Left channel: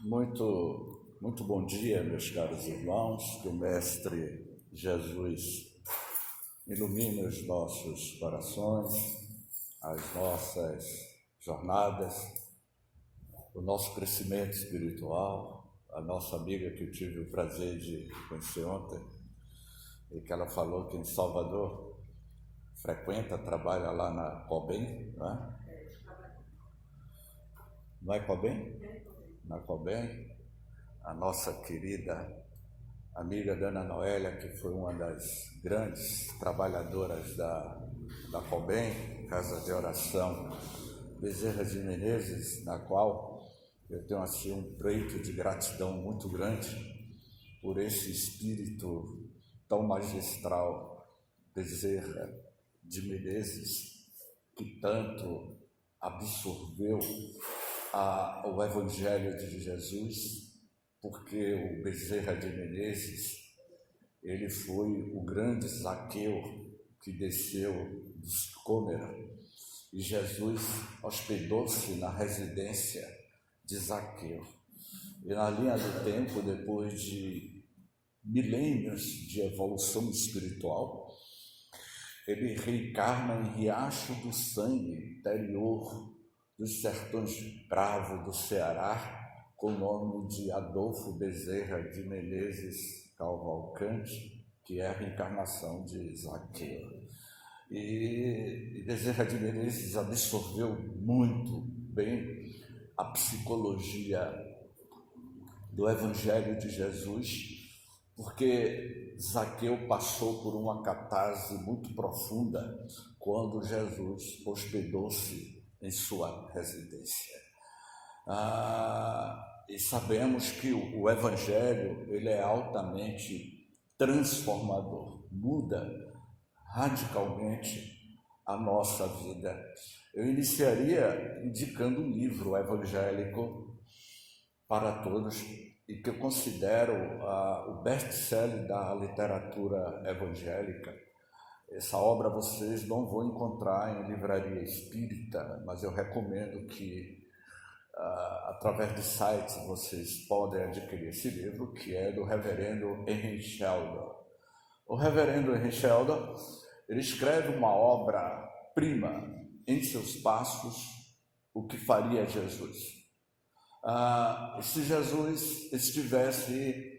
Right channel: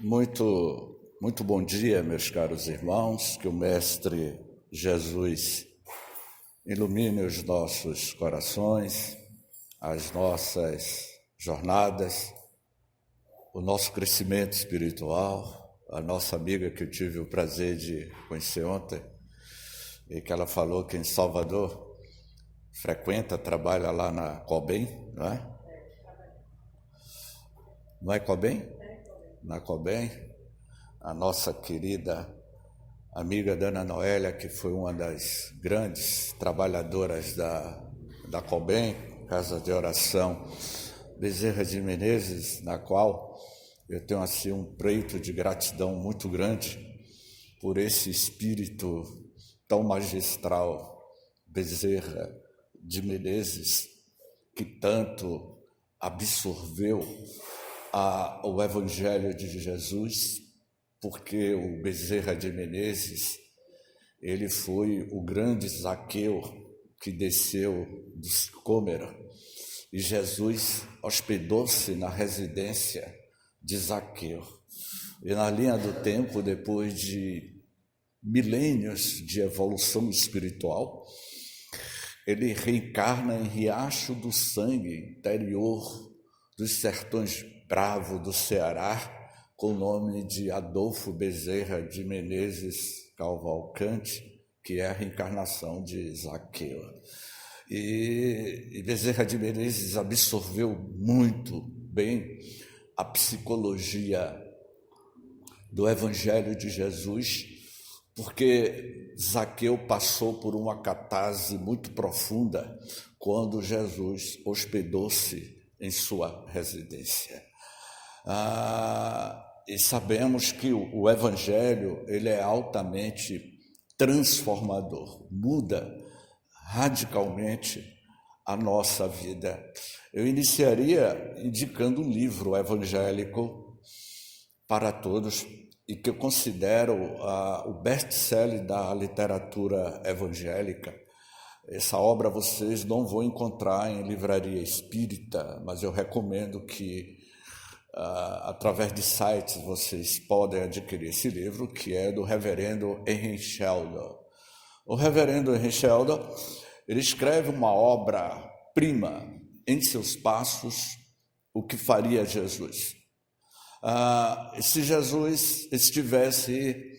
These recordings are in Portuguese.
Muito bom dia, meus caros irmãos, que o Mestre Jesus ilumine os nossos corações, as nossas jornadas, o nosso crescimento espiritual. A nossa amiga que eu tive o prazer de conhecer ontem, e que ela falou que em Salvador trabalha lá na Cobem, não é? Não é Cobem? Na Cobem. A nossa querida amiga Dana Noélia, que foi uma das grandes trabalhadoras da Cobem, Casa de Oração Bezerra de Menezes, na qual eu tenho assim um preito de gratidão muito grande por esse espírito tão magistral, Bezerra de Menezes, que tanto absorveu o Evangelho de Jesus, porque o Bezerra de Menezes, ele foi o grande Zaqueu que desceu do Sicômero, e Jesus hospedou-se na residência de Zaqueu. E na linha do tempo, depois de milênios de evolução espiritual, ele reencarna em Riacho do Sangue, interior dos sertões bravos do Ceará, com o nome de Adolfo Bezerra de Menezes Cavalcante, que é a reencarnação de Zaqueu. E Bezerra de Menezes absorveu muito bem a psicologia do Evangelho de Jesus, porque Zaqueu passou por uma catarse muito profunda quando Jesus hospedou-se em sua residência. E sabemos que o Evangelho ele é altamente transformador, muda radicalmente a nossa vida. Eu iniciaria indicando um livro evangélico para todos e que eu considero o best-seller da literatura evangélica. Essa obra vocês não vão encontrar em livraria espírita, mas eu recomendo que através de sites vocês podem adquirir esse livro, que é do reverendo Henry Sheldon. O reverendo Henry Sheldon, ele escreve uma obra-prima em seus passos, o que faria Jesus. Se Jesus estivesse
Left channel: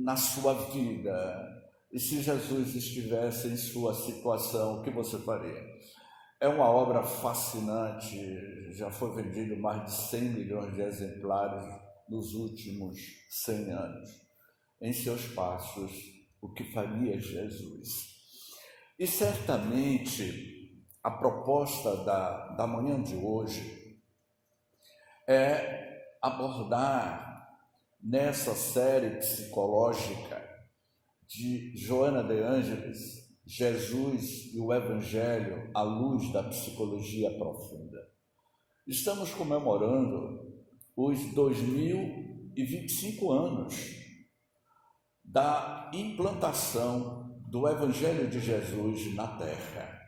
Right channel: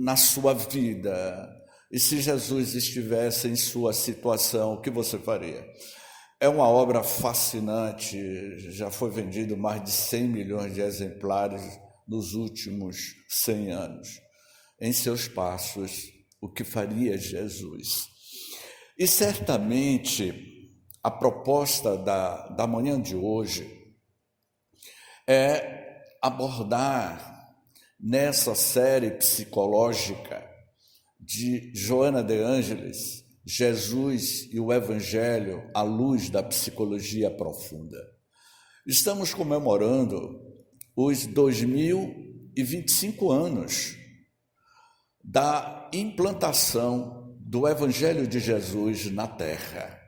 na sua vida, e se Jesus estivesse em sua situação, o que você faria? É uma obra fascinante, já foi vendido mais de 100 milhões de exemplares nos últimos 100 anos. Em seus passos, o que faria Jesus? E certamente a proposta da manhã de hoje é abordar nessa série psicológica de Joana de Ângeles, Jesus e o Evangelho à luz da psicologia profunda. Estamos comemorando os 2025 anos da implantação do Evangelho de Jesus na Terra.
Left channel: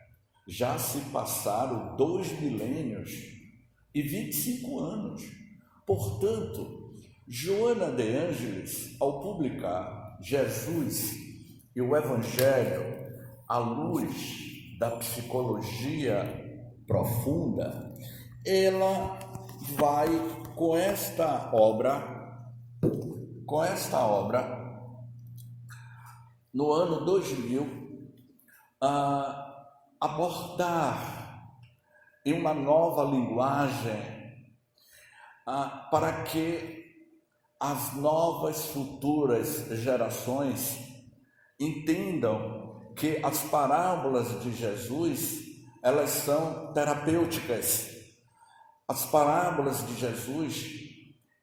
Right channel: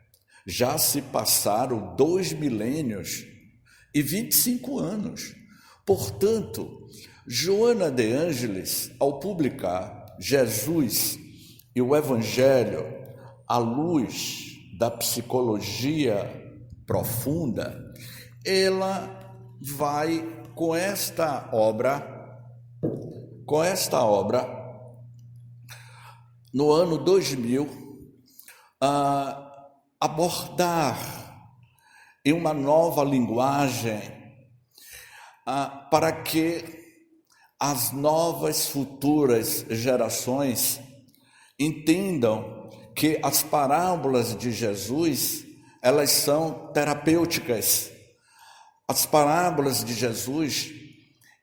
Já se passaram 2 milênios e 25 anos. Portanto, Joana de Ângeles, ao publicar Jesus e o Evangelho à luz da psicologia profunda, ela vai com esta obra no ano 2000, abordar em uma nova linguagem para que as novas futuras gerações entendam que as parábolas de Jesus, elas são terapêuticas. As parábolas de Jesus,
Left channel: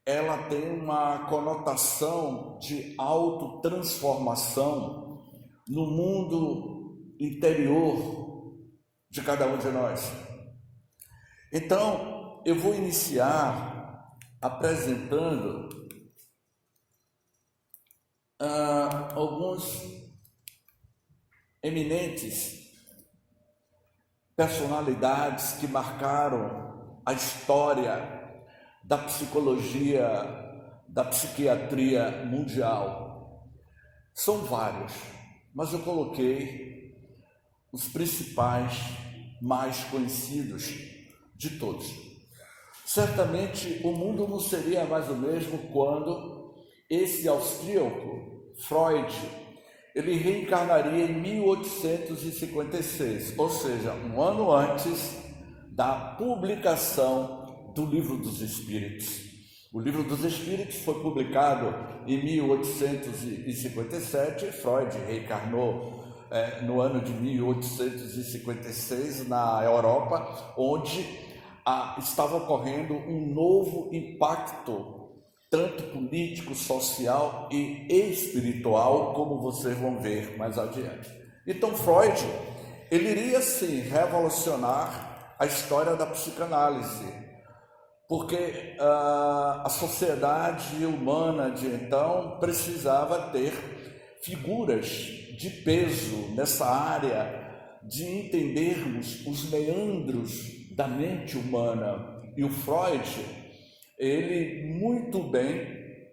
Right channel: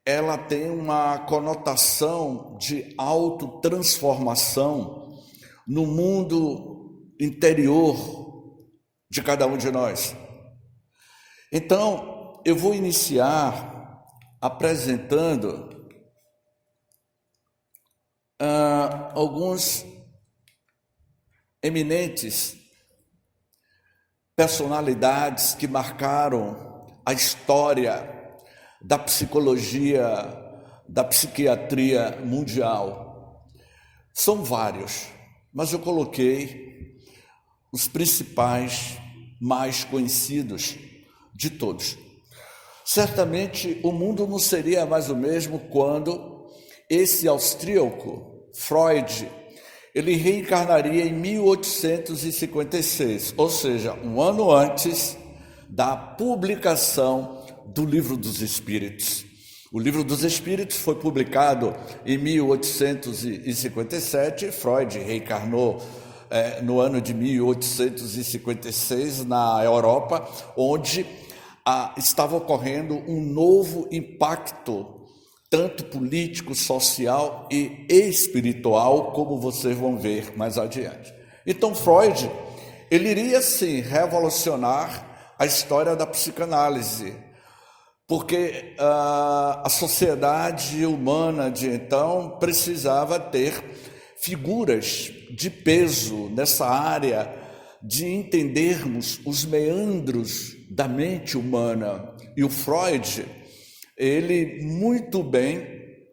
ela tem uma conotação de autotransformação no mundo interior de cada um de nós. Então, eu vou iniciar apresentando alguns eminentes personalidades que marcaram a história da psicologia, da psiquiatria mundial. São vários, mas eu coloquei os principais, mais conhecidos de todos. Certamente o mundo não seria mais o mesmo quando esse austríaco, Freud, ele reencarnaria em 1856, ou seja, um ano antes da publicação do Livro dos Espíritos. O Livro dos Espíritos foi publicado em 1857, Freud reencarnou no ano de 1856 na Europa, onde estava ocorrendo um novo impacto, tanto político, social e espiritual, como vocês vão ver mais adiante. Então Freud, ele iria sim revolucionar a história da psicanálise, porque a sociedade humana de então precisava ter figuras de peso nessa área de entendermos os meandros da mente humana. E o Freud, ele muito bem,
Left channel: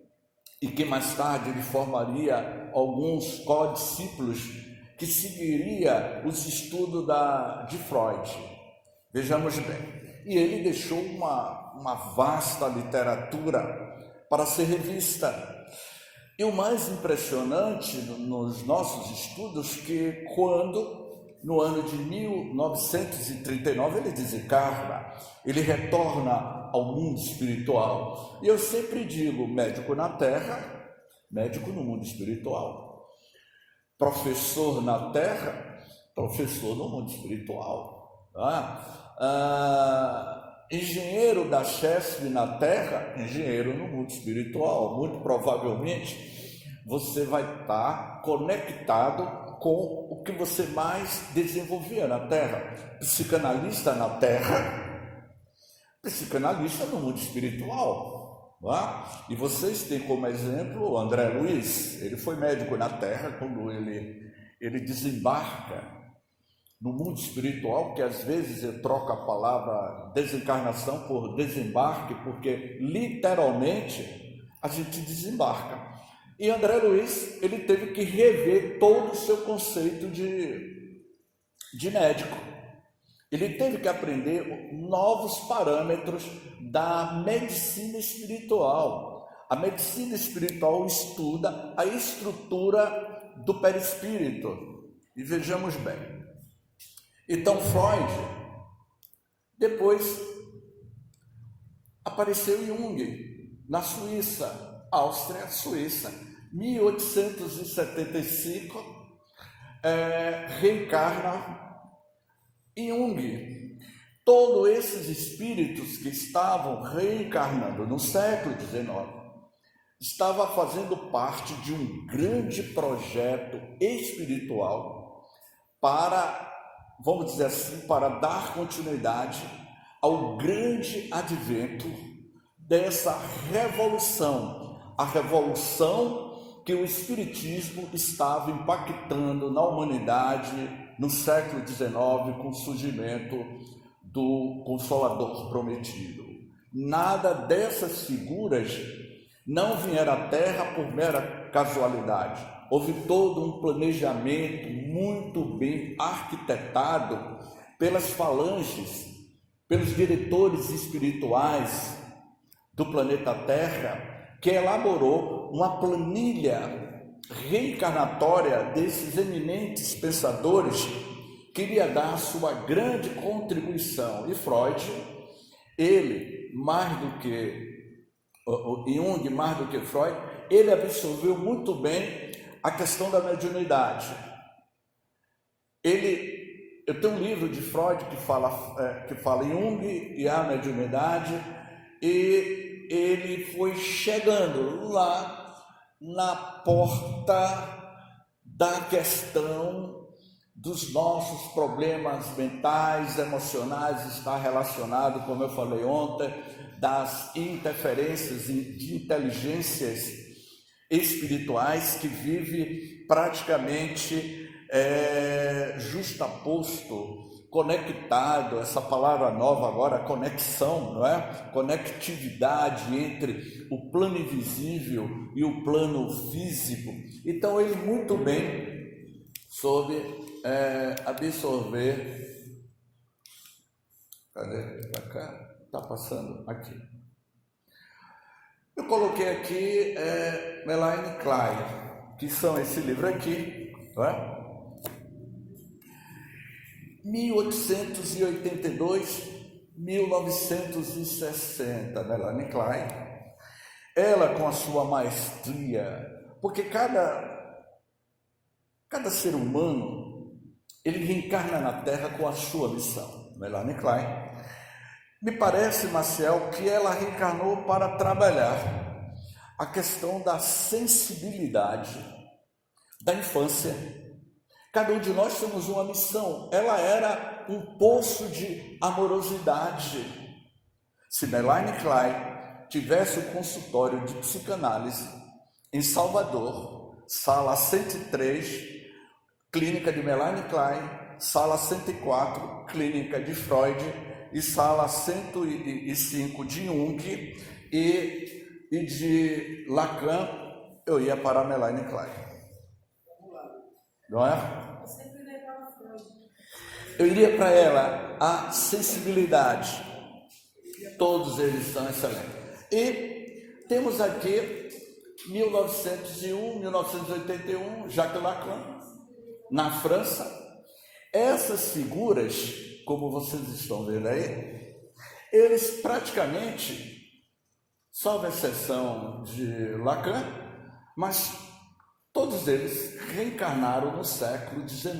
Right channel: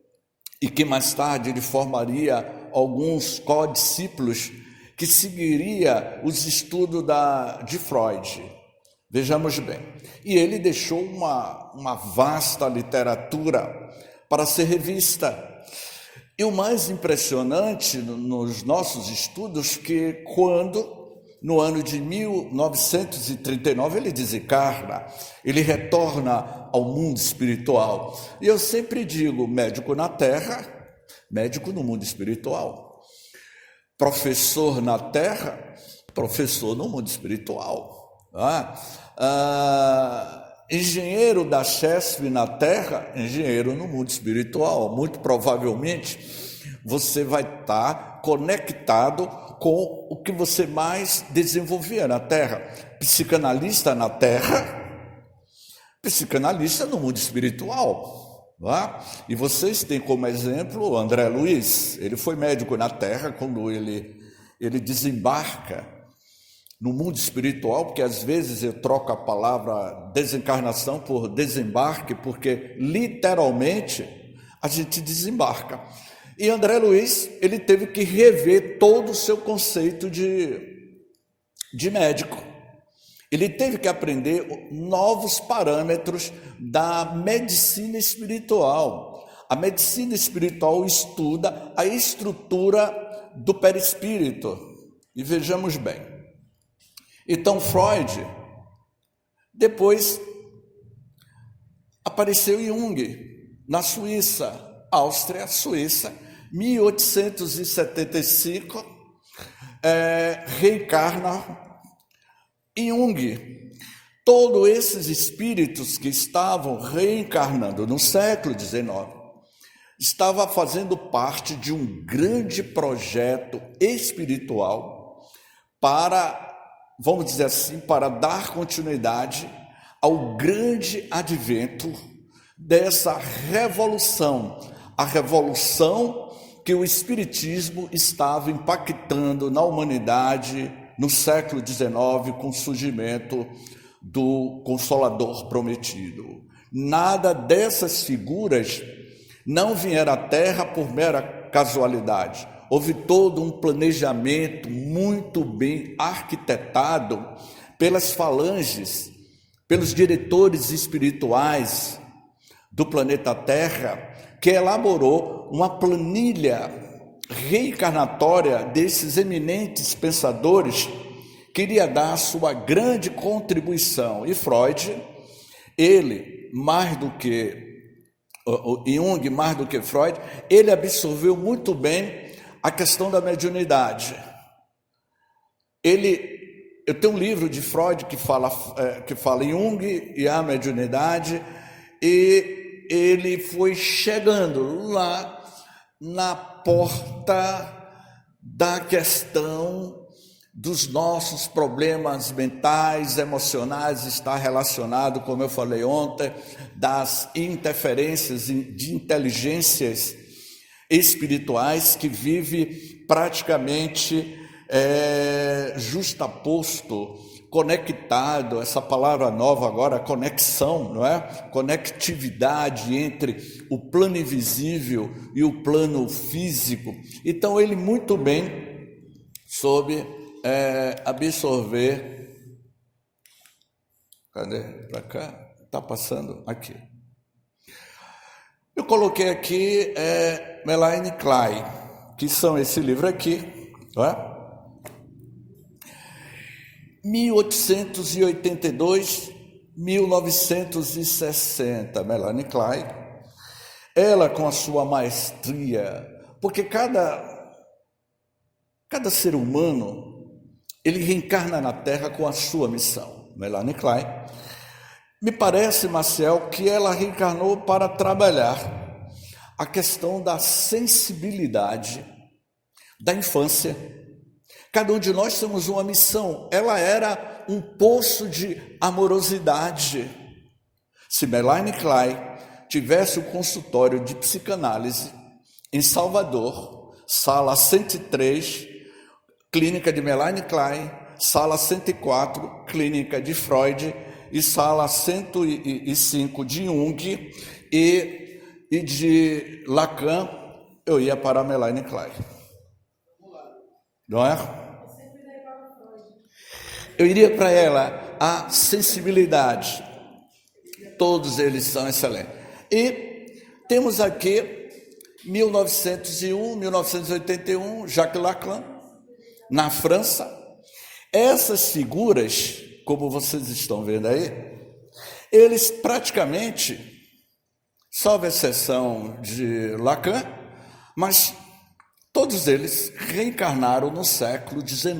e que mais tarde ele formaria alguns codiscípulos que seguiria os estudos de Freud. Vejamos bem. E ele deixou uma vasta literatura para ser revista. E o mais impressionante nos nossos estudos que quando, no ano de 1939, ele desencarna, ele retorna ao mundo espiritual. E eu sempre digo, médico na Terra, médico no mundo espiritual. Professor na Terra, professor no mundo espiritual. Engenheiro da CHESP na Terra, engenheiro no mundo espiritual. Muito provavelmente você vai estar conectado com o que você mais desenvolvia na Terra. Psicanalista na Terra, psicanalista no mundo espiritual. E vocês têm como exemplo o André Luiz. Ele foi médico na Terra quando ele desembarca no mundo espiritual, porque às vezes eu troco a palavra desencarnação por desembarque, porque literalmente a gente desembarca. E André Luiz, ele teve que rever todo o seu conceito de médico. Ele teve que aprender novos parâmetros da medicina espiritual. A medicina espiritual estuda a estrutura do perispírito. E vejamos bem. Então Freud, depois apareceu Jung, na Suíça, Áustria, Suíça, 1875, reencarna Jung. Todos esses espíritos que estavam reencarnando no século XIX, estavam fazendo parte de um grande projeto espiritual para, vamos dizer assim, para dar continuidade ao grande advento dessa revolução, a revolução que o Espiritismo estava impactando na humanidade no século XIX, com o surgimento do Consolador Prometido. Nada dessas figuras não vieram à Terra por mera casualidade. Houve todo um planejamento muito bem arquitetado pelas falanges, pelos diretores espirituais do planeta Terra, que elaborou uma planilha reencarnatória desses eminentes pensadores que iria dar a sua grande contribuição. E Freud, ele, mais do que Jung, mais do que Freud, ele absorveu muito bem a questão da mediunidade. Eu tenho um livro de Freud que fala Jung e a mediunidade, e ele foi chegando lá na porta da questão dos nossos problemas mentais, emocionais, está relacionado, como eu falei ontem, das interferências de inteligências espirituais que vive praticamente justaposto conectado, essa palavra nova agora, conexão, não é? Conectividade entre o plano invisível e o plano físico. Então ele muito bem soube absorver. Cadê? Para cá? Está passando aqui. Eu coloquei aqui Melanie Klein, que são esse livro aqui, não é? 1882, 1960, Melanie Klein. Ela com a sua maestria, porque cada ser humano, ele reencarna na Terra com a sua missão. Melanie Klein. Me parece, Maciel, que ela reencarnou para trabalhar a questão da sensibilidade da infância. Cada um de nós temos uma missão. Ela era um poço de amorosidade. Se Melanie Klein tivesse um consultório de psicanálise em Salvador, sala 103, clínica de Melanie Klein, sala 104, clínica de Freud, e sala 105 de Jung e de Lacan, eu ia para a Melanie Klein. Não é? Eu iria para ela, a sensibilidade. Todos eles são excelentes. E temos aqui 1901, 1981, Jacques Lacan, na França. Essas figuras, como vocês estão vendo aí, eles praticamente, salvo exceção de Lacan, mas todos eles reencarnaram no século XIX,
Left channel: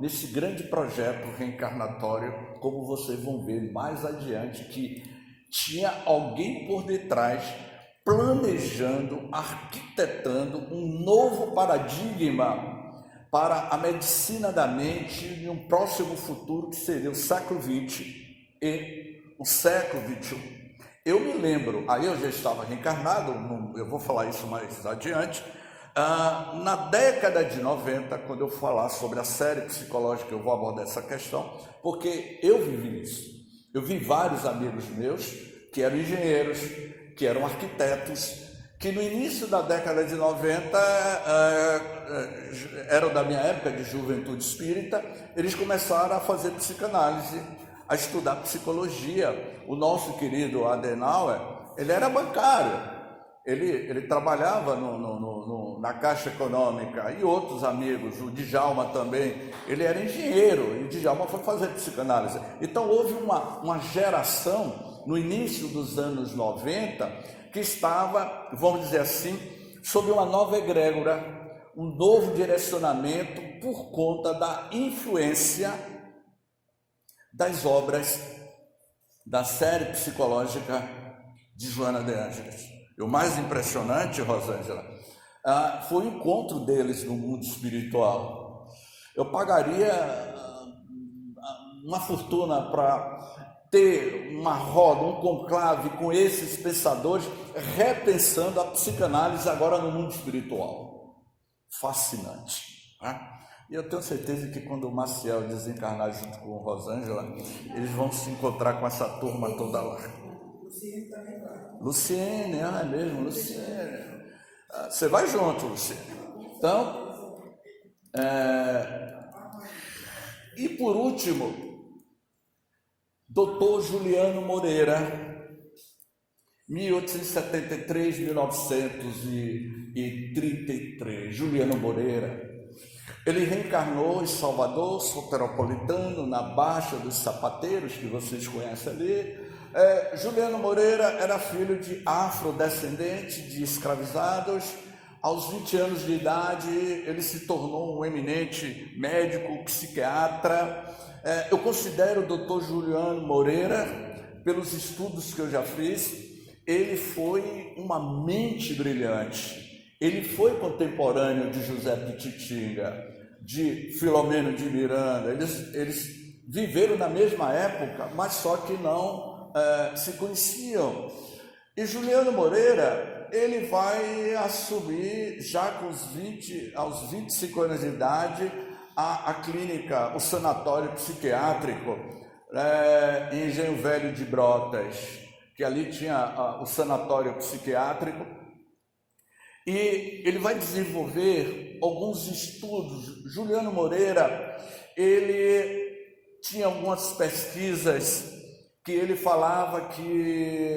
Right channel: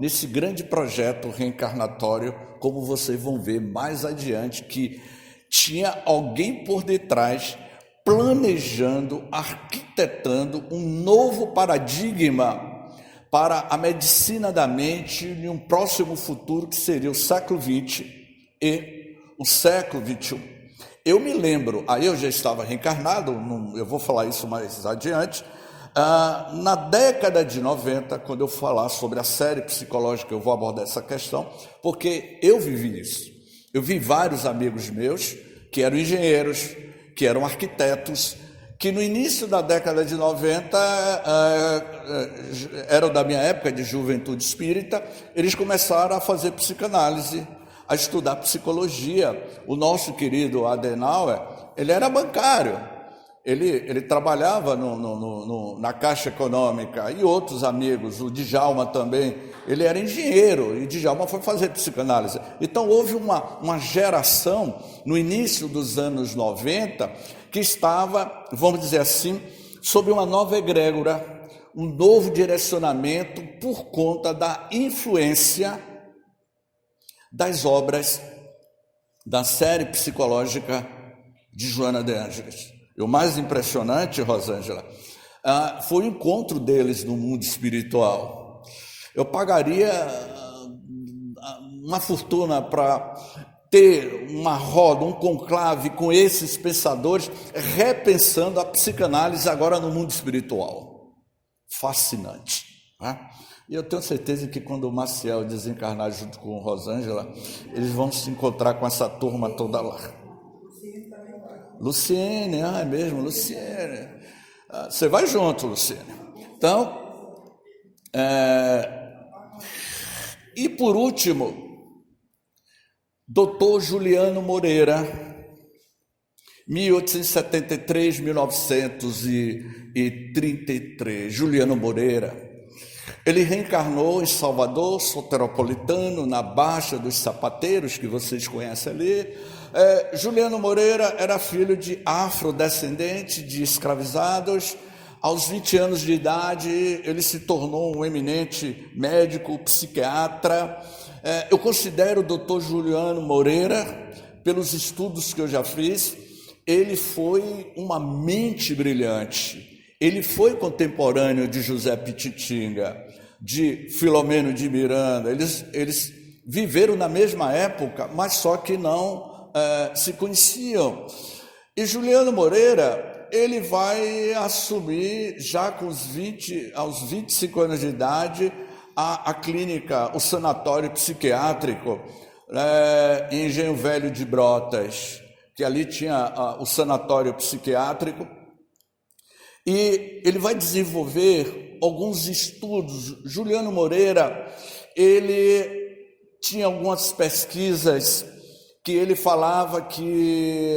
nesse grande projeto reencarnatório, como vocês vão ver mais adiante, que tinha alguém por detrás planejando, arquitetando um novo paradigma para a medicina da mente em um próximo futuro que seria o século XX e o século XXI. Eu me lembro, aí eu já estava reencarnado, eu vou falar isso mais adiante, na década de 90, quando eu falar sobre a série psicológica, eu vou abordar essa questão, porque eu vivi isso. Eu vi vários amigos meus que eram engenheiros, que eram arquitetos, que no início da década de 90, eram da minha época de juventude espírita, eles começaram a fazer psicanálise, a estudar psicologia. O querido Adenauer, ele era bancário, ele trabalhava na Caixa Econômica, e outros amigos, o Djalma também, ele era engenheiro, e o Djalma foi fazer psicanálise. Então houve uma geração, no início dos anos 90, que estava, vamos dizer assim, sob uma nova egrégora, um novo direcionamento por conta da influência das obras da série psicológica de Joana de Ângeles. E o mais impressionante, Rosângela, foi o encontro deles no mundo espiritual. Eu pagaria uma fortuna para ter uma roda, um conclave com esses pensadores, repensando a psicanálise agora no mundo espiritual. Fascinante, né? E eu tenho certeza que quando o Maciel desencarnar junto com o Rosângela, eles vão se encontrar com essa turma toda lá. Luciene também vai. Luciene, é mesmo, Luciene. Você vai junto, Luciene. Então, e por último, Dr. Juliano Moreira, 1873-1933, Juliano Moreira. Ele reencarnou em Salvador, soteropolitano, na Baixa dos Sapateiros, que vocês conhecem ali. Juliano Moreira era filho de afrodescendente, de escravizados. Aos 20 anos de idade, ele se tornou um eminente médico, psiquiatra. Eu considero o Dr. Juliano Moreira, pelos estudos que eu já fiz, ele foi uma mente brilhante. Ele foi contemporâneo de José Pititinga, de Filomeno de Miranda. Eles viveram na mesma época, mas só que não se conheciam. E Juliano Moreira, ele vai assumir, já com aos 25 anos de idade, a clínica, o sanatório psiquiátrico em Engenho Velho de Brotas, que ali tinha o sanatório psiquiátrico, e ele vai desenvolver alguns estudos. Juliano Moreira, ele tinha algumas pesquisas que ele falava que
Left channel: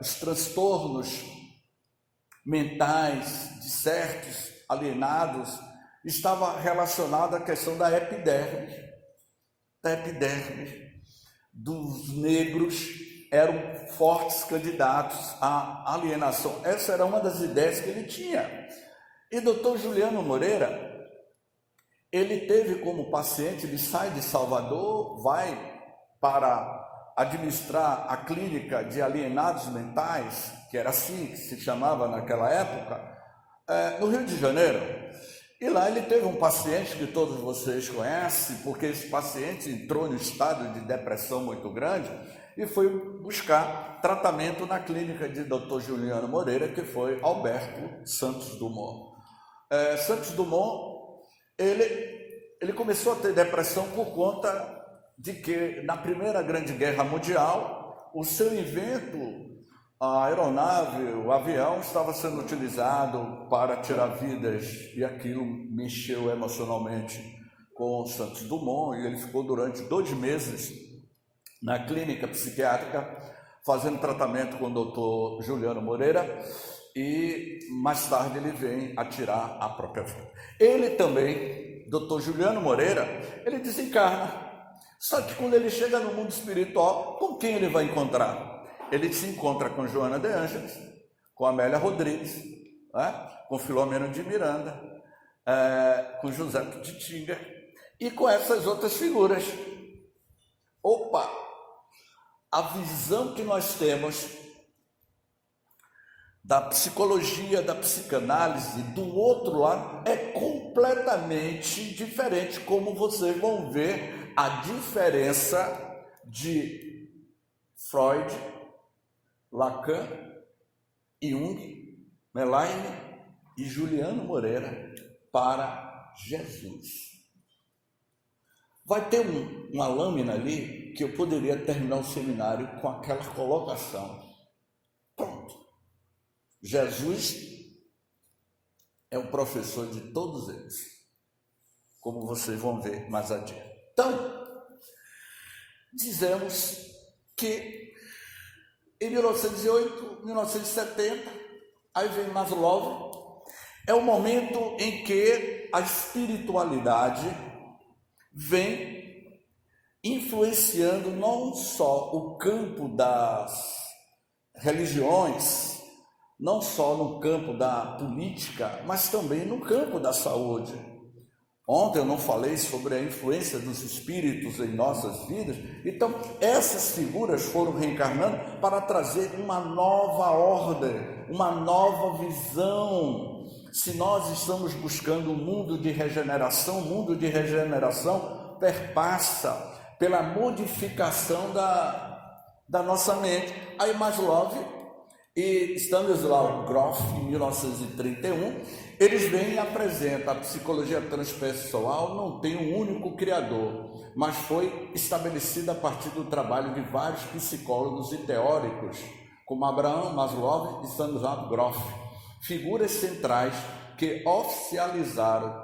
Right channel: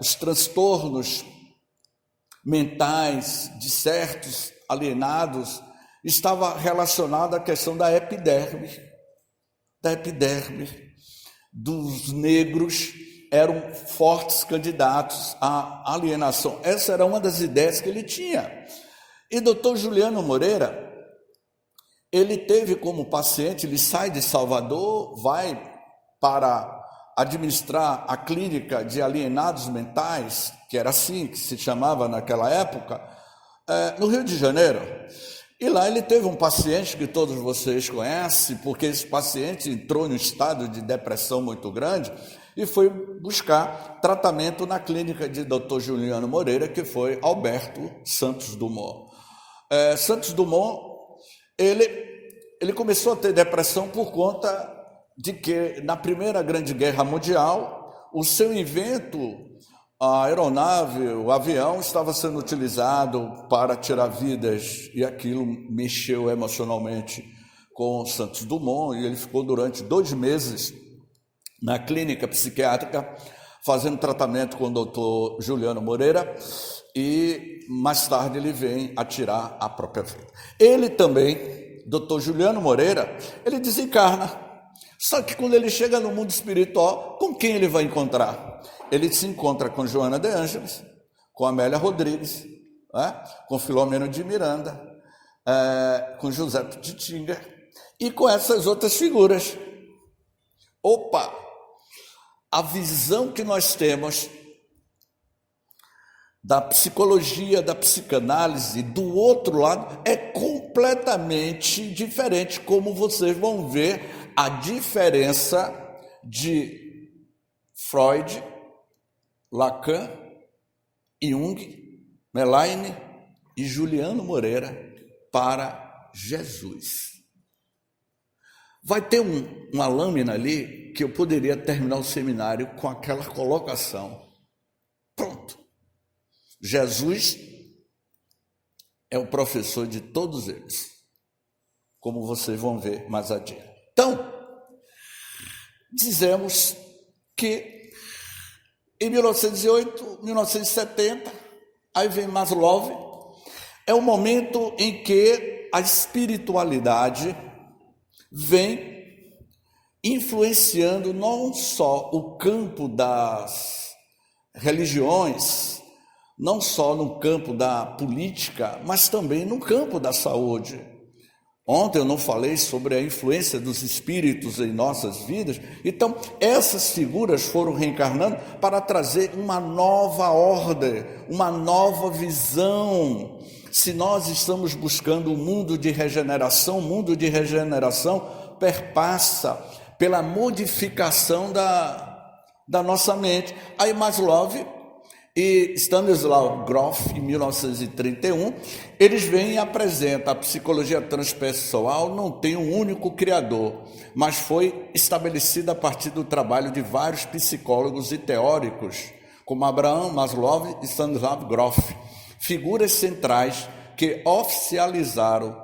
os transtornos mentais de certos alienados estava relacionado à questão da epiderme dos negros, eram fortes candidatos à alienação. Essa era uma das ideias que ele tinha. E doutor Juliano Moreira, ele teve como paciente, ele sai de Salvador, vai para administrar a clínica de alienados mentais, que era assim que se chamava naquela época, no Rio de Janeiro. E lá ele teve um paciente que todos vocês conhecem, porque esse paciente entrou no estado de depressão muito grande e foi buscar tratamento na clínica de Dr. Juliano Moreira, que foi Alberto Santos Dumont. Santos Dumont, ele começou a ter depressão por conta de que na Primeira Grande Guerra Mundial, o seu invento, a aeronave, o avião, estava sendo utilizado para tirar vidas, e aquilo mexeu emocionalmente com Santos Dumont, e ele ficou durante 2 meses na clínica psiquiátrica fazendo tratamento com o doutor Juliano Moreira, e mais tarde ele vem a tirar a própria vida. Ele também, doutor Juliano Moreira, ele desencarna. Só que quando ele chega no mundo espiritual, com quem ele vai encontrar? Ele se encontra com Joana de Ângeles, com Amélia Rodrigues, com Filomeno de Miranda, com José de Tinga e com essas outras figuras. Opa! A visão que nós temos da psicologia, da psicanálise, do outro lado, é completamente diferente, como vocês vão ver a diferença de Freud, Lacan, Jung, Melaine e Juliano Moreira para Jesus. Vai ter uma lâmina ali que eu poderia terminar o seminário com aquela colocação. Pronto. Jesus é o professor de todos eles, como vocês vão ver mais adiante. Então, dizemos que em 1908, 1970, aí vem Maslow, é o momento em que a espiritualidade vem influenciando não só o campo das religiões, não só no campo da política, mas também no campo da saúde. Ontem eu não falei sobre a influência dos espíritos em nossas vidas. Então, essas figuras foram reencarnando para trazer uma nova ordem, uma nova visão. Se nós estamos buscando um mundo de regeneração, o mundo de regeneração perpassa pela modificação da nossa mente. Aí Maslow e Stanislaw Grof, em 1931, eles vêm e apresentam a psicologia transpessoal não tem um único criador, mas foi estabelecida a partir do trabalho de vários psicólogos e teóricos, como Abraham Maslow e Stanislaw Grof, figuras centrais que oficializaram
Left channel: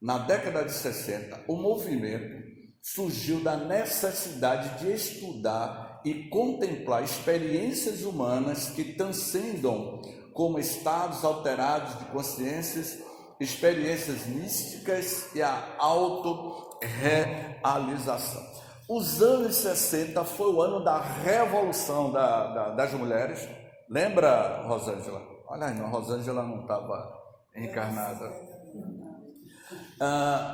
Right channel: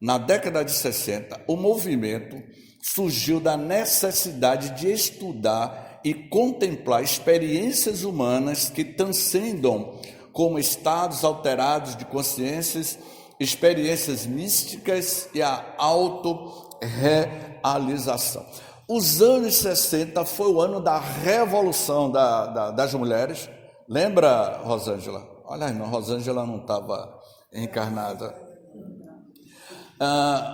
na década de 60 o movimento. Surgiu da necessidade de estudar e contemplar experiências humanas que transcendam como estados alterados de consciências, experiências místicas e a autorrealização. Os anos 60 foi o ano da revolução das mulheres. Lembra, Rosângela? Olha, a irmã Rosângela não estava encarnada.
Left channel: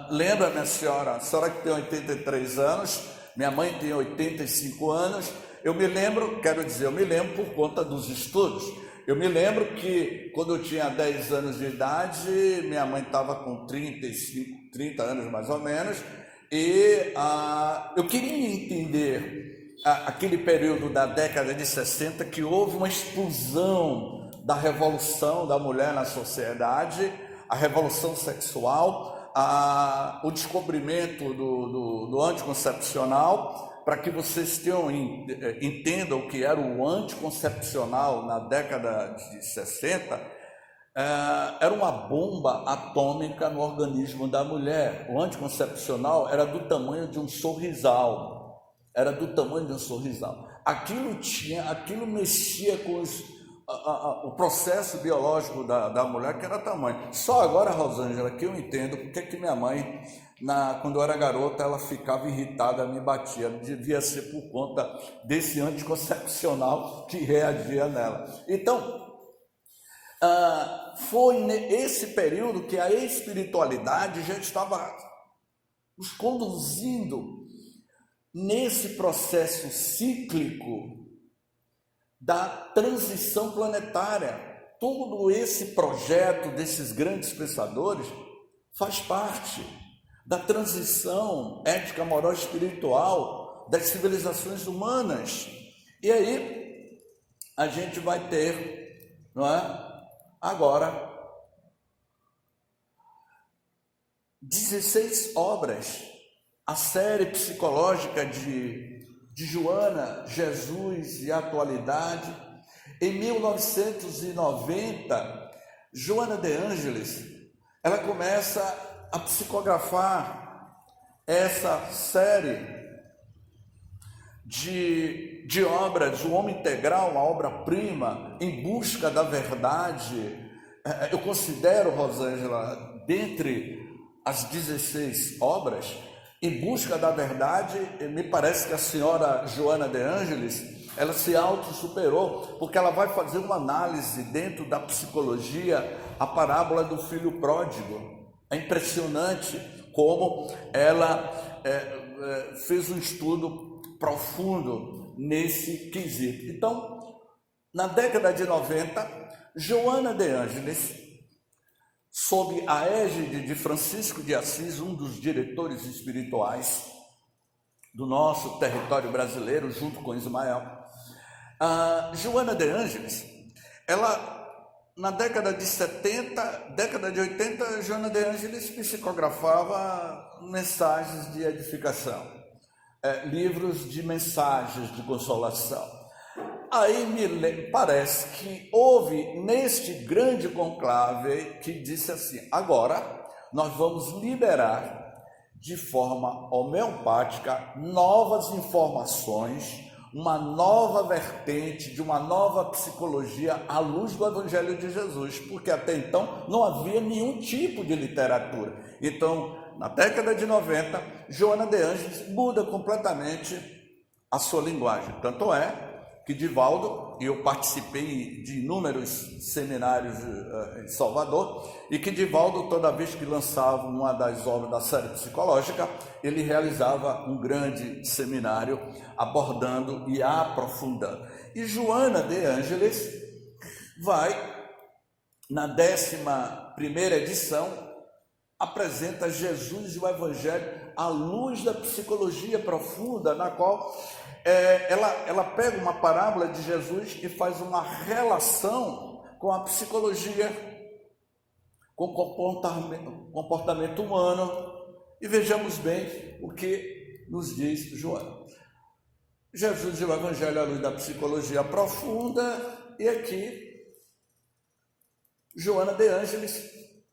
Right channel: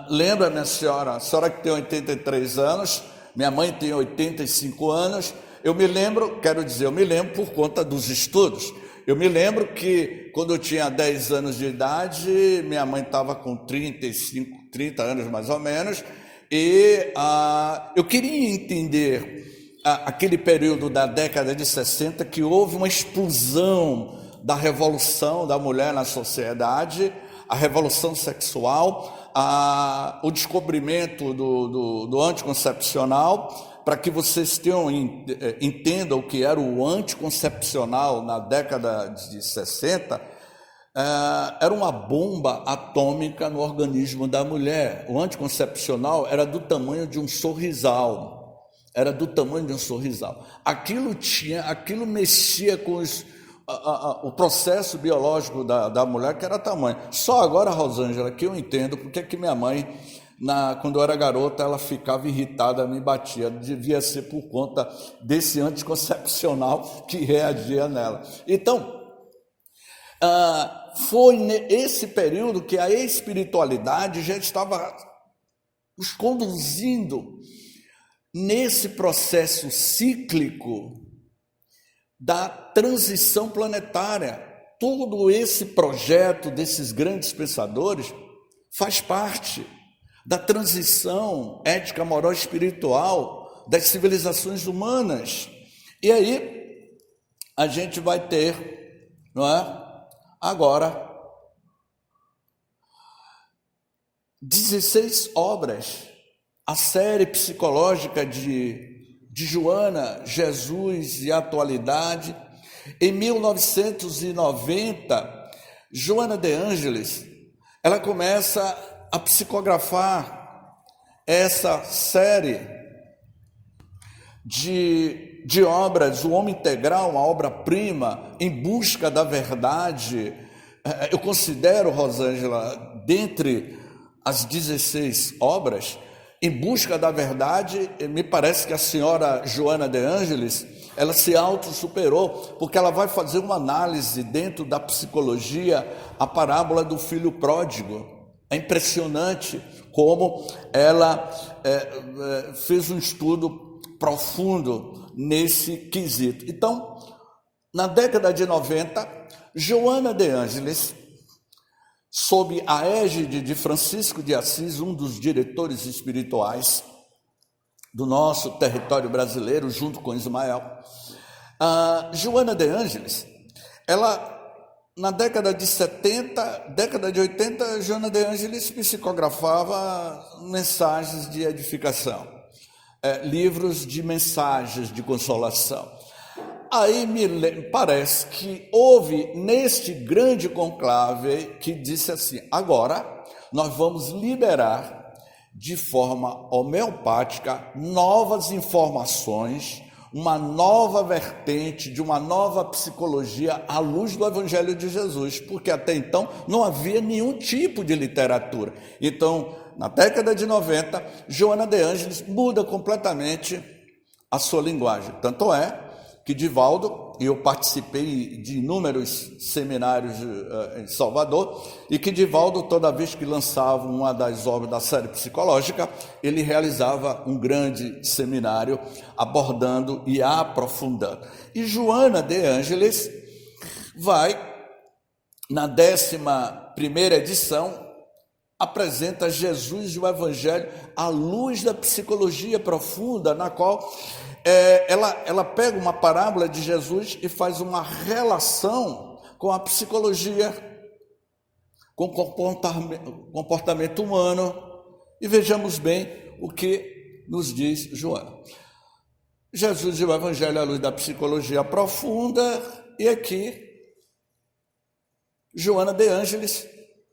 Lembra, minha senhora? A senhora que tem 83 anos, minha mãe tem 85 anos. Eu me lembro por conta dos estudos. Eu me lembro que quando eu tinha 10 anos de idade, minha mãe estava com 30 anos mais ou menos, e eu queria entender aquele período da década de 60 que houve uma explosão da revolução da mulher na sociedade, a revolução sexual, o descobrimento do anticoncepcional, para que vocês entendam o que era o anticoncepcional na década de 60, era uma bomba atômica no organismo da mulher. O anticoncepcional era do tamanho de um sorrisal. Aquilo mexia com o processo biológico da mulher, que era tamanho. Só agora, Rosângela, que eu entendo porque que minha mãe, quando eu era garota, ela ficava irritada, me batia. Devia ser por conta desse anticoncepcional que reagia nela. Então, foi nesse período que a espiritualidade já estava os conduzindo nesse processo cíclico da transição planetária. Todo esse projeto desses grandes pensadores faz parte da transição ética, moral e espiritual das civilizações humanas. E aí a gente vai ter, não é? Agora, 16 obras, a série psicológica de Joana, Jesus e a Atualidade. Em 1990, Joana de Ângeles, ela começa a psicografar essa série de obras, o Homem Integral, uma obra-prima, em busca da verdade. Eu considero, Rosângela, dentre as 16 obras, em busca da verdade, me parece que a senhora Joana de Ângeles, ela se autossuperou, porque ela vai fazer uma análise dentro da psicologia, a parábola do filho pródigo. É impressionante como ela fez um estudo profundo nesse quesito. Então, na década de 90, Joana de Ângeles, sob a égide de Francisco de Assis, um dos diretores espirituais do nosso território brasileiro, junto com Ismael, Joana de Ângeles, ela, na década de 70, década de 80, Joana de Ângeles psicografava mensagens de edificação, livros de mensagens de consolação. Aí me parece que houve neste grande conclave que disse assim: agora nós vamos liberar de forma homeopática novas informações, uma nova vertente de uma nova psicologia à luz do Evangelho de Jesus, porque até então não havia nenhum tipo de literatura. Então, na década de 90, Joana de Ângeles muda completamente a sua linguagem. Tanto é que Divaldo, e eu participei de inúmeros seminários em Salvador, e que Divaldo, toda vez que lançava uma das obras da série psicológica, ele realizava um grande seminário abordando e aprofundando. E Joana de Ângeles vai, na 11ª edição, apresenta Jesus e o Evangelho à luz da psicologia profunda, na qual ela pega uma parábola de Jesus e faz uma relação com a psicologia, com o comportamento humano. E vejamos bem o que nos diz Joana. Jesus e o Evangelho à luz da psicologia profunda, e aqui Joana de Ângeles,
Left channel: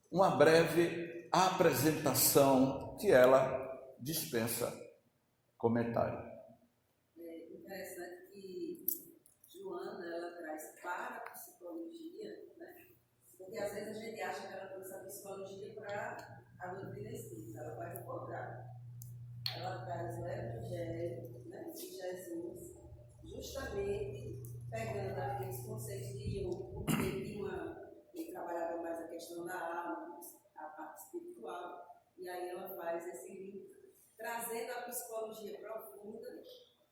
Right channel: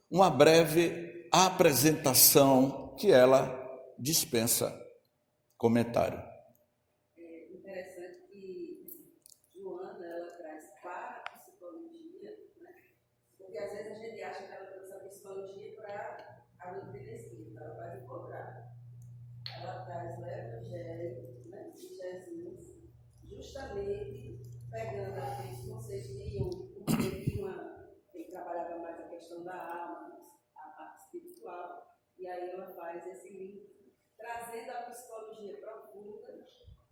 uma breve apresentação que ela dispensa comentário. É interessante que Joana, ela traz para a psicologia, né? Porque às vezes a gente acha que ela trouxe a psicologia para a doutrina espírita, ela faz o contrário. Ela traz o Evangelho, né, de Jesus, justamente pegando aqueles conceitos de Jung, porque ele trabalhava mais a questão da alma, a parte espiritual, e aí ela faz esse link, trazendo a psicologia profunda,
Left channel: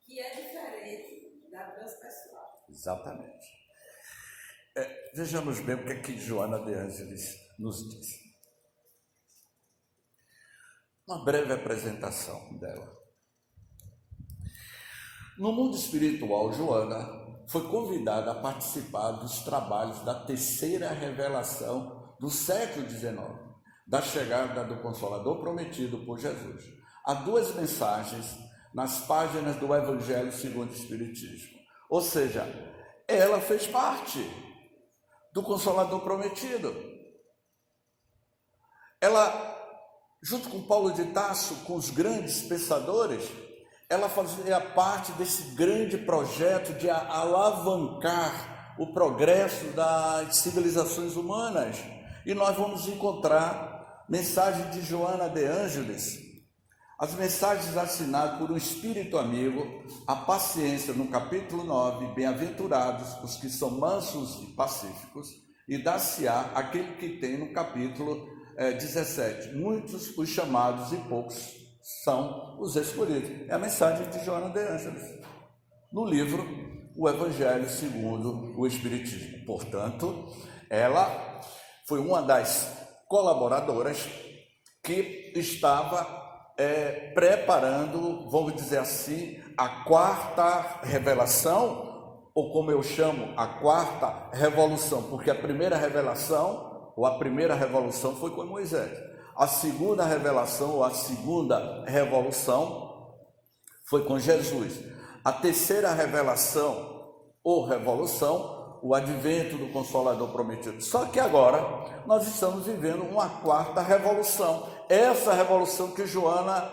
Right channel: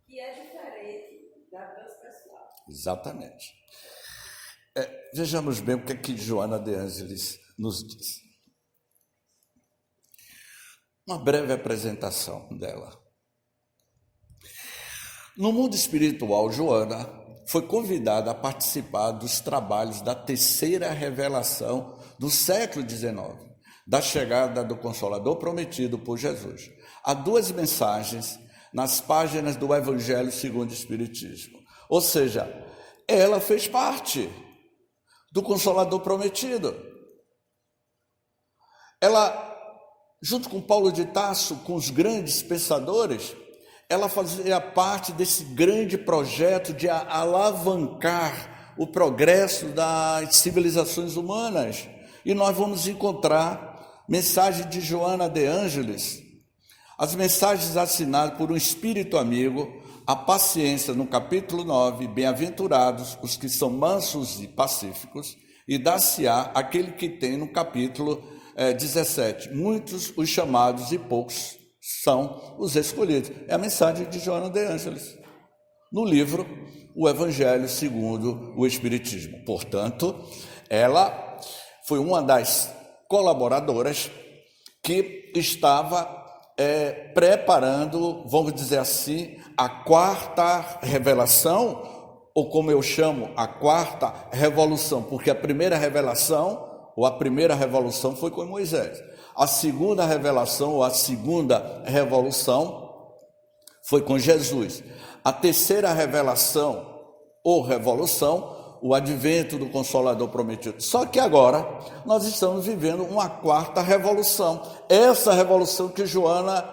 que é diferente da transpessoal. Exatamente. Vejamos bem o que Joana de Ângeles nos diz. Uma breve apresentação dela. No mundo espiritual, Joana foi convidada a participar dos trabalhos da terceira revelação do século XIX, da chegada do Consolador prometido por Jesus. Há duas mensagens nas páginas do Evangelho segundo o Espiritismo. Ou seja, ela fez parte do Consolador prometido. Ela, junto com Paulo de Tarso, com os grandes pensadores, ela fazia parte desse grande projeto de alavancar o progresso das civilizações humanas. E nós vamos encontrar mensagem de Joana de Ângeles, as mensagens assinadas por um espírito amigo, a paciência, no capítulo 9, bem-aventurados os que são mansos e pacíficos, e dar-se-á aquele que tem no capítulo 17, muitos os chamados e poucos são os escolhidos. É a mensagem de Joana de Ângeles, no livro O Evangelho segundo o Espiritismo. Portanto, ela foi uma das colaboradoras que estava preparando, vamos dizer assim, a quarta revelação, ou como eu chamo, a quarta revolução, porque a primeira revelação, ou a primeira revolução foi com Moisés. A segunda revelação, ou a segunda revolução, foi com Jesus. A terceira revelação, ou revolução, o advento do Consolador prometido. Só que agora nós estamos vivendo uma quarta revolução. Essa revolução que Joana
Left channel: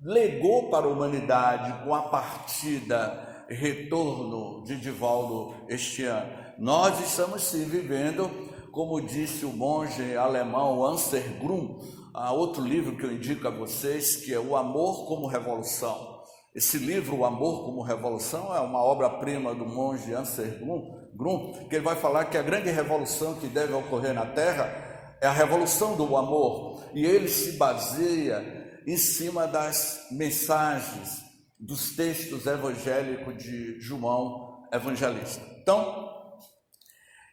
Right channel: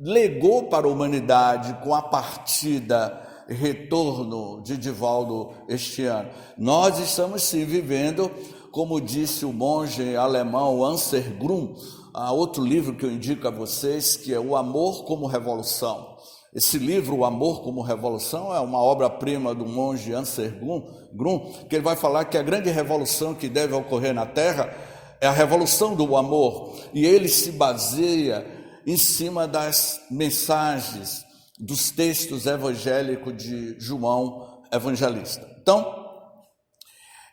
legou para a humanidade com a partida, retorno de Divaldo este ano. Nós estamos sim vivendo, como disse o monge alemão Anselm Grün, outro livro que eu indico a vocês, que é O Amor como Revolução. Esse livro, O Amor como Revolução, é uma obra-prima do monge Anselm Grün, que ele vai falar que a grande revolução que deve ocorrer na Terra é a revolução do amor, e ele se baseia em cima das mensagens, dos textos evangélicos de João Evangelista. Então,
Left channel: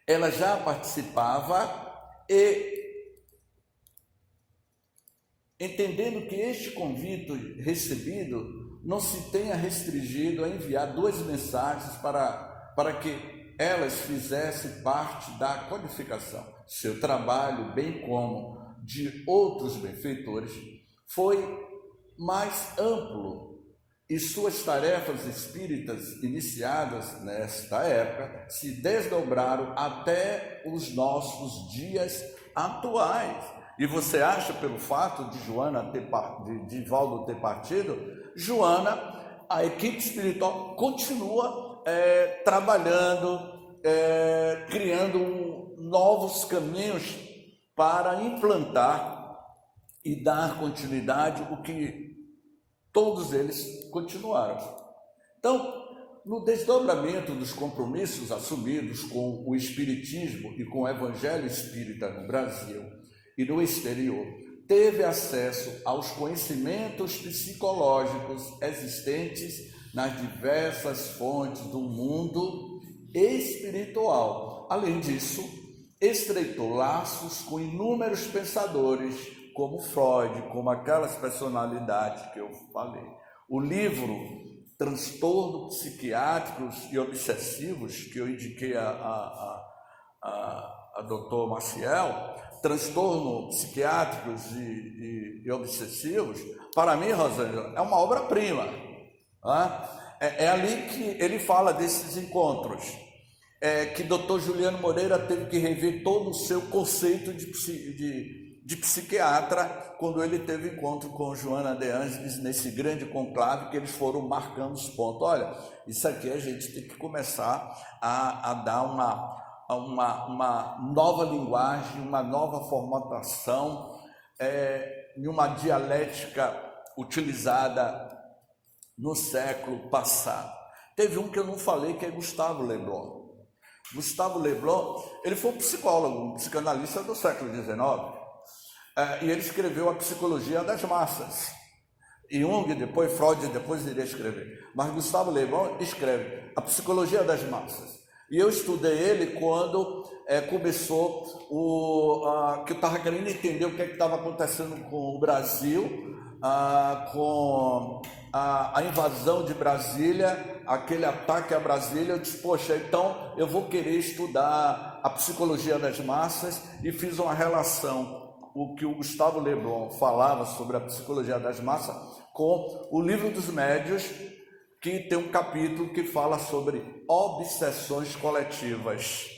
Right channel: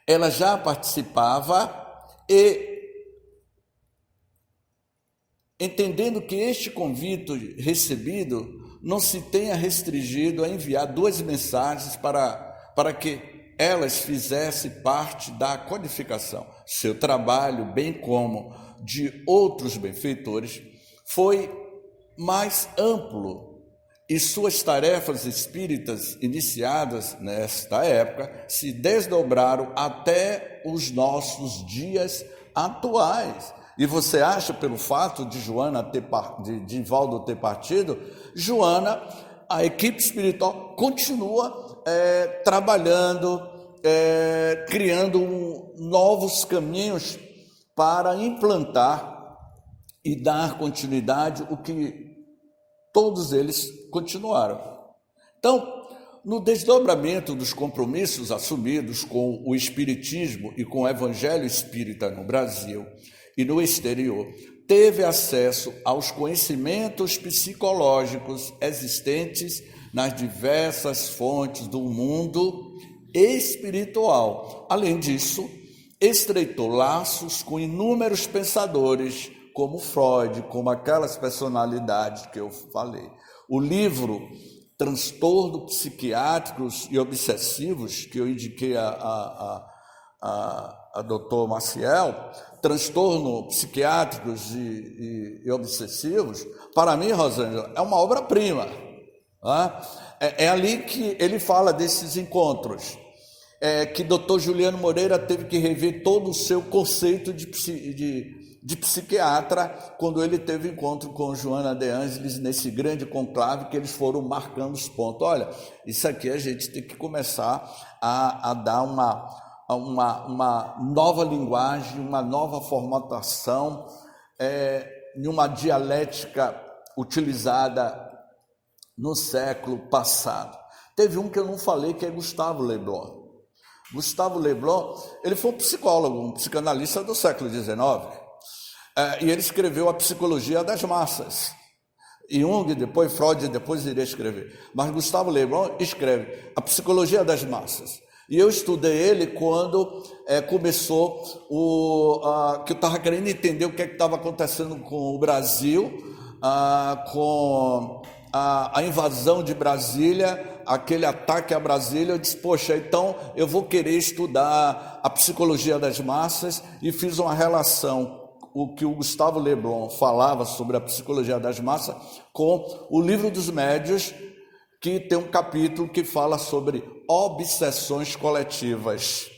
ela já participava e, entendendo que este convite recebido não se tenha restringido a enviar duas mensagens para que elas fizessem parte da codificação. Seu trabalho, bem como de outros benfeitores, foi mais amplo e suas tarefas espíritas iniciadas nesta época se desdobraram até os nossos dias atuais. E você acha, pelo fato de Divaldo ter partido, Joana, a equipe espiritual continua trabalhando, criando novos caminhos para implantar e dar continuidade o que todos eles continuaram. Então, no desdobramento dos compromissos assumidos com o Espiritismo e com o Evangelho Espírita no Brasil e no exterior, teve acesso aos conhecimentos psicológicos existentes nas diversas fontes do mundo espiritual. Além disso, estreitou laços com inúmeros pensadores, como Freud, como aquelas personalidades que eu falei. O livro Transtornos Psiquiátricos e Obsessivos, que eu indiquei a doutor Maciel, Transtornos Psiquiátricos e Obsessivos, para mim, Rosângela, é uma obra-prima. É ali que ele fala desses encontros, que doutor Juliano Moreira teve que rever todo o seu conceito de psiquiatra quando ele teve encontro com Joana de Ângeles nesse grande conclave, que eles foram marcando os pontos. Olha, isso aqui a gente tem que começar a dar uma nova linguagem, uma nova formatação, em uma dialética utilizada no século passado. Teve um que eu não falei, que é Gustave Le Bon. Gustave Le Bon, ele foi um psicólogo, um psicanalista do século XIX, e ele escreveu A Psicologia das Massas. Jung, depois Freud, depois iria escrever. Mas Gustave Le Bon escreve A Psicologia das Massas. E eu estudei ele quando começou que eu estava querendo entender o que estava acontecendo com o Brasil, com a invasão de Brasília, aquele ataque a Brasília. Eu disse, poxa, então eu vou querer estudar a psicologia das massas, e fiz uma relação o que o Gustavo Le Bon falava sobre a psicologia das massas com o Livro dos Médiuns, que tem um capítulo que fala sobre obsessões coletivas.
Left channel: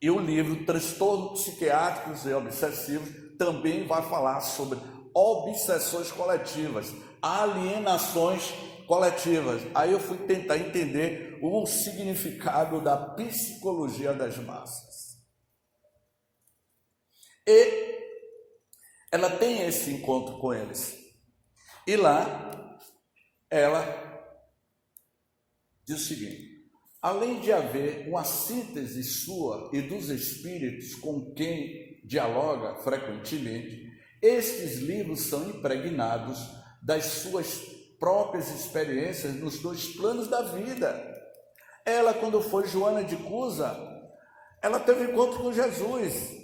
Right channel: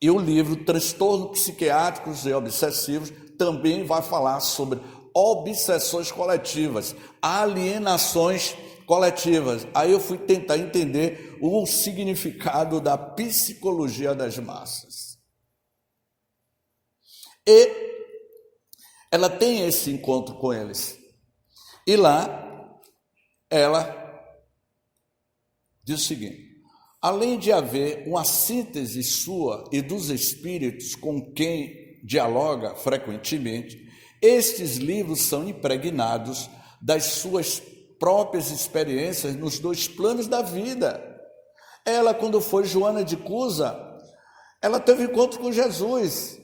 E o livro Transtornos Psiquiátricos e Obsessivos também vai falar sobre obsessões coletivas, alienações coletivas. Aí eu fui tentar entender o significado da psicologia das massas. E ela tem esse encontro com eles. E lá ela diz o seguinte: além de haver uma síntese sua e dos espíritos com quem dialoga frequentemente, estes livros são impregnados das suas próprias experiências nos dois planos da vida. Ela, quando foi Joana de Cusa, ela teve encontro com Jesus.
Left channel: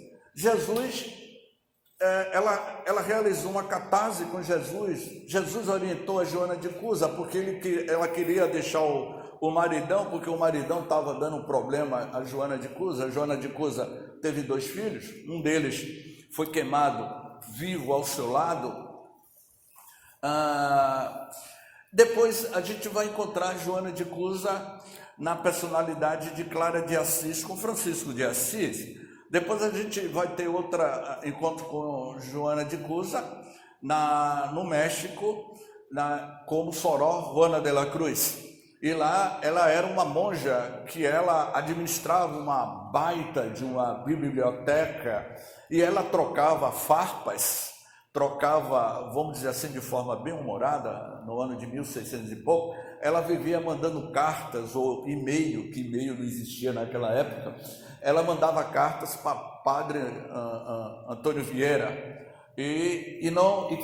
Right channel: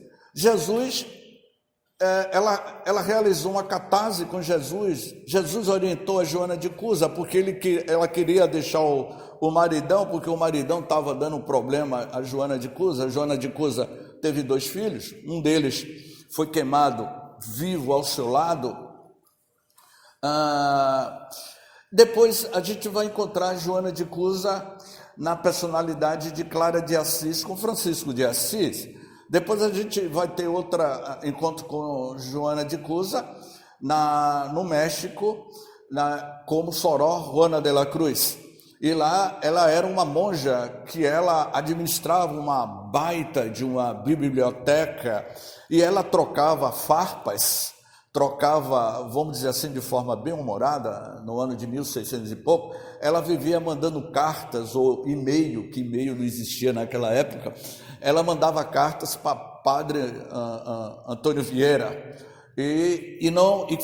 Ela realizou uma catarse com Jesus. Jesus orientou a Joana de Cusa porque ela queria deixar o maridão, porque o maridão estava dando um problema a Joana de Cusa. A Joana de Cusa teve 2 filhos, um deles foi queimado vivo ao seu lado. Depois a gente vai encontrar Joana de Cusa na personalidade de Clara de Assis com Francisco de Assis. Depois a gente vai ter outro encontro com Joana de Cusa no México, como Soror Juana de la Cruz. E lá ela era uma monja que ela administrava uma baita de uma biblioteca e ela trocava farpas, vamos dizer assim, de forma bem humorada, no ano de 1600 e pouco. Ela vivia mandando cartas ou e-mail, que e-mail não existia naquela época. Ela mandava cartas para Padre Antônio Vieira e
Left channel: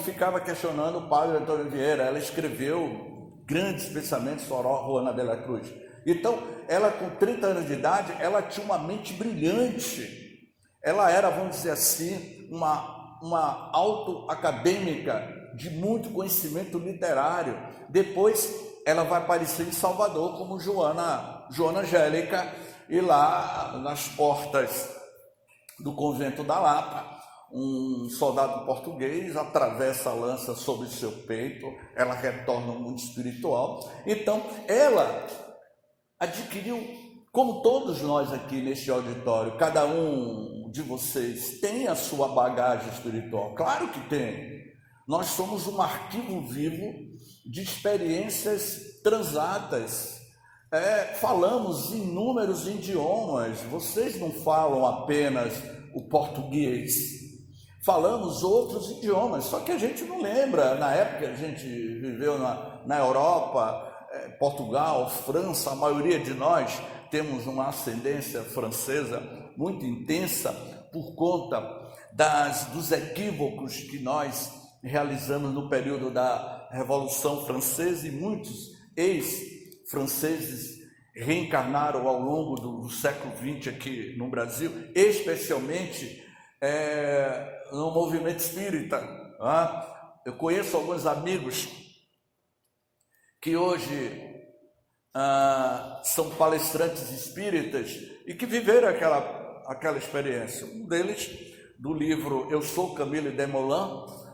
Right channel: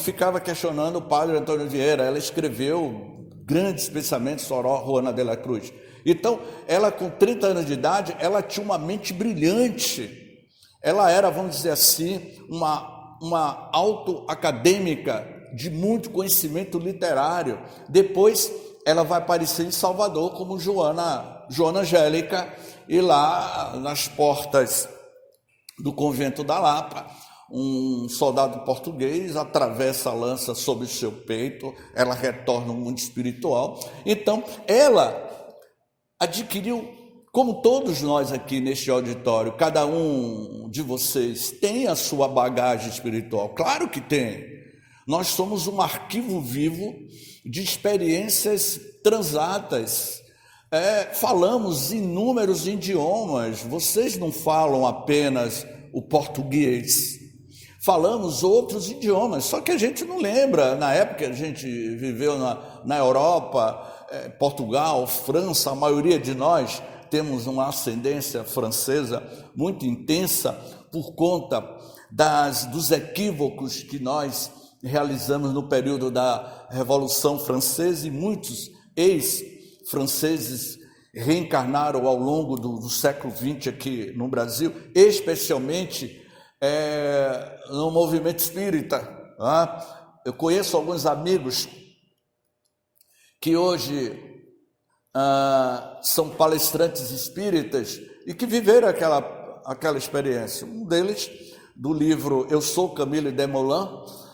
ficava questionando o Padre Antônio Vieira. Ela escreveu grandes pensamentos, Soror Juana de la Cruz. Então, ela com 30 anos de idade, ela tinha uma mente brilhante. Ela era, vamos dizer assim, uma autoacadêmica de muito conhecimento literário. Depois, ela vai aparecer em Salvador como Joana Angélica, e lá nas portas do convento da Lapa, um soldado português atravessa a lança sobre o seu peito, ela retorna ao mundo espiritual. Então, ela adquiriu, como todos nós aqui neste auditório, cada um de vocês tem a sua bagagem espiritual, claro que tem. Nós somos um arquivo vivo de experiências transatas. Falamos inúmeros idiomas, vocês não falam apenas o português, falamos outros idiomas, só que a gente não lembra. Na época a gente viveu na Europa, Portugal, França, a maioria de nós temos uma ascendência francesa muito intensa por conta dos equívocos que nós realizamos no período da Revolução Francesa, e muitos ex-franceses reencarnaram ao longo do século XX aqui no Brasil, especialmente no movimento espírita. Eu conheço alguns amigos que hoje são palestrantes espíritas e que viveram aquela experiência. Um deles, do livro Eu Sou Camille Desmoulins,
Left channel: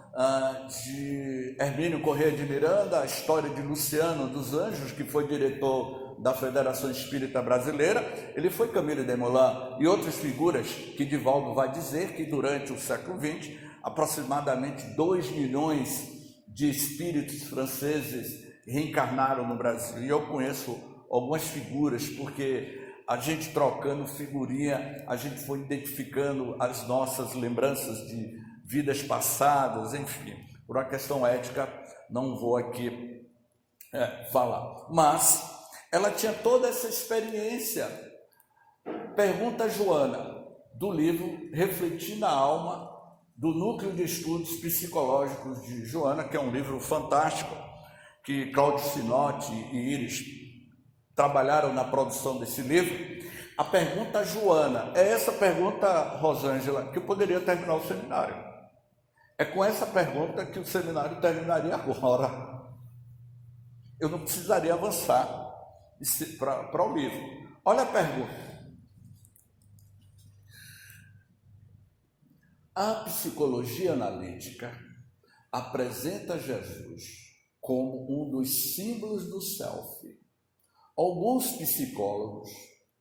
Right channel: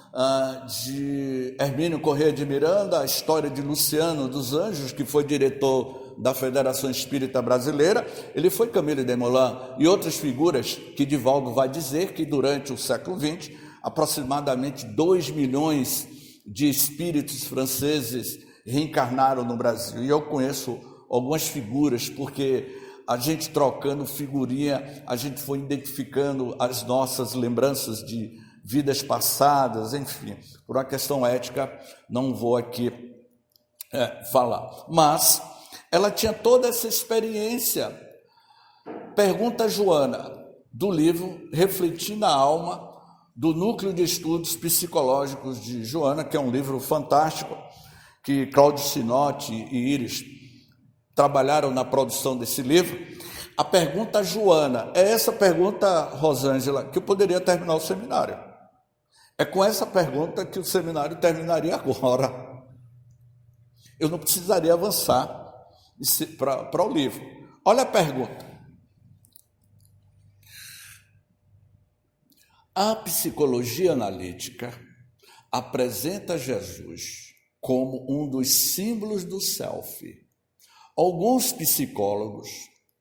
de Hermínio Corrêa de Miranda, a história de Luciano dos Anjos, que foi diretor da Federação Espírita Brasileira. Ele foi Camille Desmoulins, e outras figuras que Divaldo vai dizer que durante o século XX, aproximadamente 2 milhões de espíritos franceses reencarnaram no Brasil. E eu conheço algumas figuras, porque a gente trocando figurinha, a gente foi identificando as nossas lembranças de vidas passadas, enfim. Por uma questão ética, não vou aqui falar. Mas ela tinha toda essa experiência. Pergunta a Joana, do livro Refletir na Alma, do Núcleo de Estudos Psicológicos de Joana, que é um livro fantástico, que Cláudio Sinotti e Íris trabalharam na produção desse livro. A pergunta a Joana é essa pergunta, Rosângela, que eu poderia terminar o seminário. É com essa pergunta que o seminário terminaria agora. Eu não precisaria avançar para o livro. Olha a pergunta. A psicologia analítica apresenta Jesus como um dos símbolos do self. Alguns psicólogos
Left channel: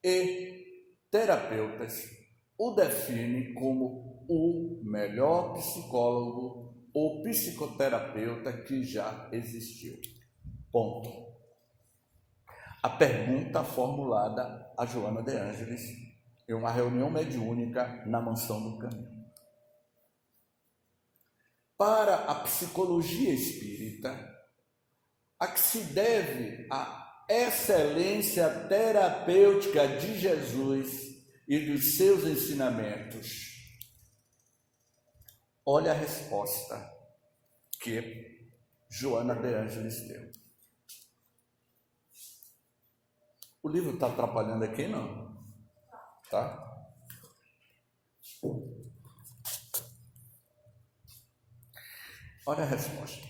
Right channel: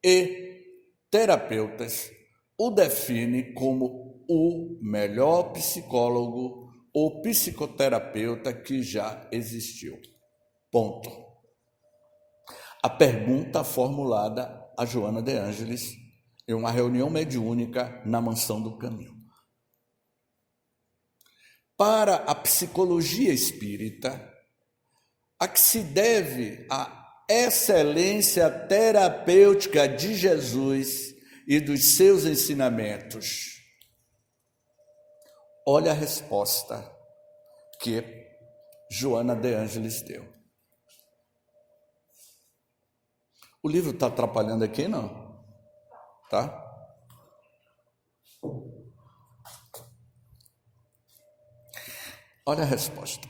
e terapeutas o definem como o melhor psicólogo ou psicoterapeuta que já existiu. Ponto. A pergunta formulada a Joana de Ângeles em uma reunião mediúnica na Mansão do Caminho. Para a psicologia espírita, a que se deve a excelência terapêutica de Jesus e dos seus ensinamentos? Olha a resposta que Joana de Ângeles deu. O livro está atrapalhando aqui, não? Tá? Olha a resposta.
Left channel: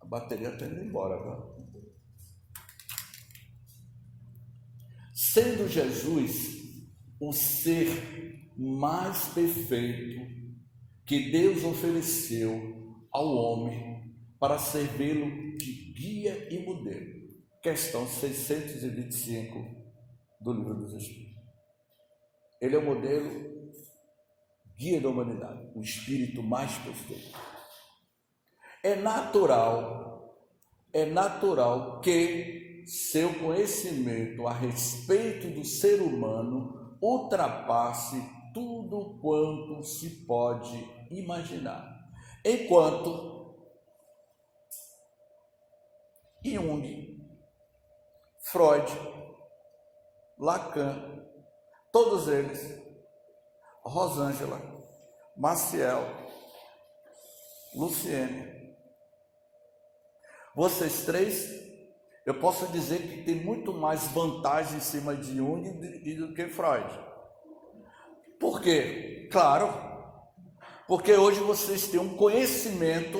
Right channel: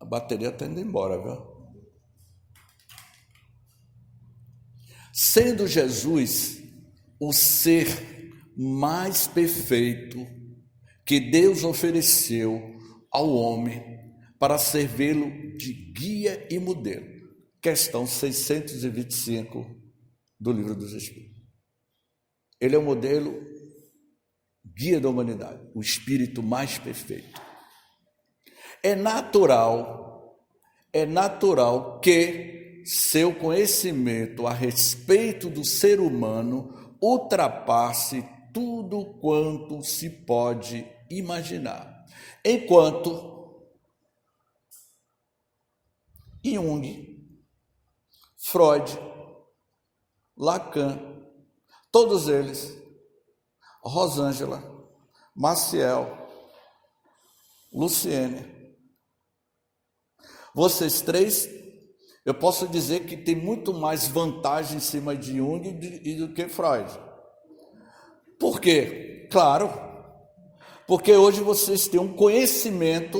A bateria está indo embora, viu? Sendo Jesus o ser mais perfeito que Deus ofereceu ao homem para servi-lo de guia e modelo. Questão 625 do Livro dos Espíritos. Ele é o modelo guia da humanidade, o espírito mais perfeito. É natural que seu conhecimento a respeito do ser humano ultrapasse tudo quanto se pode imaginar. Enquanto Jung, Freud, Lacan, todos eles, Rosângela, Maciel, Luciene, vocês três, eu posso dizer que tem muito mais vantagem em cima de Jung do que Freud. Por quê? Claro, porque hoje vocês têm um conhecimento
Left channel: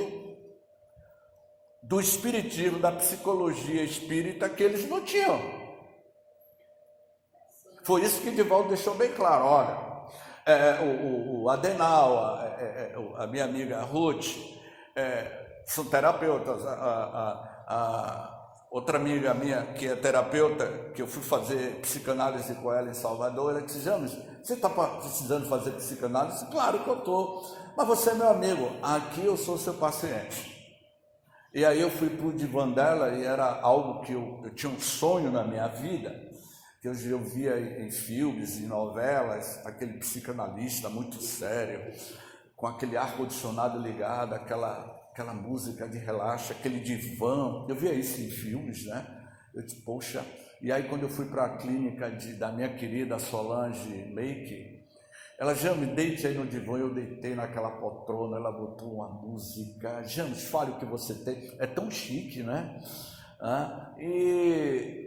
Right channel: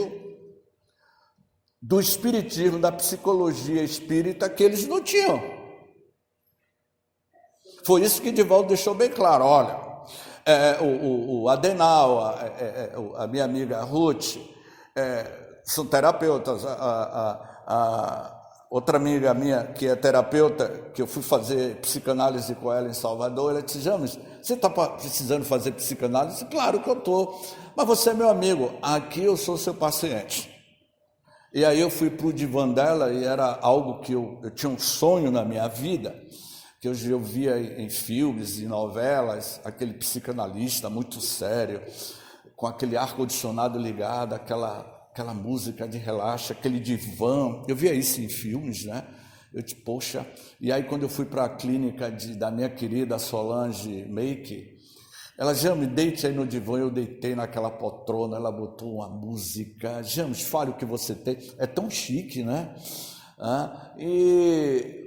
do espiritismo, da psicologia espírita que eles não tinham. Foi isso que Divaldo deixou bem claro. Olha, o Adenal, a minha amiga Ruth, são terapeutas. Outra amiga minha que é terapeuta, que eu fui fazer psicanálise com ela em Salvador, ela disse: James, você está precisando fazer psicanálise? Claro que eu estou, mas você é meu amigo, aqui eu sou seu paciente. E aí eu fui para o divã dela e era algo que eu tinha um sonho na minha vida, que eu via em filmes e novelas, aquele psicanalista muito sério, com aquele ar-condicionado ligado, aquela música de relaxa, aquele divã. Eu via isso em filmes, né? Eu disse, poxa. E aí quando eu fui para a clínica da minha querida Solange Make, ela, James, deite aí no divã. Eu deitei naquela poltrona, ela botou uma música. James, fale o que você tem. É tão chique, né?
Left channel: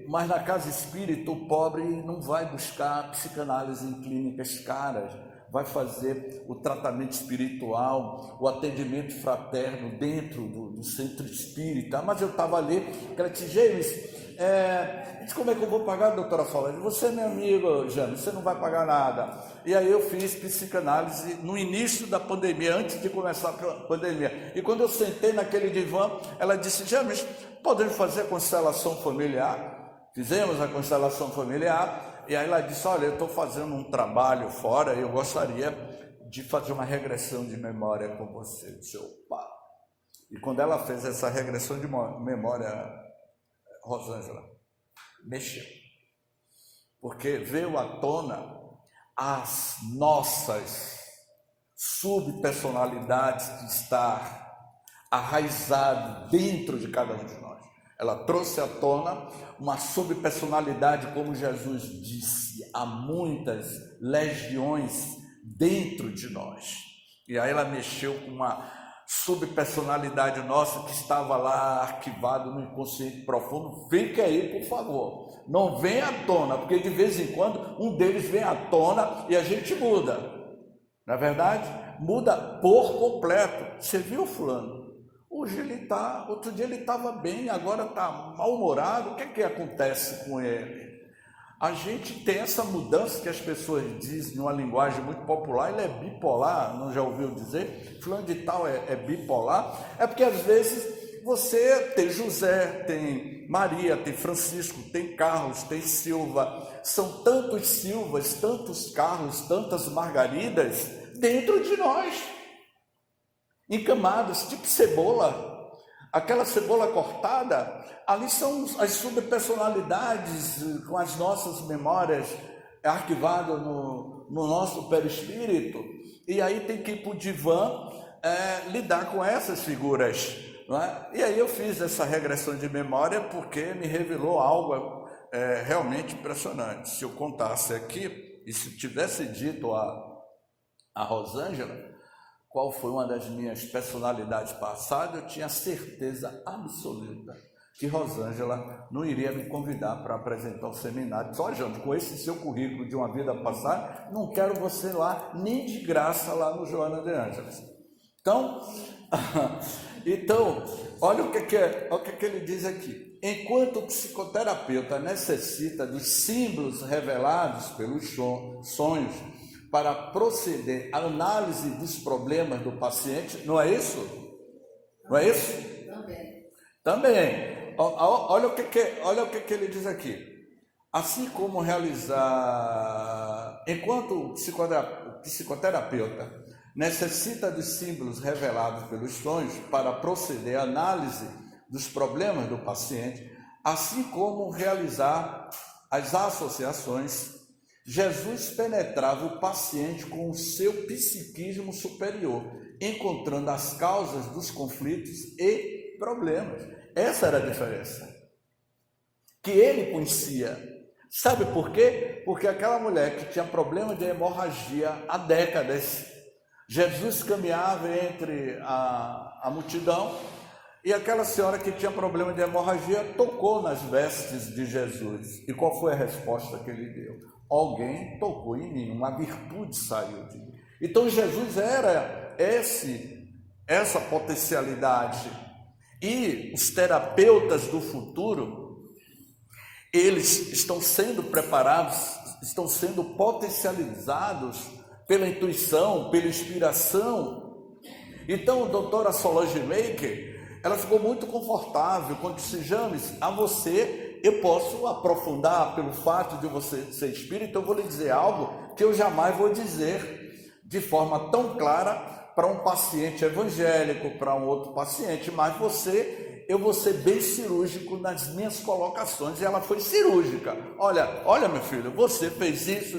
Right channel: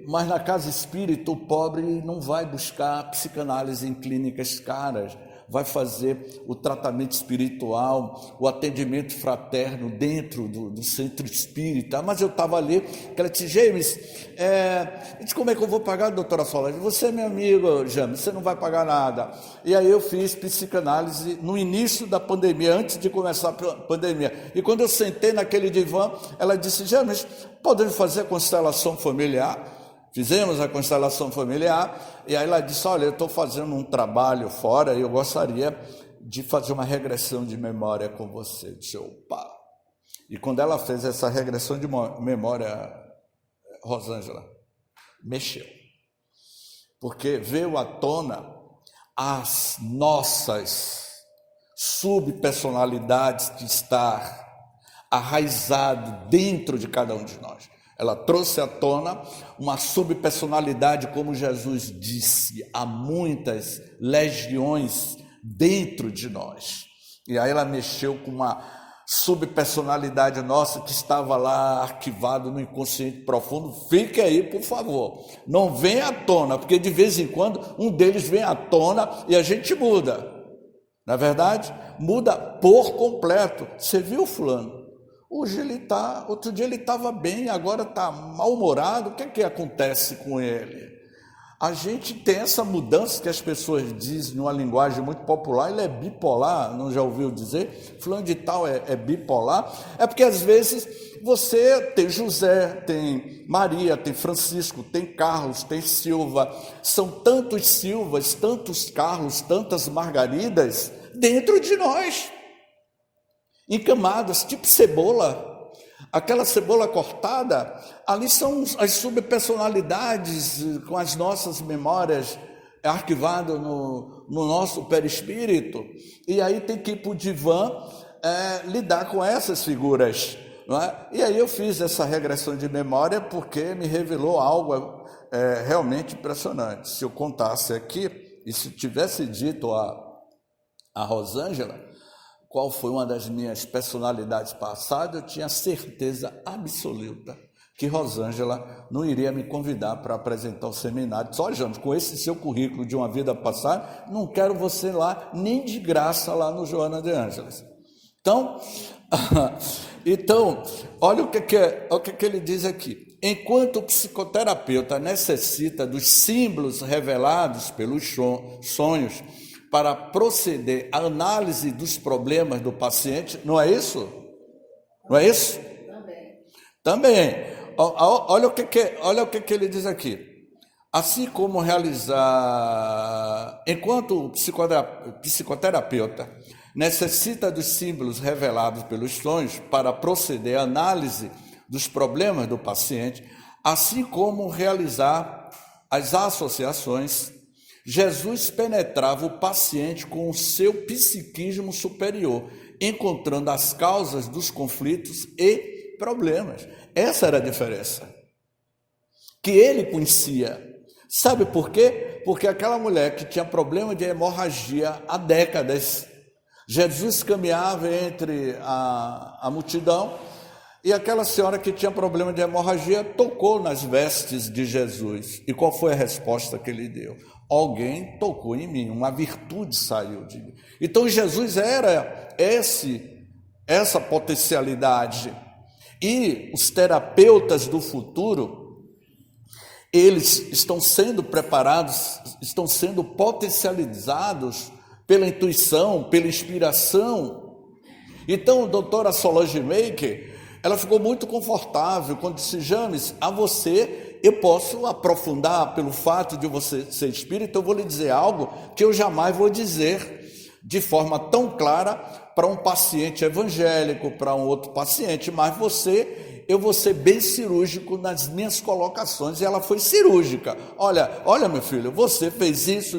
Mas na casa espírita, o pobre não vai buscar psicanálise em clínicas caras, vai fazer o tratamento espiritual, o atendimento fraterno dentro do centro espírita. Mas eu estava ali, que ela disse, James, como é que eu vou pagar, doutora Solange? Você é meu amigo, James, você não vai pagar nada. E aí eu fiz psicanálise no início da pandemia, antes de começar a pandemia. E quando eu sentei naquele divã, ela disse, James, podemos fazer a constelação familiar? Fizemos a constelação familiar, e aí ela disse, olha, eu estou fazendo um trabalho fora e eu gostaria de fazer uma regressão de memória com você. Eu disse, opa! E quando ela fez essa regressão de memória, Rosângela, mexeu. Porque veio à tona as nossas subpersonalidades que estão arraizadas dentro de cada um de nós. Ela trouxe à tona uma subpersonalidade, como Jesus disse, há muitas legiões dentro de nós. E aí ela mexeu com uma subpersonalidade nossa que estava lá arquivado no inconsciente profundo. Fique aí, por favor. Não venha à tona, porque de vez em quando um deles vem à tona e a gente muda. Não é verdade? Muda por completo. Você viu, fulano? Hoje outro dia ele estava bem, agora está mal-humorado. O que acontece com ele? A gente tem essa mudança que as pessoas dizem numa linguagem muito popular, ele é bipolar, não já ouviu dizer? Fulano de tal é bipolar. É porque às vezes você tem José, tem Maria, tem Francisco, tem Carlos, tem Silva. São tantos Silvas, tantos Carlos, tantas Margaridas dentro de nós, encamados, tipo cebola. Aquela cebola cortada, ali são as subpersonalidades com as nossas memórias arquivadas no nosso perispírito. E aí tem que ir para o divã lidar com essas figuras. Não é? E aí eu fiz essa regressão de memória porque me revelou algo realmente impressionante. Se eu contasse aqui, e se tivesse dito a Rosângela qual foi uma das minhas personalidades passadas, eu tinha certeza absoluta que Rosângela não iria me convidar para apresentar o seminário. Só, James, com esse seu currículo de uma vida passada, não quero você lá, nem de graça lá no Joana de Ângeles. Então, olha o que ele diz aqui. Enquanto o psicoterapeuta necessita dos símbolos revelados pelos sonhos para proceder à análise dos problemas do paciente, não é isso? Não é isso? Também. Olha o que ele diz aqui. Assim como enquanto o psicoterapeuta necessita dos símbolos revelados pelos sonhos para proceder à análise dos problemas do paciente, assim como realizar as associações, Jesus penetrava o paciente com o seu psiquismo superior, encontrando as causas dos conflitos e problemas. Essa era a diferença que ele conhecia. Sabe por quê? Porque aquela mulher que tinha problema de hemorragia há décadas, Jesus caminhava entre a multidão e aquela senhora que tinha problema de hemorragia tocou nas vestes de Jesus. E qual foi a resposta que ele deu? Alguém tocou em mim, uma virtude saiu de mim. Então Jesus era essa potencialidade. E os terapeutas do futuro, eles estão sendo preparados, estão sendo potencializados pela intuição, pela inspiração. Então, a doutora Solange Maker, ela ficou muito confortável quando disse: James, a você eu posso aprofundar pelo fato de você ser espírita, eu vou lhe dizer algo que eu jamais vou dizer de forma tão clara para um paciente evangélico, para um outro paciente, mas eu vou ser bem cirúrgico nas minhas colocações. E ela foi cirúrgica. Olha, meu filho, você fez isso,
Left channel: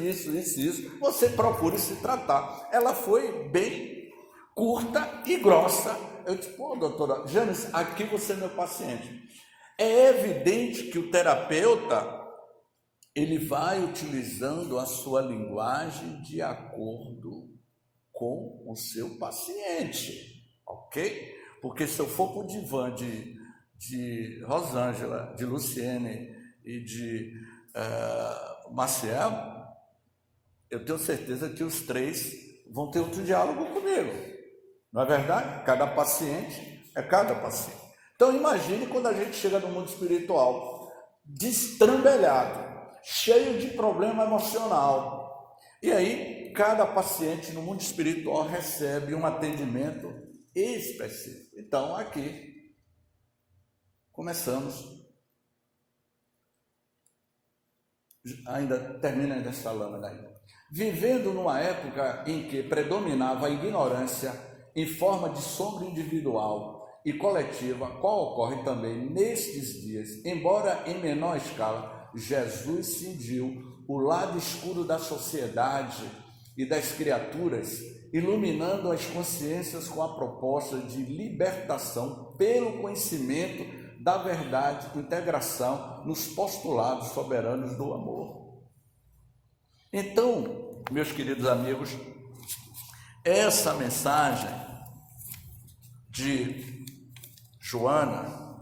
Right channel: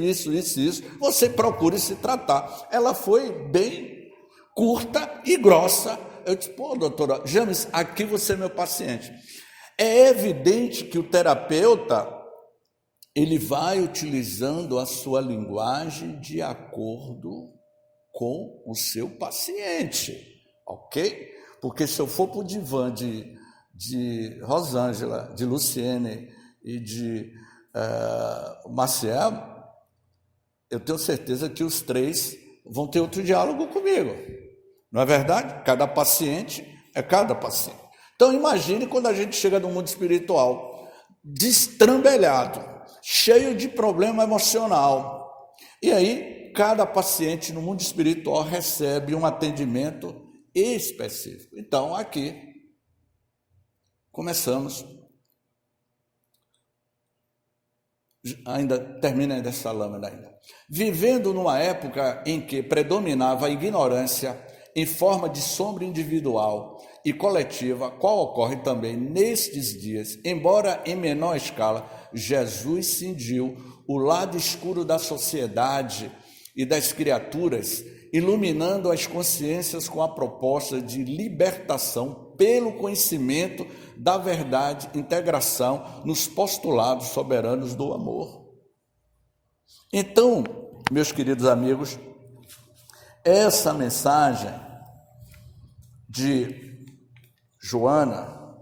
você procure se tratar. Ela foi bem curta e grossa. Eu disse: pô, doutora James, aqui você é meu paciente. É evidente que o terapeuta, ele vai utilizando a sua linguagem de acordo com o seu paciente, ok? Porque se eu for para o divã de Rosângela, de Luciene e de Maciel, eu tenho certeza que os três vão ter outro diálogo comigo. Não é verdade? Cada paciente é cada paciente. Então imagine quando a gente chega no mundo espiritual, destrambelhado, cheio de problema emocional. E aí, cada paciente no mundo espiritual recebe um atendimento específico. Então, aqui, começamos. Termina dessa lâmina ainda. Vivendo numa época em que predominava a ignorância em forma de sombra individual e coletiva, qual ocorre também nestes dias, embora em menor escala, Jesus cingiu o lado escuro da sociedade e das criaturas, iluminando as consciências com a proposta de libertação pelo conhecimento da verdade, integração nos postulados soberanos do amor. Então, meus queridos amigos, essa mensagem de Joana,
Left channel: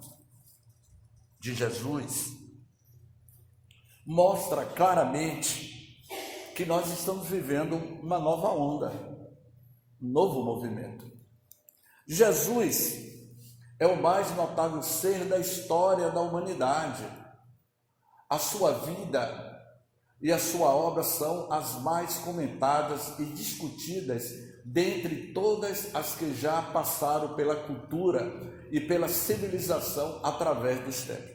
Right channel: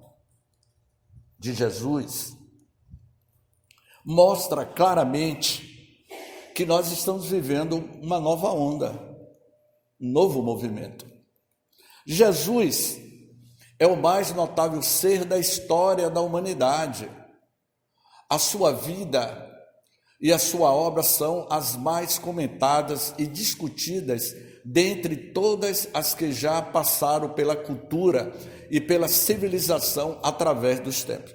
de Jesus, mostra claramente que nós estamos vivendo uma nova onda, um novo movimento. Jesus é o mais notável ser da história da humanidade. A sua vida e a sua obra são as mais comentadas e discutidas dentre todas as que já passaram pela cultura e pela civilização através dos tempos.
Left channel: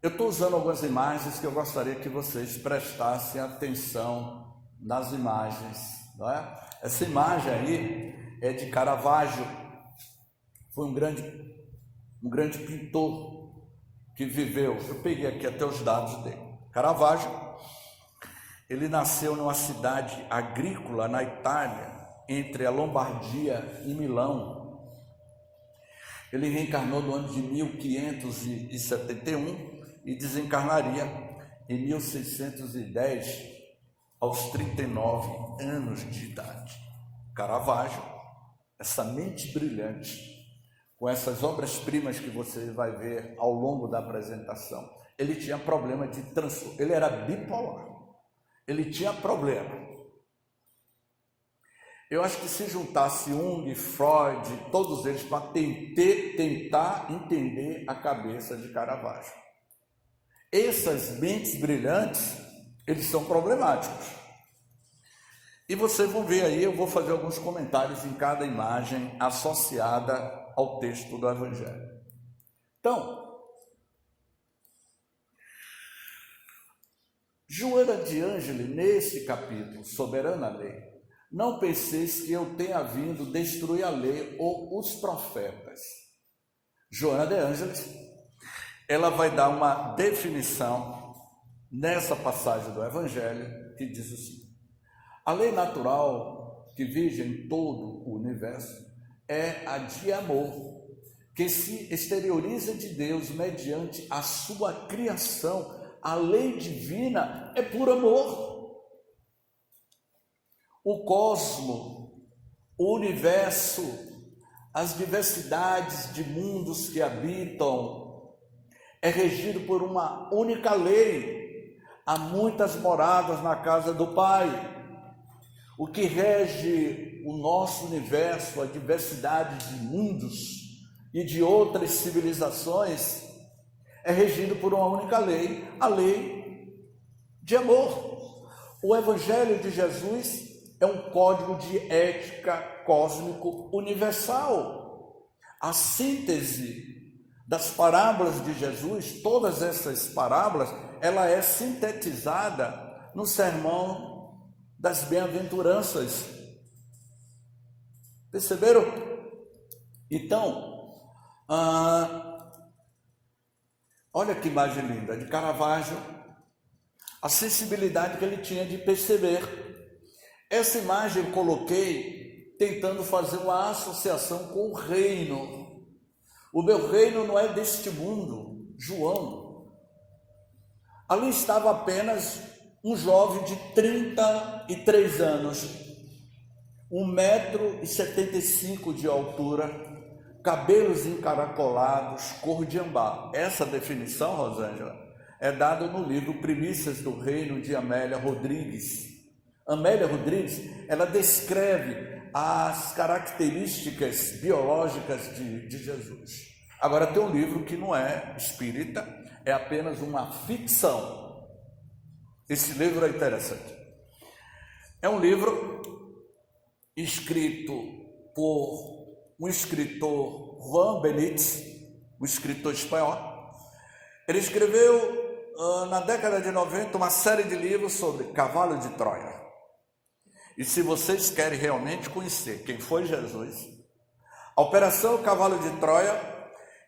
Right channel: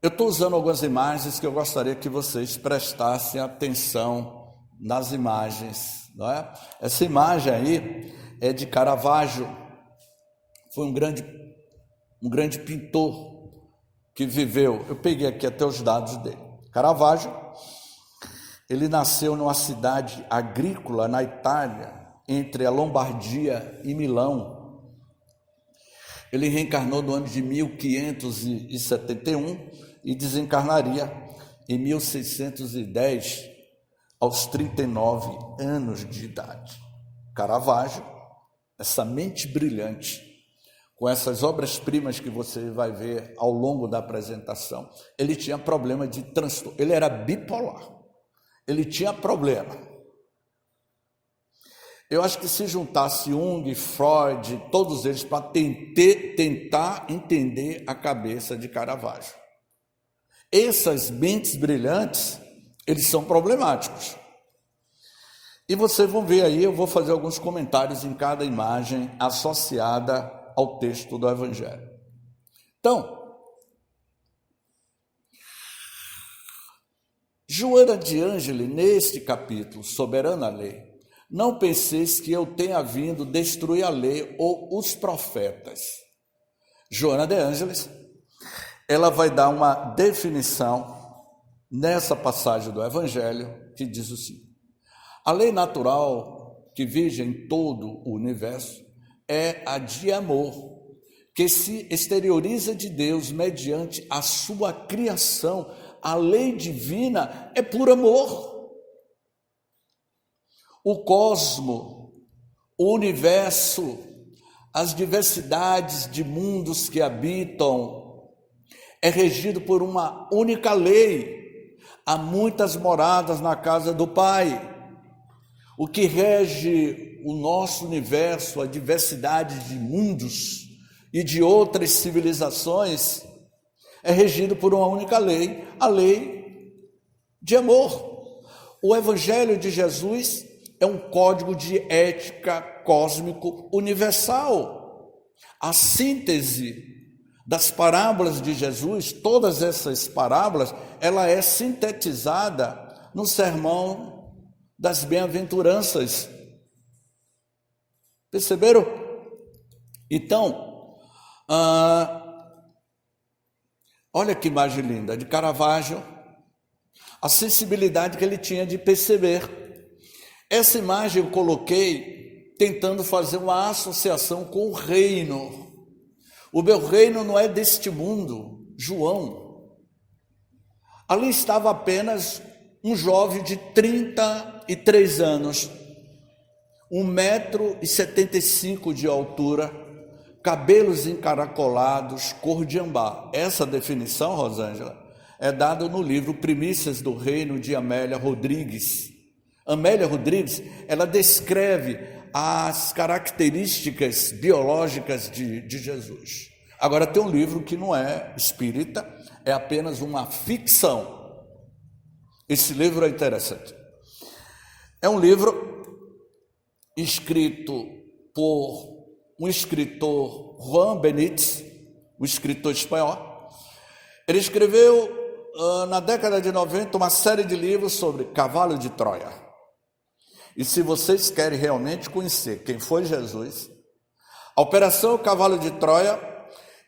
Eu estou usando algumas imagens que eu gostaria que vocês prestassem atenção nas imagens, não é? Essa imagem aí é de Caravaggio, foi um grande pintor que viveu, eu peguei aqui até os dados dele. Caravaggio, ele nasceu numa cidade agrícola na Itália, entre a Lombardia e Milão. Ele reencarnou no ano de 1571 e desencarnaria em 1610, aos 39 anos de idade. Caravaggio, essa mente brilhante, com essas obras-primas que você vai ver ao longo da apresentação, ele tinha problema de transtorno, ele era bipolar, ele tinha problema. Eu acho que se juntasse Jung, Freud, todos eles, para tentar entender a cabeça de Caravaggio. Essas mentes brilhantes, eles são problemáticos. E vocês vão ver aí, eu vou fazer alguns comentários em cada imagem associada ao texto do Evangelho. Então, Joana de Ângeli, neste capítulo, Soberana Lei, não penseis que eu tenha vindo destruir a lei ou os profetas. Joana de Ângeles, ela vai dar uma definição nessa passagem do Evangelho que diz o seguinte: a lei natural que vige em todo o universo é a de amor, que se exterioriza de Deus mediante a sua criação. A lei divina é por amor. O cosmo, o universo, as diversidades de mundos que habitam, é regido por uma única lei. Há muitas moradas na casa do Pai. O que rege o nosso universo, a diversidade de mundos e de outras civilizações, é regido por uma única lei, a lei de amor. O Evangelho de Jesus é um código de ética cósmico universal. A síntese das parábolas de Jesus, todas essas parábolas, ela é sintetizada no sermão das bem-aventuranças. Perceberam? Então, olha que imagem linda, de Caravaggio, a sensibilidade que ele tinha de perceber. Essa imagem eu coloquei tentando fazer uma associação com o reino. O meu reino não é deste mundo, João. Ali estava apenas um jovem de 33 anos, 1,75 m de altura, cabelos encaracolados, cor de ambar. Essa definição, Rosângela, é dada no livro Primícias do Reino, de Amélia Rodrigues. Amélia Rodrigues, ela descreve as características biológicas de Jesus. Agora, tem um livro que não é espírita, é apenas uma ficção. Esse livro é interessante. É um livro escrito por um escritor, Juan Benítez, um escritor espanhol. Ele escreveu, na década de 90, uma série de livros sobre Cavalo de Troia. E se vocês querem realmente conhecer quem foi Jesus, a Operação Cavalo de Troia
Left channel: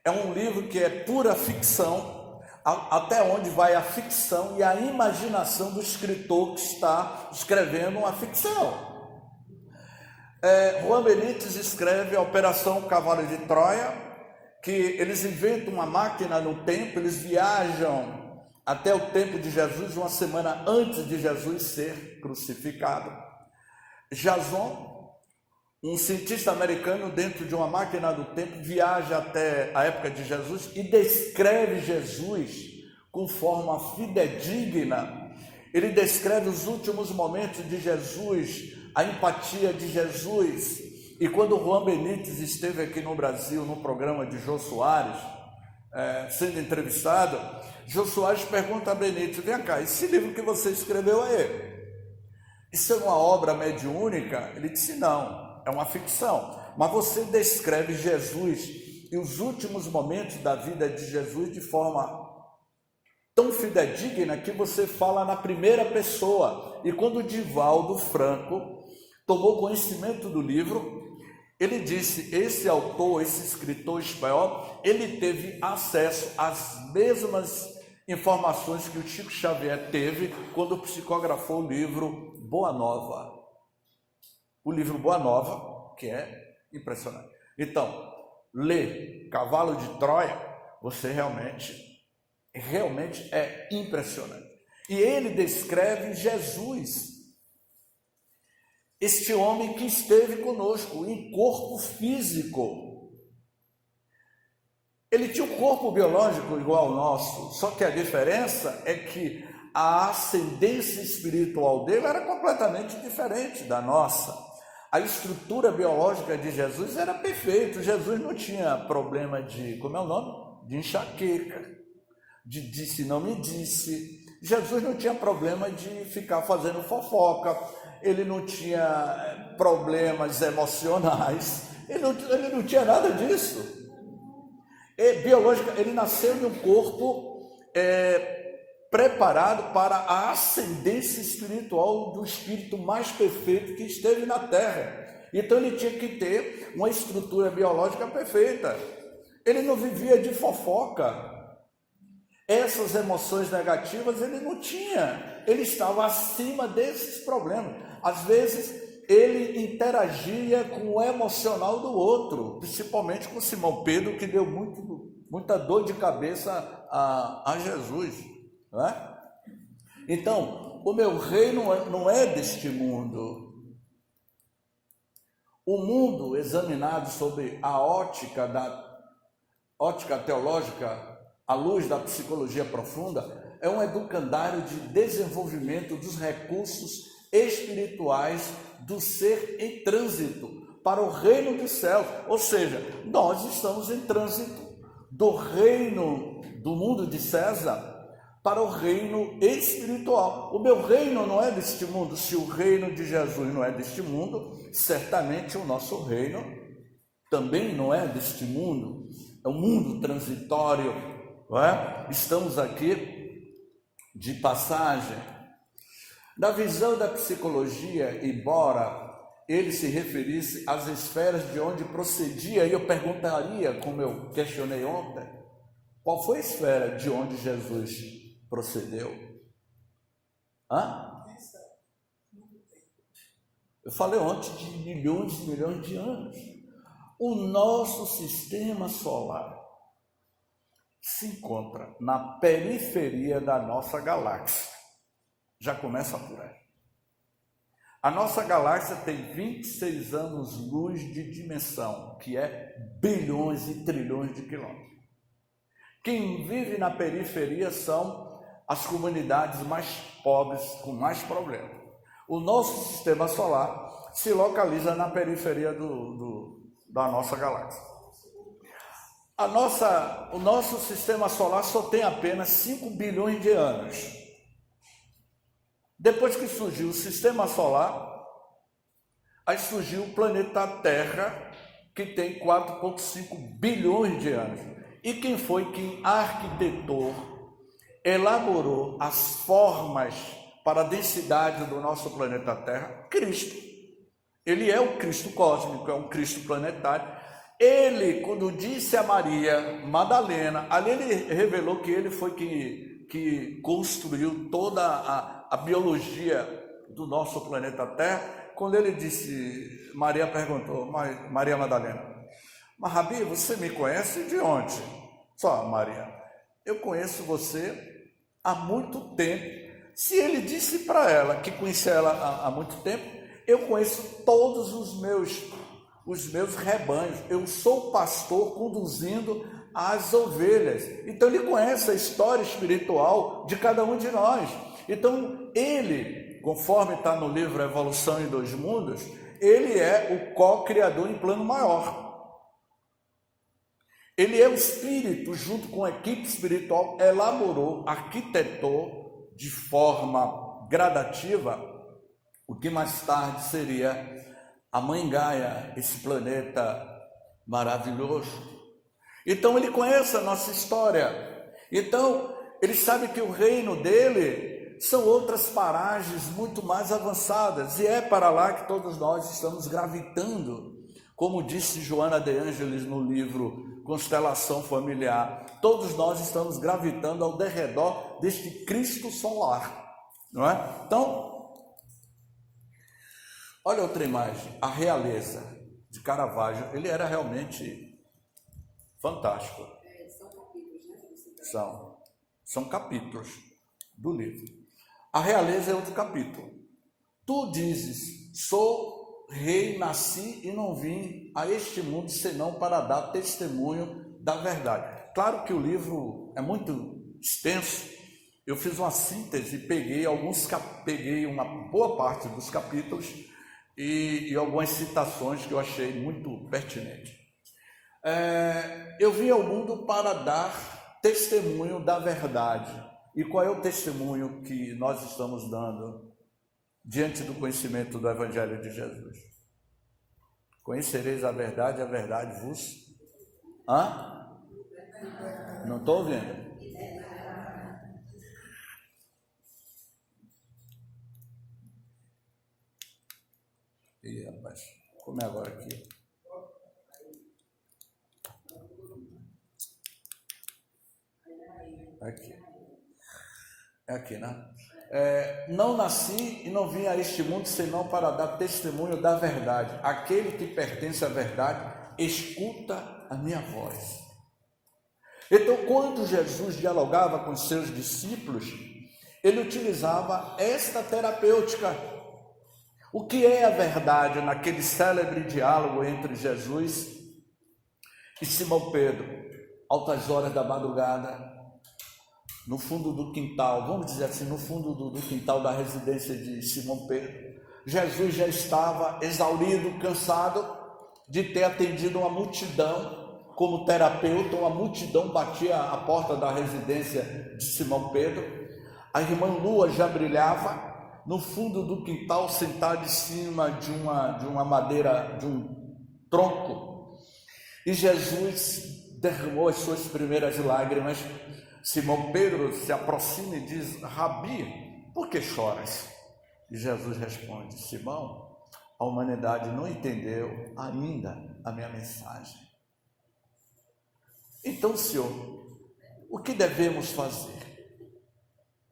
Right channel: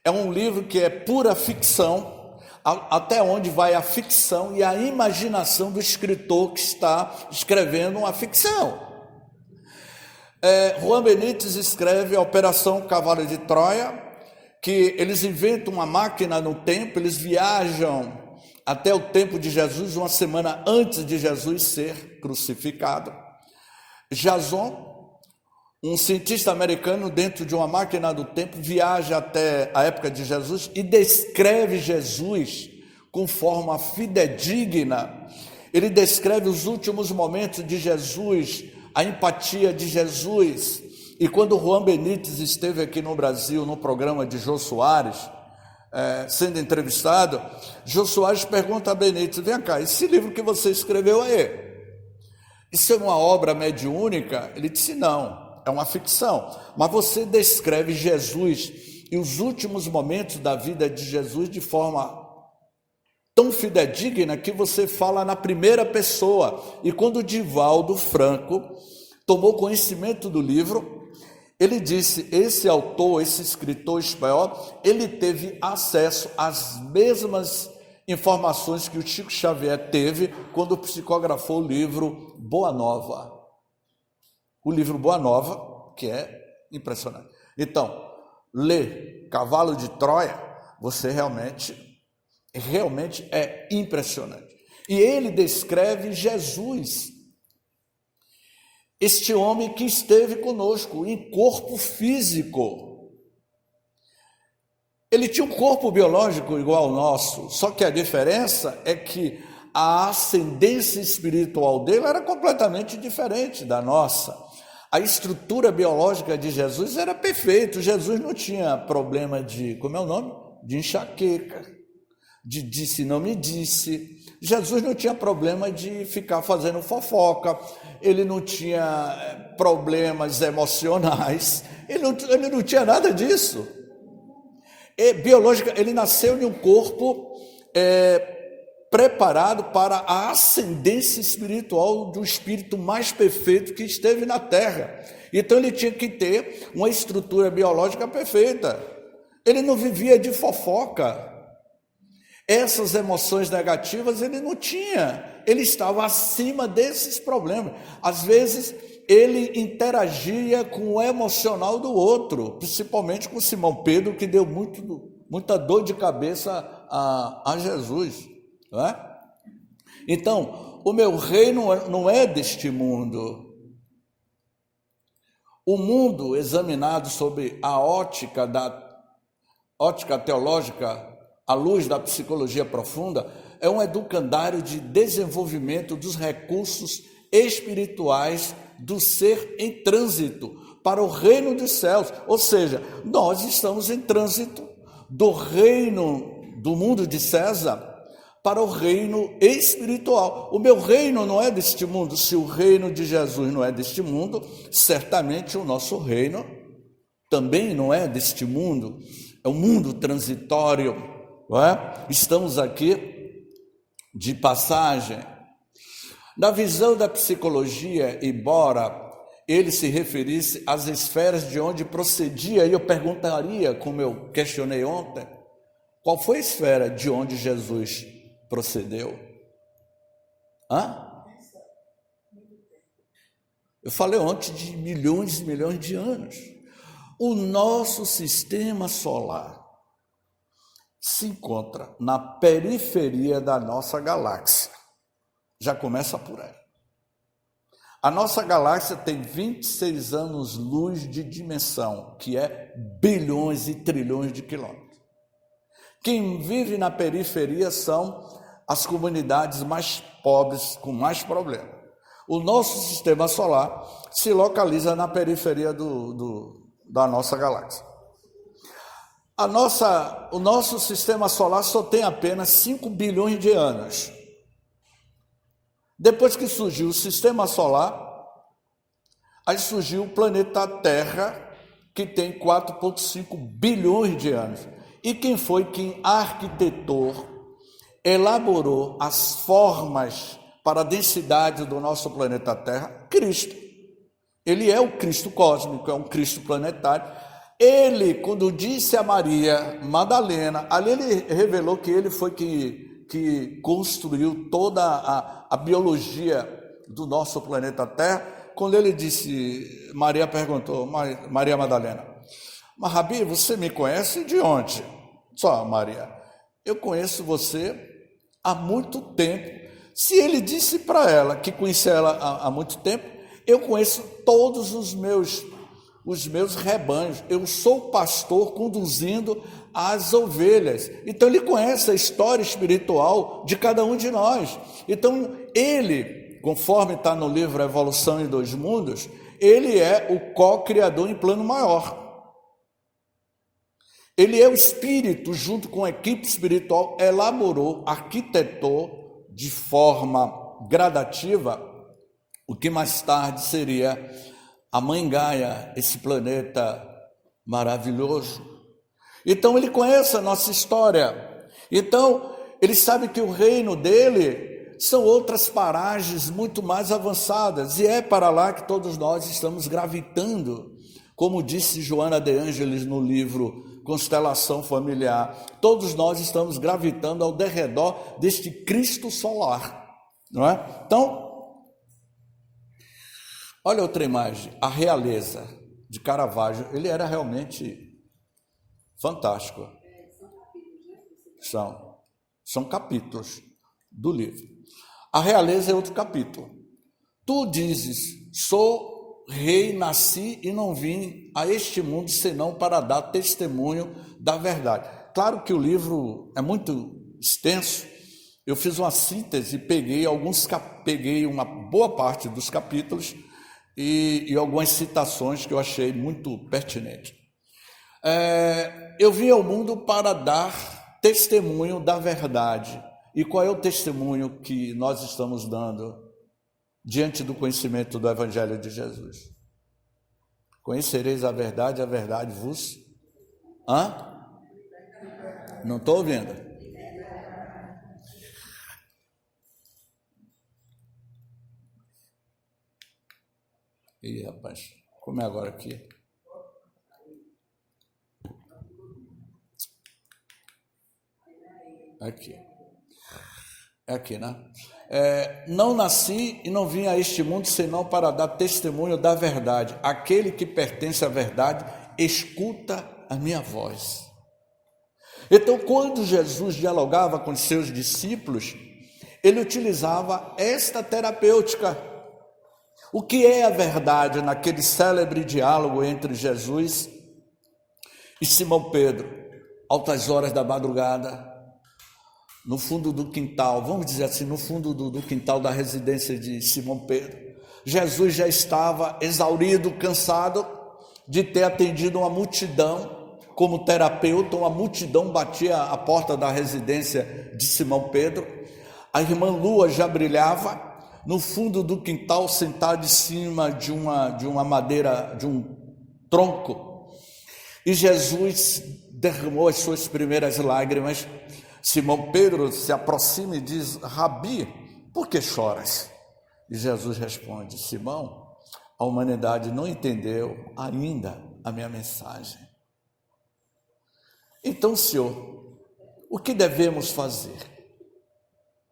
é um livro que é pura ficção, até onde vai a ficção e a imaginação do escritor que está escrevendo uma ficção. Juan Benítez escreve a Operação Cavalo de Troia, que eles inventam uma máquina no tempo, eles viajam até o tempo de Jesus, uma semana antes de Jesus ser crucificado. Jason, um cientista americano, dentro de uma máquina do tempo, viaja até a época de Jesus e descreve Jesus com forma fidedigna. Ele descreve os últimos momentos de Jesus, a empatia de Jesus. E quando Juan Benítez esteve aqui no Brasil, no programa de Jô Soares, sendo entrevistado, Jô Soares pergunta a Benítez: vem cá, esse livro que você escreveu aí, isso é uma obra mediúnica? Ele disse: não, é uma ficção, mas você descreve Jesus e os últimos momentos da vida de Jesus de forma tão fidedigna que você fala na primeira pessoa. E quando Divaldo Franco tomou conhecimento do livro, ele disse: esse autor, esse escritor espanhol, ele teve acesso às mesmas informações que o Chico Xavier teve quando psicografou o livro Boa Nova. O livro Boa Nova, que é impressionante. Então, lê Cavalo de Troia, você realmente é impressionante. E ele descreve Jesus, este homem que esteve conosco em corpo físico. Ele tinha um corpo biológico igual ao nosso, só que a diferença é que a ascendência espiritual dele era completamente diferente da nossa. A estrutura biológica de Jesus era perfeita. Jesus não tinha problema de, de enxaqueca, de disse não me disse. Jesus não tinha problema de ficar fazendo fofoca, ele não tinha problemas emocionais, ele não tinha nada disso. Ele nasceu em um corpo preparado para a ascendência espiritual do espírito mais perfeito que esteve na terra. Então ele tinha que ter uma estrutura biológica perfeita. Ele não vivia de fofoca. Essas emoções negativas ele não tinha. Ele estava acima desses problemas. Às vezes ele interagia com o emocional do outro, principalmente com Simão Pedro, que deu muita dor de cabeça a Jesus, não é? Então, o meu reino não é deste mundo. O mundo, examinado sob a ótica teológica, à luz da psicologia profunda, é um educandário de desenvolvimento dos recursos espirituais do ser em trânsito para o reino dos céus. Ou seja, nós estamos em trânsito do reino do mundo de César para o reino espiritual. O meu reino não é deste mundo. Se o reino de Jesus não é deste mundo, certamente o nosso reino também não é deste mundo. É um mundo transitório, não é? Estamos aqui de passagem. Na visão da psicologia, embora ele se referisse às esferas de onde procedia, e eu perguntaria, como eu questionei ontem, qual foi a esfera de onde Jesus procedeu? Eu falei ontem de milhões e milhões de anos. O nosso sistema solar se encontra na periferia da nossa galáxia. Já começa por aí. A nossa galáxia tem 26 anos-luz de dimensão, que é bilhões e trilhões de quilômetros. Quem vive na periferia são as comunidades mais pobres, com mais problemas. O nosso sistema solar se localiza na periferia da nossa galáxia. O nosso sistema solar só tem apenas 5 bilhões de anos. Depois que surgiu o sistema solar, aí surgiu o planeta Terra, que tem 4,5 bilhões de anos. E quem foi quem arquitetou, elaborou as formas para a densidade do nosso planeta Terra? Cristo. Ele é o Cristo cósmico, é um Cristo planetário. Ele, quando disse a Maria Madalena, ali ele revelou que ele foi que construiu toda a biologia do nosso planeta Terra. Quando ele disse, Maria perguntou, Maria Madalena, mas Rabi, você me conhece de onde? Só, Maria, eu conheço você há muito tempo. Se ele disse para ela que conhecia ela há muito tempo, eu conheço todos os meus rebanhos. Eu sou pastor conduzindo as ovelhas. Então ele conhece a história espiritual de cada um de nós. Então ele, conforme está no livro Evolução em Dois Mundos, ele é o co-criador em plano maior. Ele é o Espírito, junto com a equipe espiritual, elaborou, arquitetou de forma gradativa o que mais tarde seria a Mãe Gaia, esse planeta maravilhoso. Então ele conhece a nossa história. Então ele sabe que o reino dele são outras paragens muito mais avançadas. E é para lá que todos nós estamos gravitando. Como disse Joana de Ângeles no livro Constelação Familiar, todos nós estamos gravitando ao derredor deste Cristo solar, não é? Então, olha outra imagem, a realeza de Caravaggio, ele era realmente fantástico. São capítulos do livro. A realeza é outro capítulo. Tu dizes, sou rei, nasci e não vim a este mundo senão para dar testemunho da verdade. Claro que o livro é muito extenso. Eu fiz uma síntese, peguei uma boa parte dos capítulos e algumas citações que eu achei muito pertinentes. Eu vim ao mundo para dar testemunho da verdade. E qual é o testemunho que nós estamos dando diante do conhecimento do Evangelho de Jesus? Conhecereis a verdade vos... Não estou ouvindo. Ih, rapaz, como é agora aqui? Aqui. É aqui, né? Não nasci e não vim a este mundo senão para dar testemunho da verdade. Aquele que pertence à verdade escuta a minha voz. Então, quando Jesus dialogava com seus discípulos, ele utilizava esta terapêutica. O que é a verdade naquele célebre diálogo entre Jesus e Simão Pedro, altas horas da madrugada, no fundo do quintal, vamos dizer assim, no fundo do quintal da residência de Simão Pedro. Jesus já estava exaurido, cansado de ter atendido uma multidão. Como terapeuta, uma multidão batia a porta da residência de Simão Pedro. A irmã Lua já brilhava no fundo do quintal, sentada em cima de uma madeira, de um tronco. E Jesus derramou as suas primeiras lágrimas. Simão Pedro se aproxima e diz: Rabi, por que choras? E Jesus responde: Simão, a humanidade não entendeu ainda a minha mensagem. Então, Senhor, o que devemos fazer?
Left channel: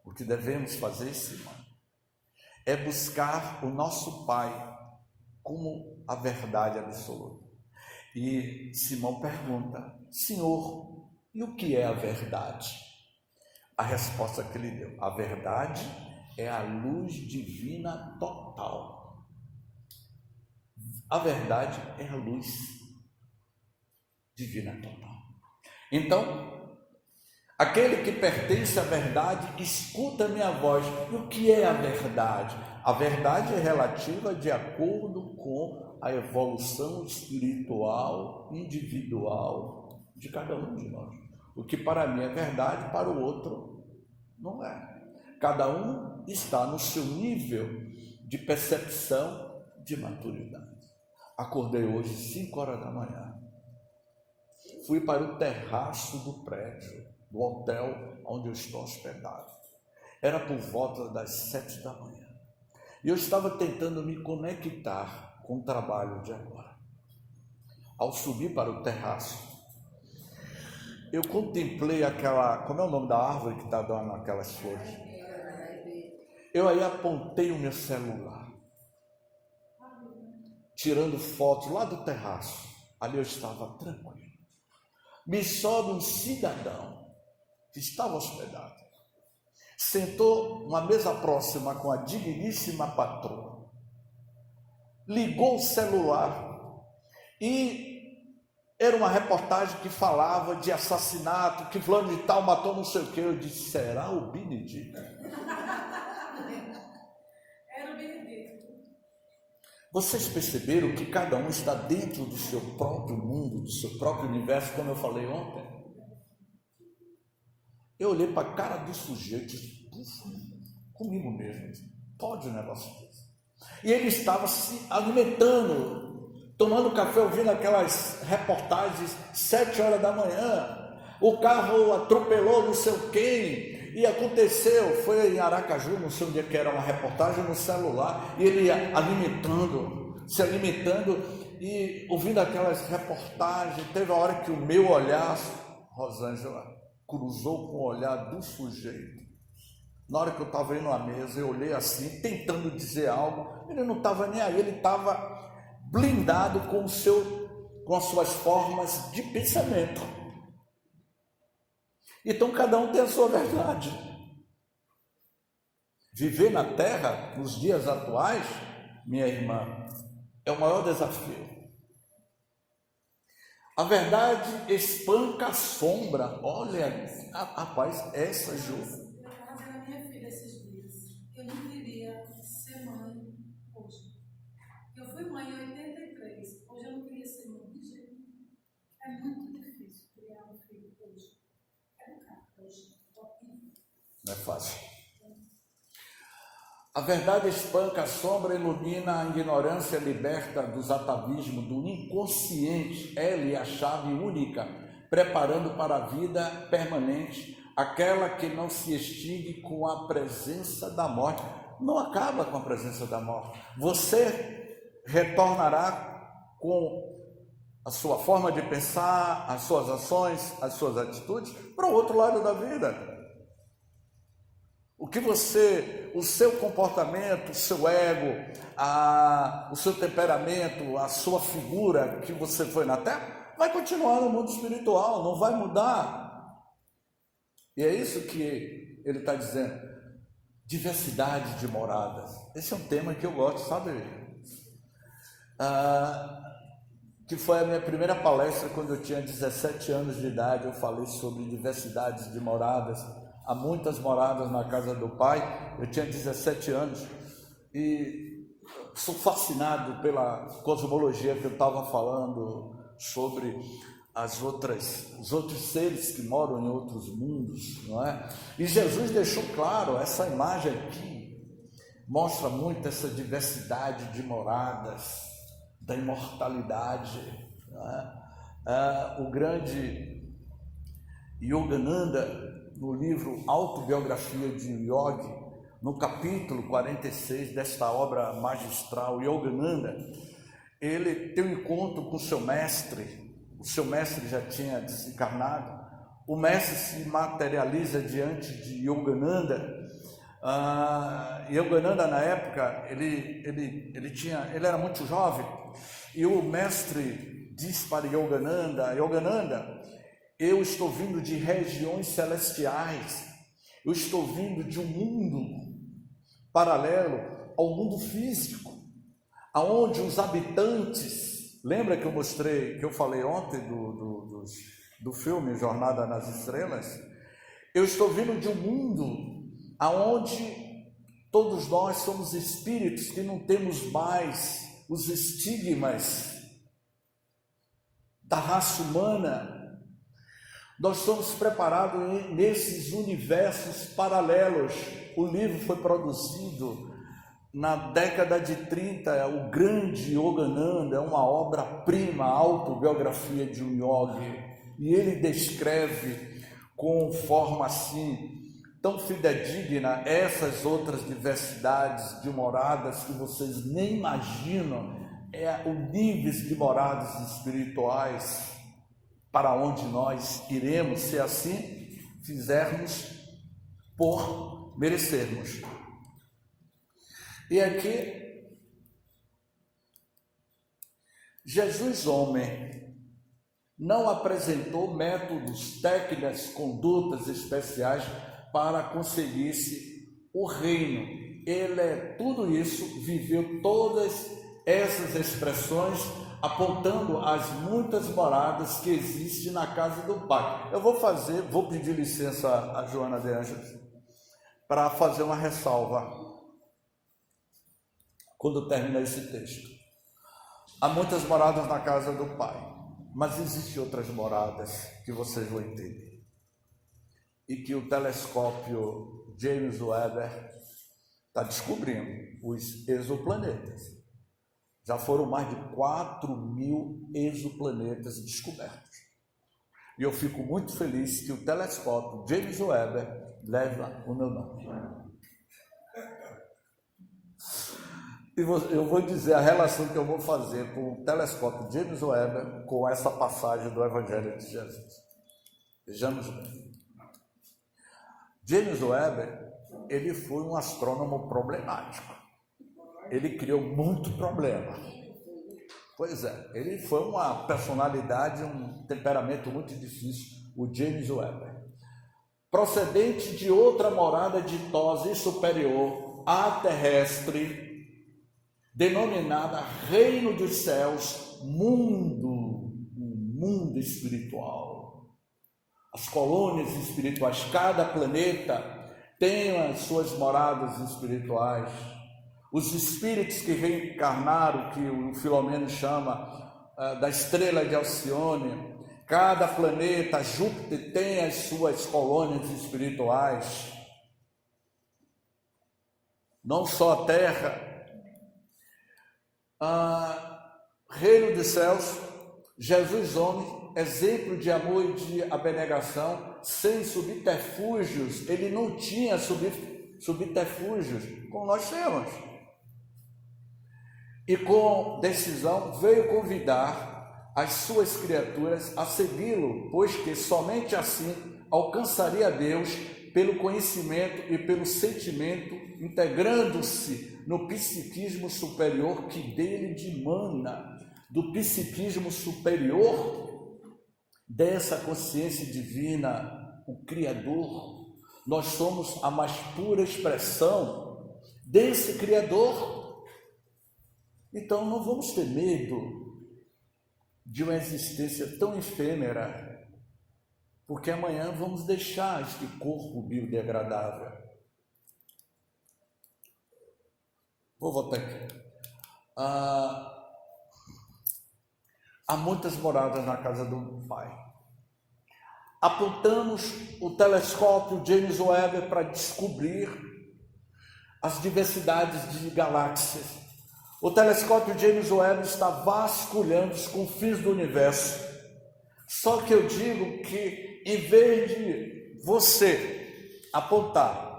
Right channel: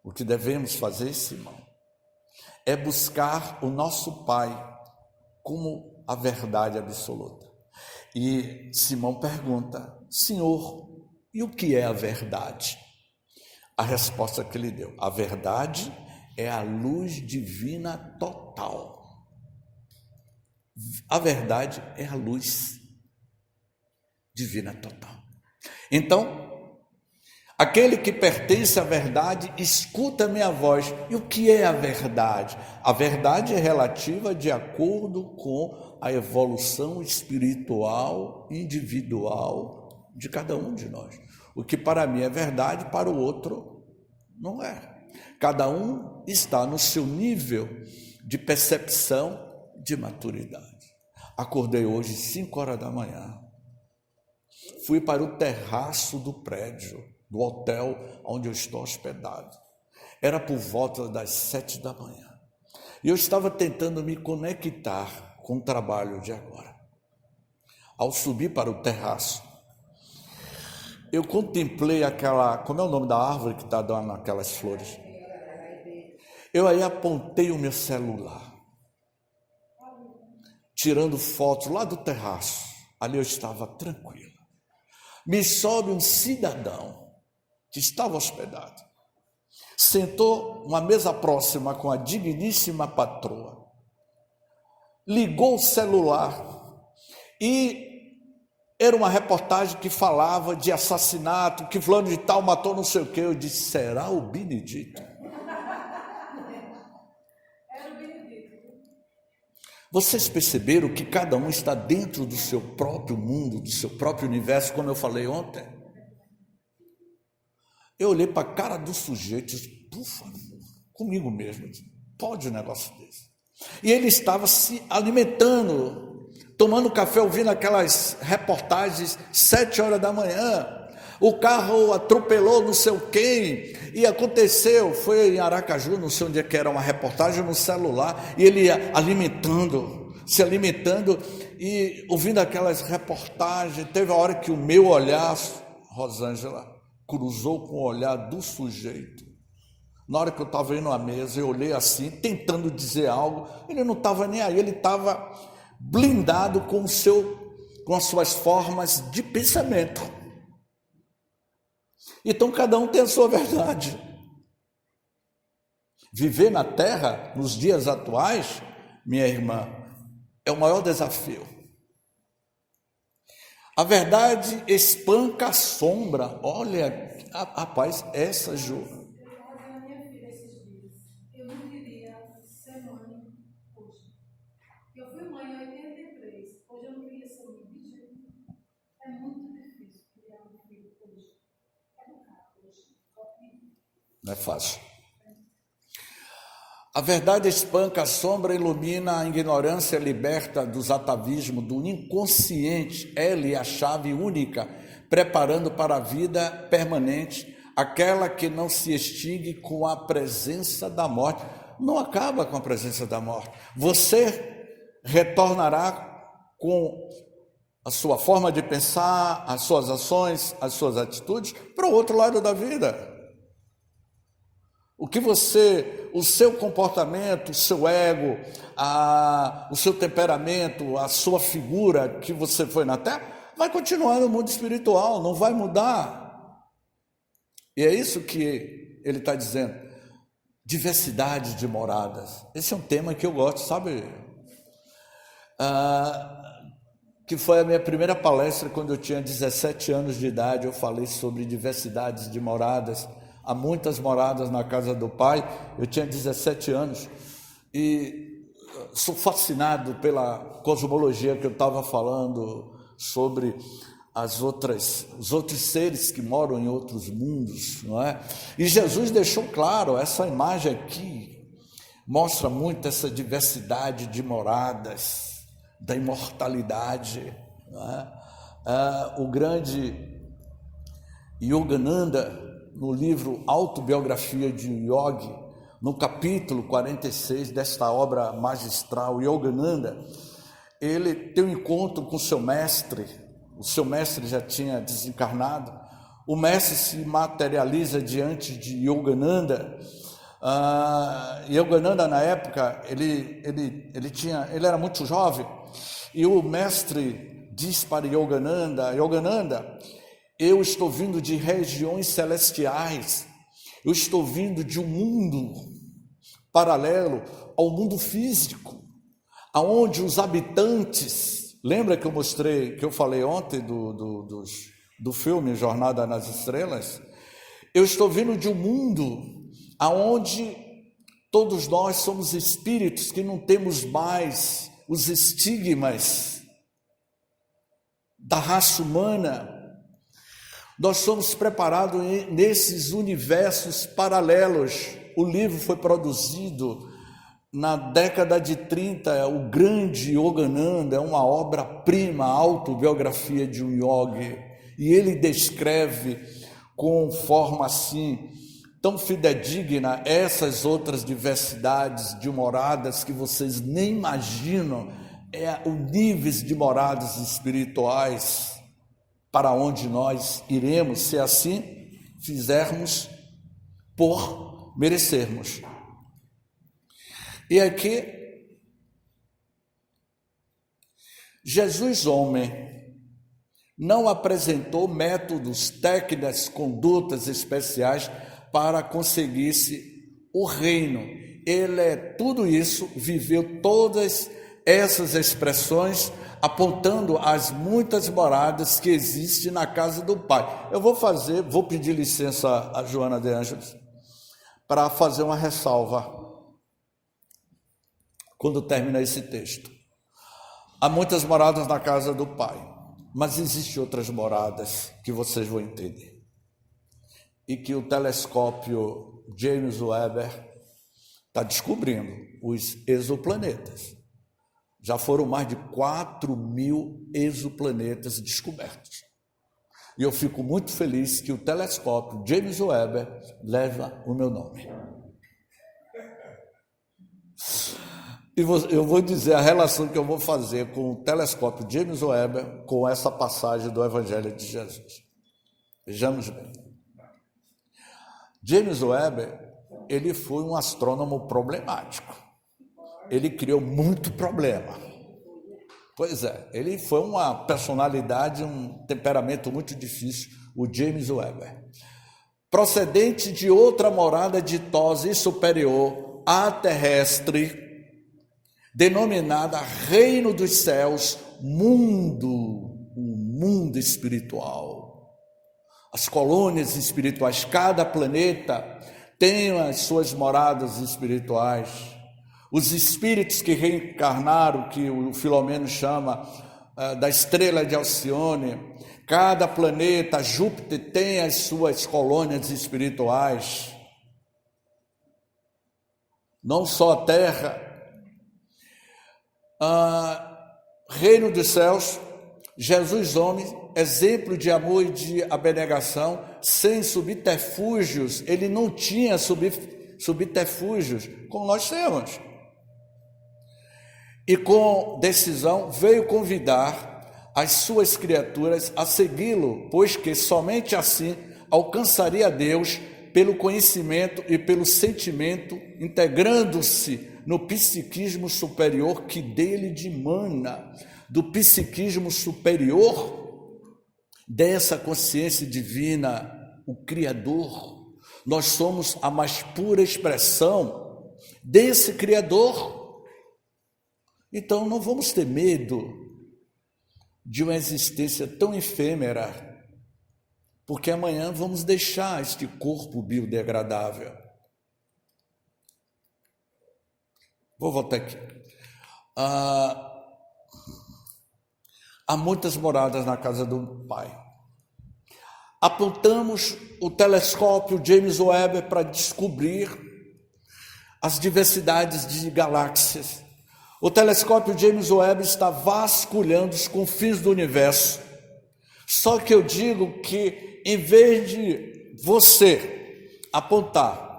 O que devemos fazer, Simão, é buscar o nosso Pai como a verdade absoluta. E Simão pergunta: Senhor, e o que é a verdade? A resposta que ele deu: a verdade é a luz divina total. A verdade é a luz divina total. Então, aquele que pertence à verdade escuta a minha voz. E o que é a verdade? A verdade é relativa de acordo com a evolução espiritual individual de cada um de nós. O que para mim é verdade, para o outro não é. Cada um está no seu nível de percepção, de maturidade. Acordei hoje 5 horas da manhã. Fui para o terraço do prédio, do hotel onde eu estou hospedado. Era por volta das 7 da manhã. E eu estava tentando me conectar com o trabalho de agora. Ao subir para o terraço, eu contemplei aquela... Como é o nome da árvore que está dando aquelas flores? Eu aí apontei o meu celular, tirando fotos lá do terraço. Ali eu estava tranquilo. Me sobe um cidadão que estava hospedado, sentou uma mesa próxima com a digníssima patroa, ligou o celular e era uma reportagem que falava de assassinato, que fulano de tal matou não sei o quê. Eu disse: será o Benedito? Era o Benedito. Vocês perceberam que cada um está dentro do seu próprio mundo, do seu próprio universo, como eu falei ontem? Eu olhei para a cara do sujeito e disse, por favor, comigo mesmo, pode um negócio desse. E ele estava se alimentando, tomando café, ouvindo aquelas reportagens, 7 horas da manhã. O carro atropelou não sei quem, e aconteceu, foi em Aracaju, não sei onde é que era, uma reportagem no celular, e ele ia se alimentando, e ouvindo aquelas reportagens. Teve a hora que o meu olhar, Rosângela, cruzou com o olhar do sujeito. Na hora que eu estava indo à mesa, eu olhei assim, tentando dizer algo, ele não estava nem aí, ele estava blindado com as suas formas de pensamento. Então, cada um tem a sua verdade. Viver na Terra, nos dias atuais, minha irmã, é o maior desafio. A verdade espanca a sombra. Olha, rapaz, essa Ju. Eu estava dizendo à minha filha esses dias, eu não queria ser mãe hoje. Eu fui mãe em 83, hoje eu não queria ser mãe de jeito nenhum. É muito difícil criar um filho hoje. Não é fácil. A verdade espanca a sombra, ilumina a ignorância, liberta dos atavismos, do inconsciente. Ela é a chave única, preparando para a vida permanente, aquela que não se extingue com a presença da morte. Não acaba com a presença da morte. Você retornará com a sua forma de pensar, as suas ações, as suas atitudes para o outro lado da vida. O seu comportamento, o seu ego, o seu temperamento, a sua figura que você foi na Terra, vai continuar no mundo espiritual, não vai mudar. E é isso que ele está dizendo. Diversidade de moradas. Esse é um tema que eu gosto, sabe? Que foi a minha primeira palestra quando eu tinha 17 anos de idade. Eu falei sobre diversidades de moradas. Há muitas moradas na casa do Pai. Eu tinha 17 anos e sou fascinado pela cosmologia que eu estava falando sobre os outros seres que moram em outros mundos, não é? E Jesus deixou claro, essa imagem aqui mostra muito essa diversidade de moradas, da imortalidade, não é? O grande Yogananda, no livro Autobiografia de um Yogi, no capítulo 46 desta obra magistral, Yogananda, ele tem um encontro com o seu mestre já tinha desencarnado, o mestre se materializa diante de Yogananda. Yogananda, na época, ele era muito jovem, e o mestre diz para Yogananda, eu estou vindo de regiões celestiais, eu estou vindo de um mundo paralelo ao mundo físico, aonde os habitantes, lembra que eu falei ontem do filme Jornada nas Estrelas? Eu estou vindo de um mundo aonde todos nós somos espíritos que não temos mais os estigmas da raça humana. Nós somos preparados nesses universos paralelos. O livro foi produzido na década de 30, o grande Yogananda, é uma obra-prima, a autobiografia de um yogi, e ele descreve com forma assim, tão fidedigna, essas outras diversidades de moradas que vocês nem imaginam, o níveis de moradas espirituais, para onde nós iremos, se assim fizermos por merecermos. E aqui, Jesus, homem, não apresentou métodos, técnicas, condutas especiais para conseguir-se o reino. Ele é tudo isso, viveu todas essas expressões, apontando as muitas moradas que existem na casa do Pai. Eu vou pedir licença a Joana de Ângeles para fazer uma ressalva quando terminar esse texto. Há muitas moradas na casa do Pai, mas existem outras moradas que vocês vão entender. E que o telescópio James Webb está descobrindo, os exoplanetas. Já foram mais de 4.000 exoplanetas descobertos. E eu fico muito feliz que o telescópio James Webb leva o meu nome. E eu vou dizer a relação que eu vou fazer com o telescópio James Webb com essa passagem do Evangelho de Jesus. Vejamos bem. James Webb, ele foi um astrônomo problemático. Ele criou muito problema. Pois é, ele foi uma personalidade, um temperamento muito difícil, o James Webb. Procedente de outra morada ditosa e superior, a terrestre, denominada Reino dos Céus, mundo, um mundo espiritual. As colônias espirituais, cada planeta tem as suas moradas espirituais. Os espíritos que reencarnaram, que o Filomeno chama da estrela de Alcione, cada planeta, Júpiter, tem as suas colônias espirituais. Não só a Terra. Reino dos Céus, Jesus homem, exemplo de amor e de abnegação, sem subterfúgios. Ele não tinha subterfúgios, como nós temos. E com decisão veio convidar as suas criaturas a segui-lo, pois que somente assim alcançaria Deus pelo conhecimento e pelo sentimento, integrando-se no psiquismo superior que dele dimana, do psiquismo superior dessa consciência divina, o Criador. Nós somos a mais pura expressão desse Criador. Então não vamos ter medo de uma existência tão efêmera, porque amanhã vamos deixar este corpo biodegradável. Vou voltar aqui. Há muitas moradas na casa do Pai. Apontamos o telescópio James Webb para descobrir as diversidades de galáxias. O telescópio James Webb está vasculhando os confins do universo. Só que eu digo que, em vez de você apontar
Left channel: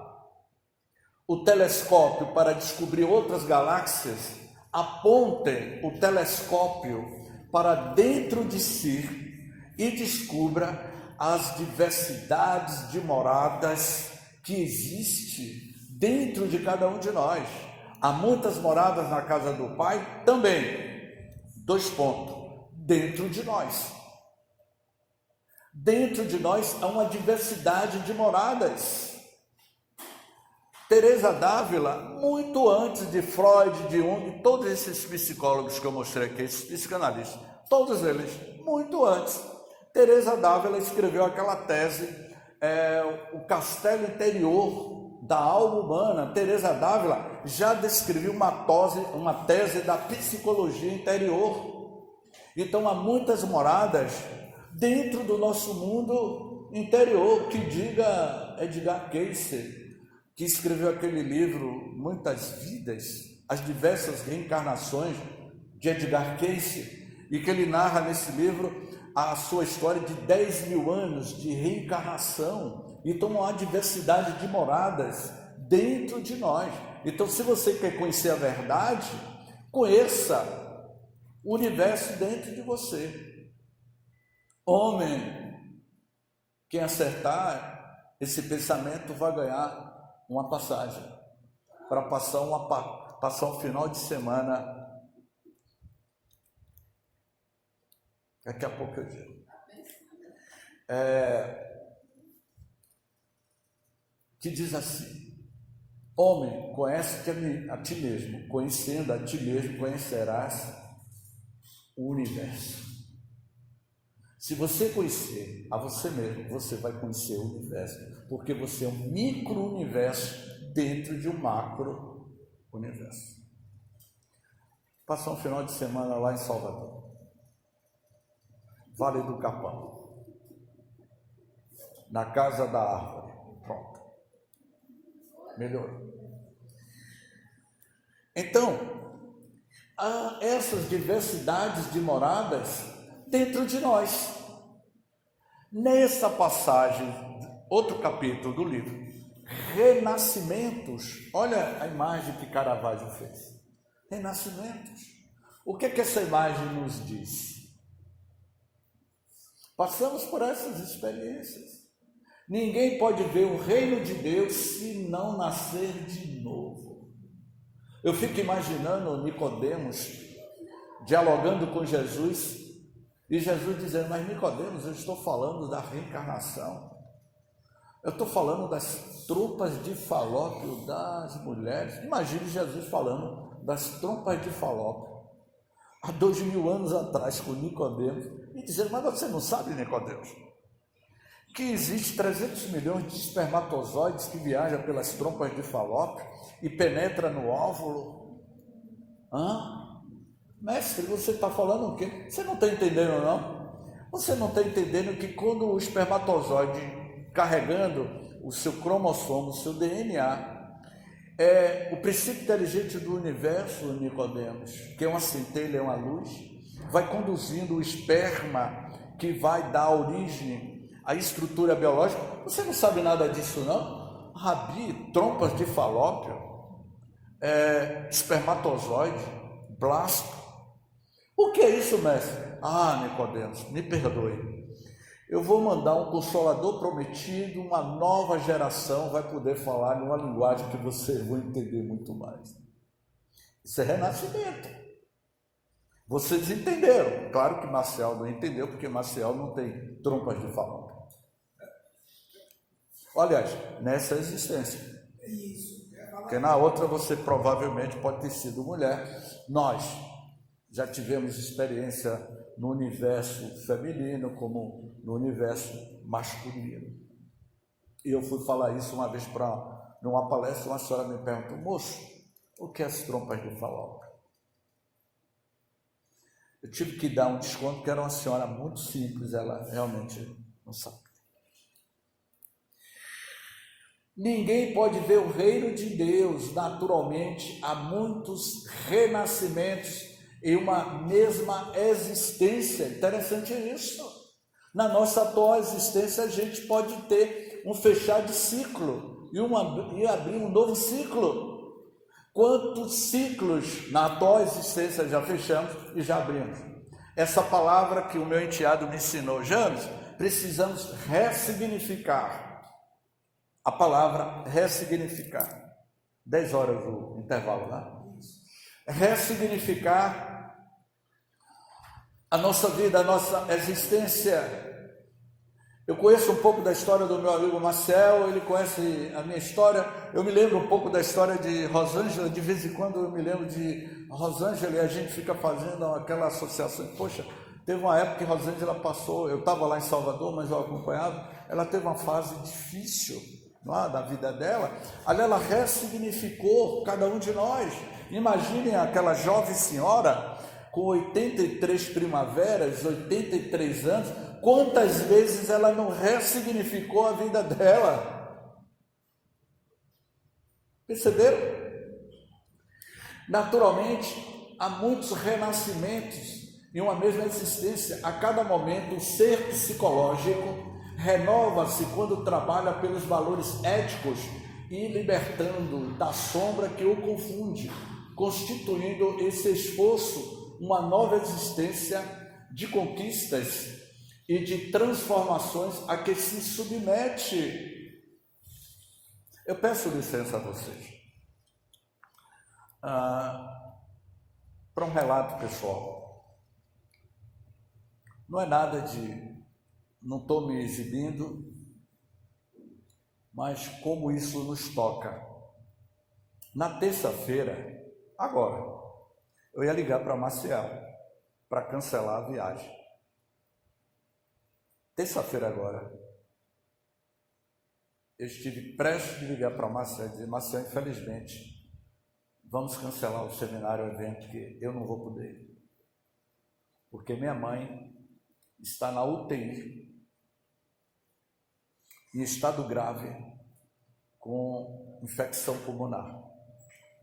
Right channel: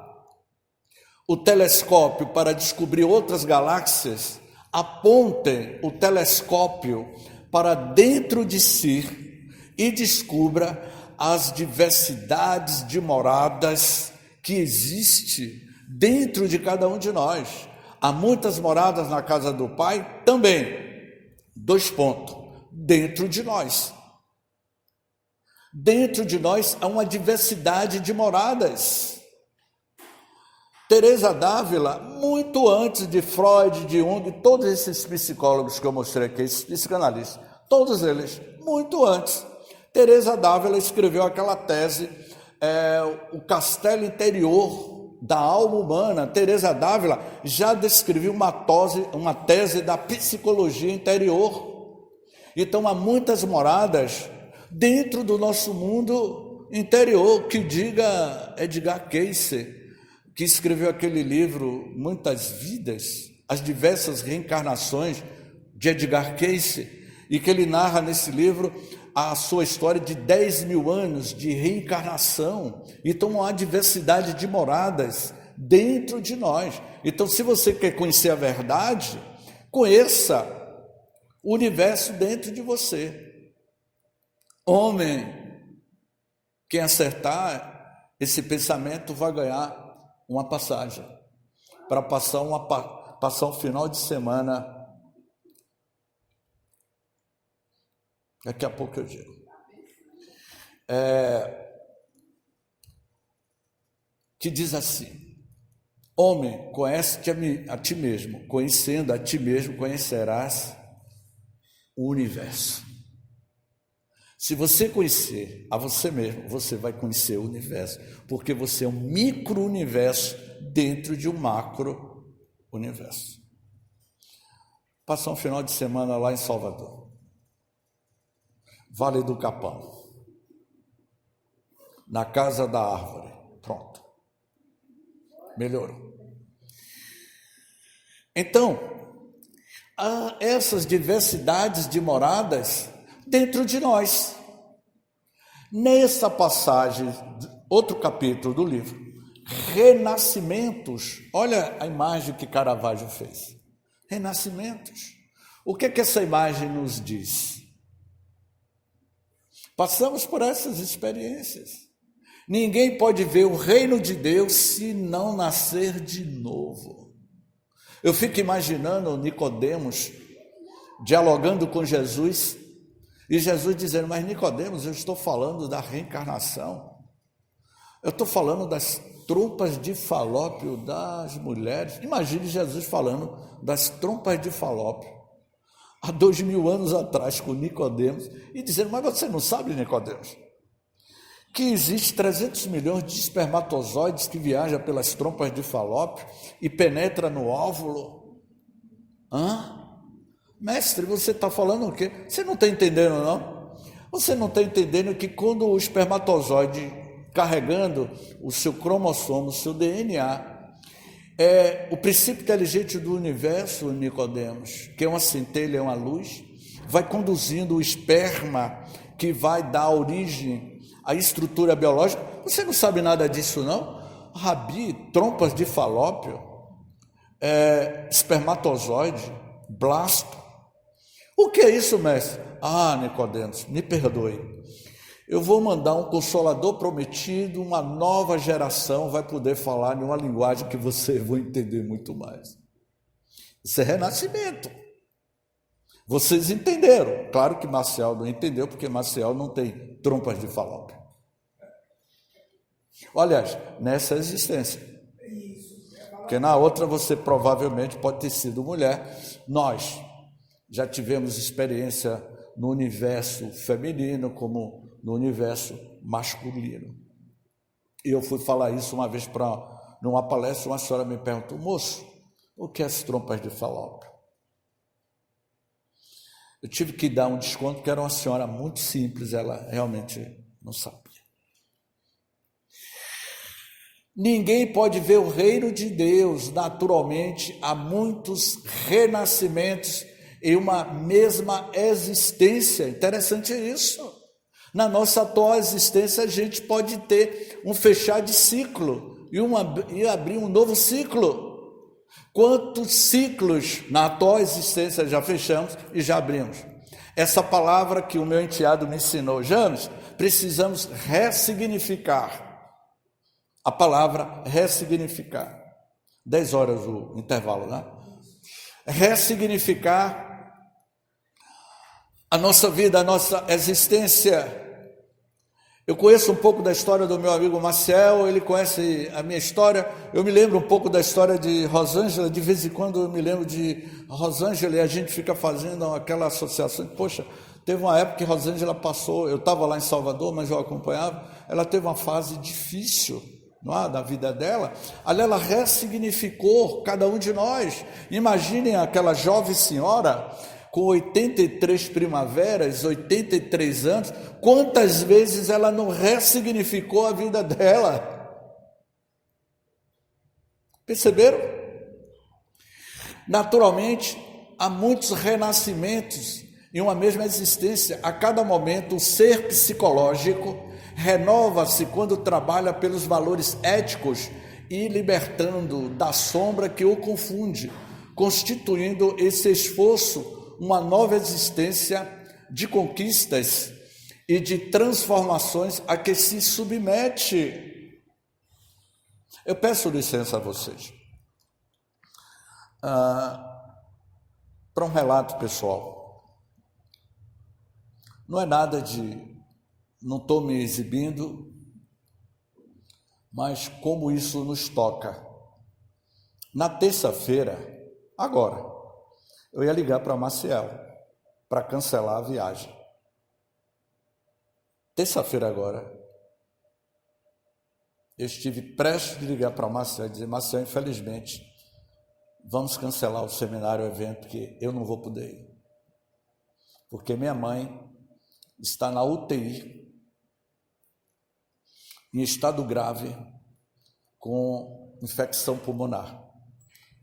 o telescópio para descobrir outras galáxias, apontem o telescópio para dentro de si e descubra as diversidades de moradas que existem dentro de cada um de nós. Há muitas moradas na casa do Pai também. 2 pontos. Dentro de nós. Dentro de nós há uma diversidade de moradas. Teresa d'Ávila, muito antes de Freud, de Jung, todos esses psicólogos que eu mostrei aqui, esses psicanalistas, todos eles, muito antes, Teresa d'Ávila escreveu aquela tese, o castelo interior da alma humana. Teresa d'Ávila já descreveu uma tese da psicologia interior. Então há muitas moradas dentro do nosso mundo interior, que diga Edgar Cayce, que escreveu aquele livro Muitas Vidas, as diversas reencarnações de Edgar Cayce, e que ele narra nesse livro a sua história de 10.000 anos de reencarnação. Então há diversidade de moradas dentro de nós. Então, se você quer conhecer a verdade, conheça o universo dentro de você. Homem, quem acertar esse pensamento vai ganhar uma passagem para passar um final de semana. Daqui a pouco eu digo. Que diz assim: homem, conhece-te a ti mesmo, conhecendo a ti mesmo, conhecerás o universo. Se você conhecer a você mesmo, você vai conhecer o universo, porque você é um micro-universo dentro de um macro-universo. Passar um final de semana lá em Salvador. Vale do Capão. Na Casa da Árvore. Pronto. Melhorou. Então, há essas diversidades de moradas dentro de nós. Nessa passagem, outro capítulo do livro, renascimentos, olha a imagem que Caravaggio fez. Renascimentos. O que essa imagem nos diz? Passamos por essas experiências. Ninguém pode ver o reino de Deus se não nascer de novo. Eu fico imaginando Nicodemos dialogando com Jesus e Jesus dizendo: mas Nicodemos, eu estou falando da reencarnação. Eu estou falando das trompas de Falópio das mulheres. Imagine Jesus falando das trompas de Falópio há 2000 anos atrás com Nicodemos e dizendo: mas você não sabe, Nicodemos, que existe 300 milhões de espermatozoides que viajam pelas trompas de Falópio e penetra no óvulo? Mestre, você está falando o quê? Você não está entendendo, não? Você não está entendendo que quando o espermatozoide carregando o seu cromossomo, o seu DNA, o princípio inteligente do universo, Nicodemos, que é uma centelha, é uma luz, vai conduzindo o esperma que vai dar origem à estrutura biológica. Você não sabe nada disso, não? Rabi, trompas de Falópio, espermatozoide, blasto. O que é isso, mestre? Nicodemos, me perdoe. Eu vou mandar um consolador prometido, uma nova geração vai poder falar em uma linguagem que vocês vão entender muito mais. Isso é renascimento. Vocês entenderam. Claro que Marcial não entendeu, porque Marcial não tem trompas de Falópio. Aliás, nessa existência. Porque na outra você provavelmente pode ter sido mulher. Nós já tivemos experiência no universo feminino como no universo masculino. E eu fui falar isso uma vez numa palestra, uma senhora me perguntou: moço, o que é as trompas de Falópio? Eu tive que dar um desconto, porque era uma senhora muito simples, ela realmente não sabia. Ninguém pode ver o reino de Deus naturalmente. Há muitos renascimentos em uma mesma existência. Interessante isso. Na nossa atual existência, a gente pode ter um fechar de ciclo e abrir um novo ciclo. Quantos ciclos na atual existência já fechamos e já abrimos? Essa palavra que o meu enteado me ensinou: James, precisamos ressignificar. A palavra ressignificar. 10 horas o intervalo, né? Ressignificar a nossa vida, a nossa existência. Eu conheço um pouco da história do meu amigo Marcel, ele conhece a minha história. Eu me lembro um pouco da história de Rosângela, de vez em quando eu me lembro de Rosângela e a gente fica fazendo aquela associação. Poxa, teve uma época que Rosângela passou, eu estava lá em Salvador, mas eu acompanhava, ela teve uma fase difícil, não é, da vida dela. Ali ela ressignificou cada um de nós. Imaginem aquela jovem senhora com 83 primaveras, 83 anos, quantas vezes ela não ressignificou a vida dela? Perceberam? Naturalmente, há muitos renascimentos em uma mesma existência. A cada momento, o ser psicológico renova-se quando trabalha pelos valores éticos e libertando da sombra que o confunde, constituindo esse esforço uma nova existência de conquistas e de transformações a que se submete. Eu peço licença a vocês para um relato pessoal. Não é nada de... não estou me exibindo, mas como isso nos toca. Na terça-feira, agora, eu ia ligar para Maciel para cancelar a viagem. Terça-feira agora, eu estive prestes a ligar para Maciel e dizer: Maciel, infelizmente, vamos cancelar o seminário, o evento, que eu não vou poder ir. Porque minha mãe está na UTI, em estado grave, com infecção pulmonar.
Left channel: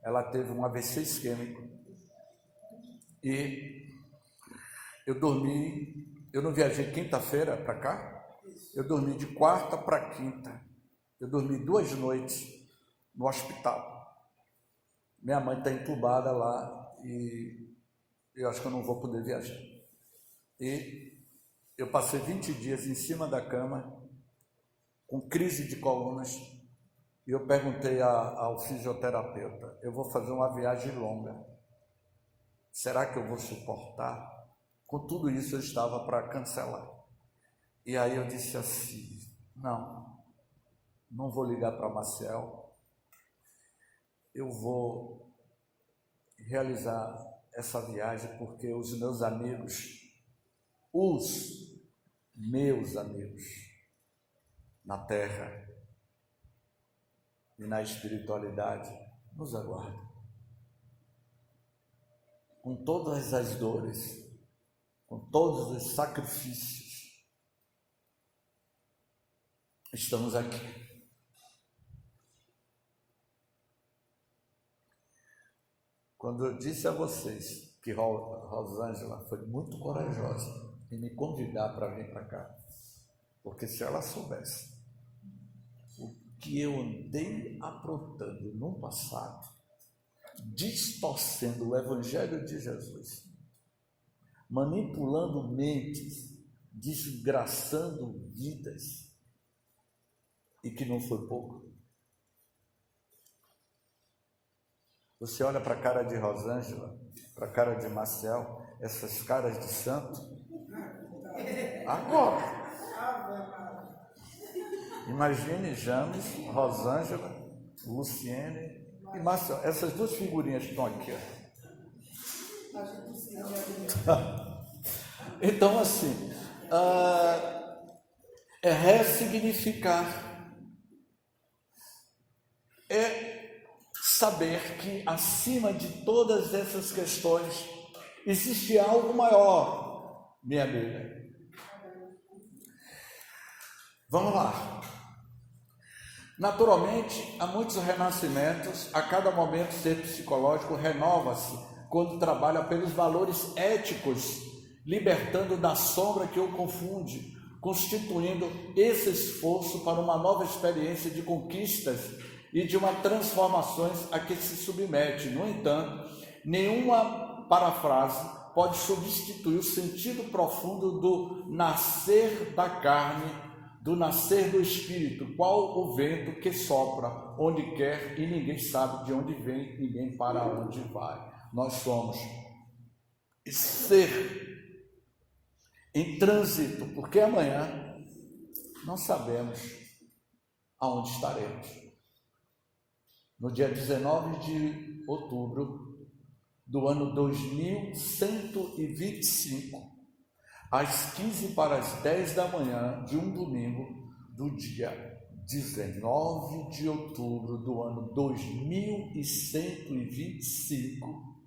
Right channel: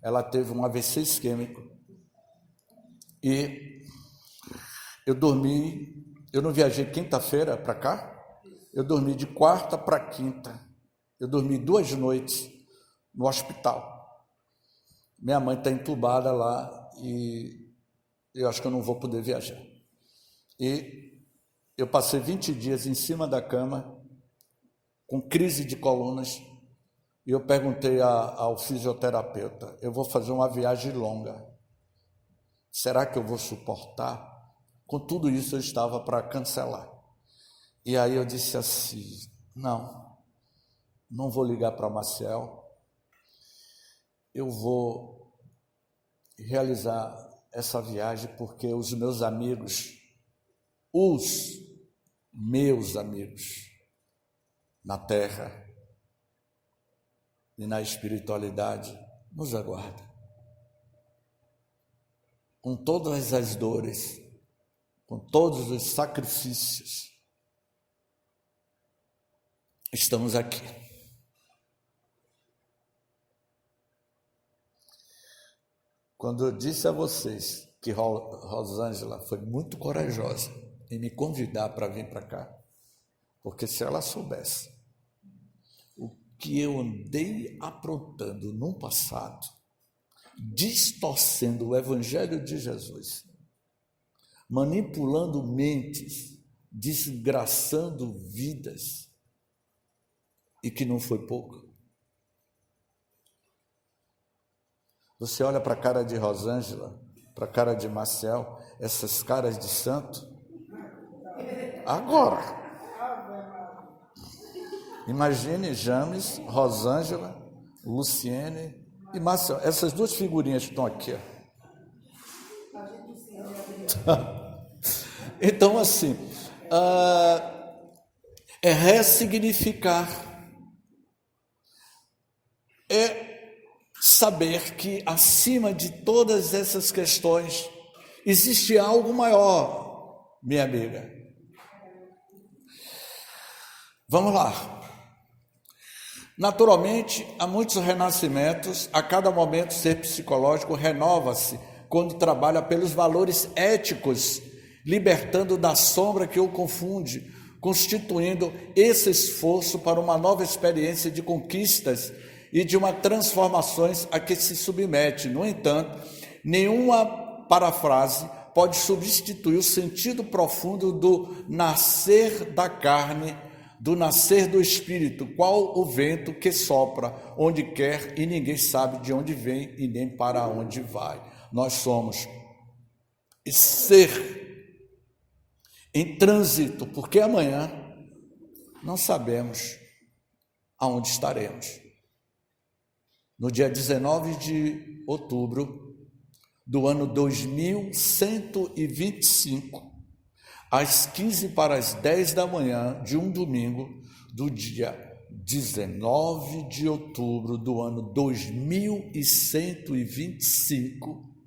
Ela teve um AVC isquêmico e eu não viajei quinta-feira para cá, eu dormi de quarta para quinta, eu dormi 2 noites no hospital. Minha mãe está entubada lá e eu acho que eu não vou poder viajar. E eu passei 20 dias em cima da cama, com crise de colunas, e eu perguntei ao fisioterapeuta, eu vou fazer uma viagem longa, será que eu vou suportar? Com tudo isso eu estava para cancelar. E aí eu disse assim, não vou ligar para Maciel, eu vou realizar essa viagem porque os meus amigos na terra e na espiritualidade nos aguardam. Com todas as dores, com todos os sacrifícios, estamos aqui. Quando eu disse a vocês que Rosângela foi muito corajosa em me convidar para vir para cá, porque se ela soubesse o que eu andei aprontando no passado, distorcendo o Evangelho de Jesus, manipulando mentes, desgraçando vidas, e que não foi pouco. Você olha para a cara de Rosângela, para a cara de Maciel, essas caras de santo. Agora, imagine James, Rosângela, Luciene e Maciel, essas 2 figurinhas que estão aqui. Então, assim, é ressignificar, é saber que acima de todas essas questões existe algo maior, minha amiga. Vamos lá. Naturalmente, há muitos renascimentos, a cada momento o ser psicológico renova-se quando trabalha pelos valores éticos, libertando da sombra que o confunde, constituindo esse esforço para uma nova experiência de conquistas e de uma transformações a que se submete. No entanto, nenhuma parafrase pode substituir o sentido profundo do nascer da carne, do nascer do espírito, qual o vento que sopra onde quer e ninguém sabe de onde vem e nem para onde vai. Nós somos ser em trânsito, porque amanhã não sabemos aonde estaremos. No dia 19 de outubro do ano 2125, às 15:10 da manhã de um domingo do dia 19 de outubro do ano 2125,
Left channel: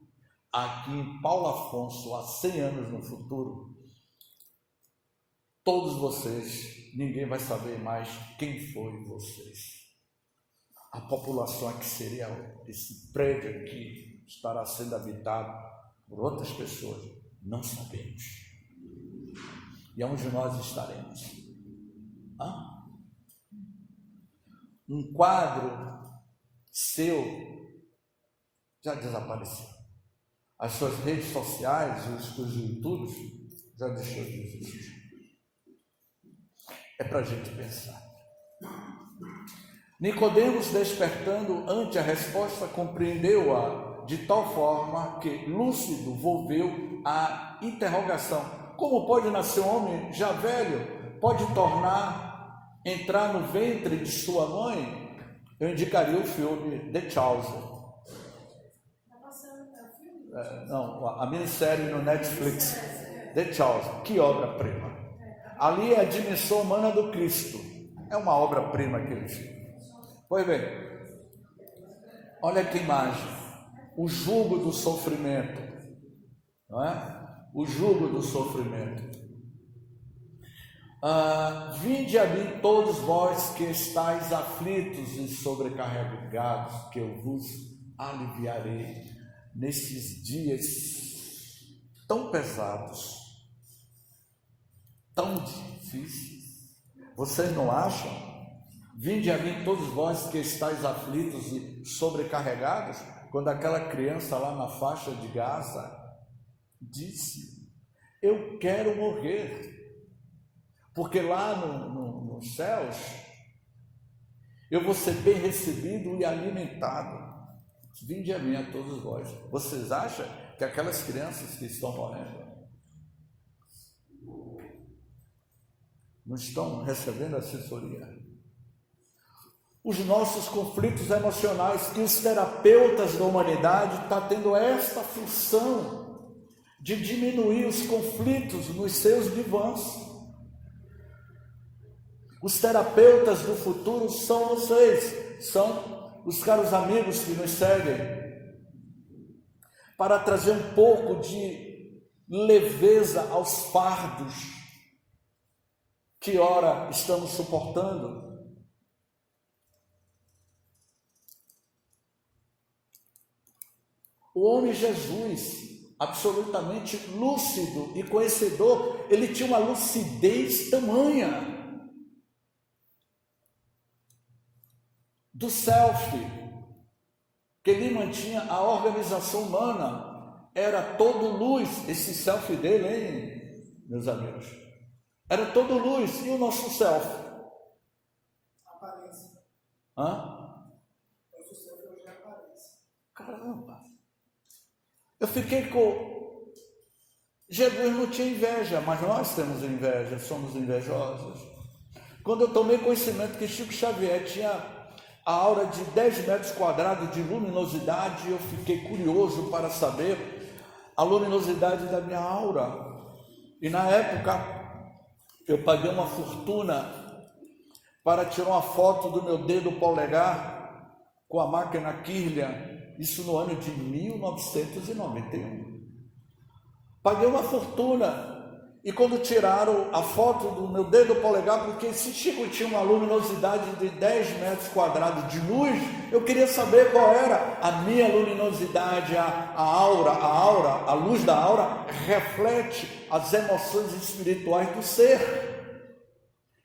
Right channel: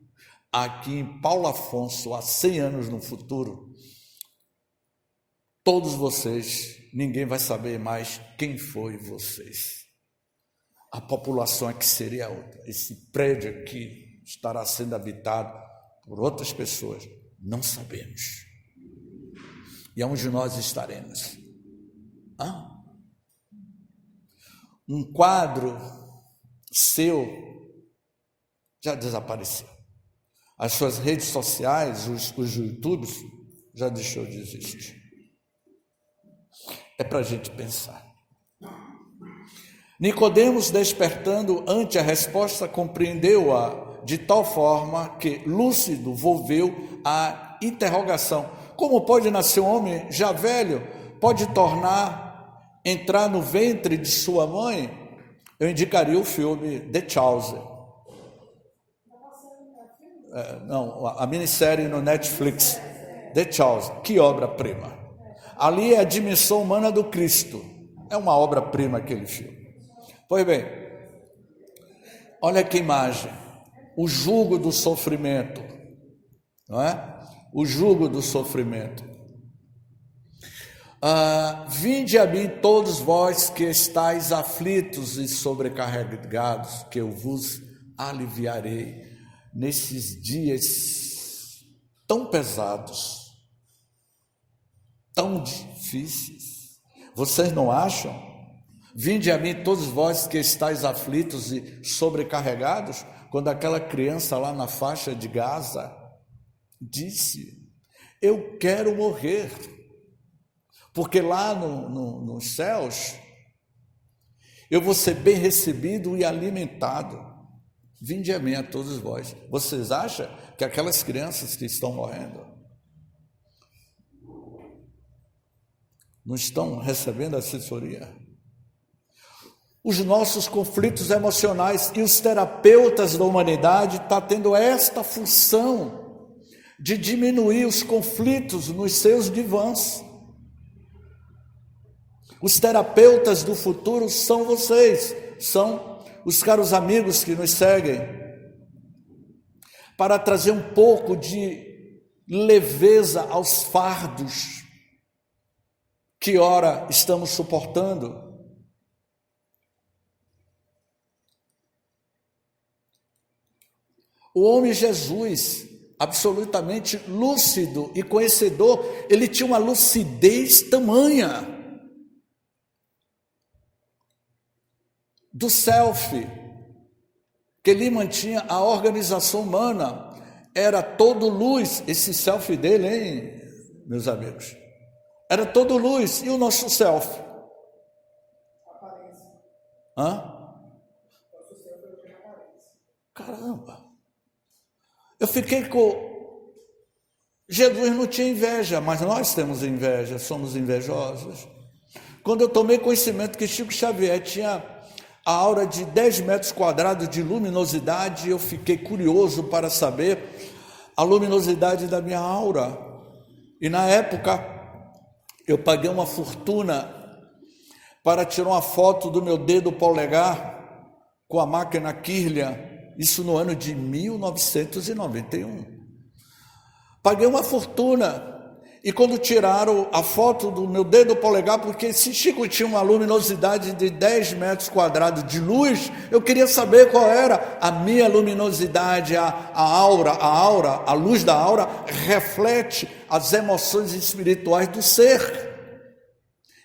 aqui em Paulo Afonso, há 100 anos no futuro, todos vocês, ninguém vai saber mais quem foi vocês. A população é que seria outra. Esse prédio aqui estará sendo habitado por outras pessoas, não sabemos. E aonde nós estaremos? Um quadro seu já desapareceu. As suas redes sociais, os YouTubes, já deixou de existir. É para a gente pensar. Nicodemos, despertando ante a resposta, compreendeu-a de tal forma que, lúcido, volveu à interrogação: como pode nascer um homem já velho? Pode entrar no ventre de sua mãe? Eu indicaria o filme The Chosen. A minissérie no Netflix, The Chosen. Que obra-prima! Ali é a dimensão humana do Cristo. É uma obra-prima aquele filme. Pois bem, olha que imagem. o jugo do sofrimento, não é? O jugo do sofrimento. Vinde a mim todos vós que estáis aflitos e sobrecarregados, que eu vos aliviarei nesses dias tão pesados, tão difíceis. Vocês não acham? Vinde a mim todos vós que estáis aflitos e sobrecarregados, quando aquela criança lá na faixa de Gaza disse: eu quero morrer, porque lá nos céus eu vou ser bem recebido e alimentado. Vinde a mim a todos vós. Vocês acham que aquelas crianças que estão morrendo não estão recebendo assessoria? Os nossos conflitos emocionais e os terapeutas da humanidade estão tendo esta função de diminuir os conflitos nos seus divãs. Os terapeutas do futuro são vocês, são os caros amigos que nos seguem, para trazer um pouco de leveza aos fardos que ora estamos suportando. O homem Jesus, absolutamente lúcido e conhecedor, ele tinha uma lucidez tamanha do self, que ele mantinha a organização humana, era todo luz, esse self dele, hein, meus amigos? Era todo luz, e o nosso self? Aparência. Nosso self hoje é aparência. Caramba! Eu fiquei com... Jesus não tinha inveja, mas nós temos inveja, somos invejosos. Quando eu tomei conhecimento que Chico Xavier tinha a aura de 10 metros quadrados de luminosidade, eu fiquei curioso para saber a luminosidade da minha aura. E na época, eu paguei uma fortuna para tirar uma foto do meu dedo polegar com a máquina Kirlian, isso no ano de 1991. Paguei uma fortuna. E quando tiraram a foto do meu dedo polegar, porque esse Chico tinha uma luminosidade de 10 metros quadrados de luz, eu queria saber qual era a minha luminosidade, a aura, a luz da aura reflete as emoções espirituais do ser.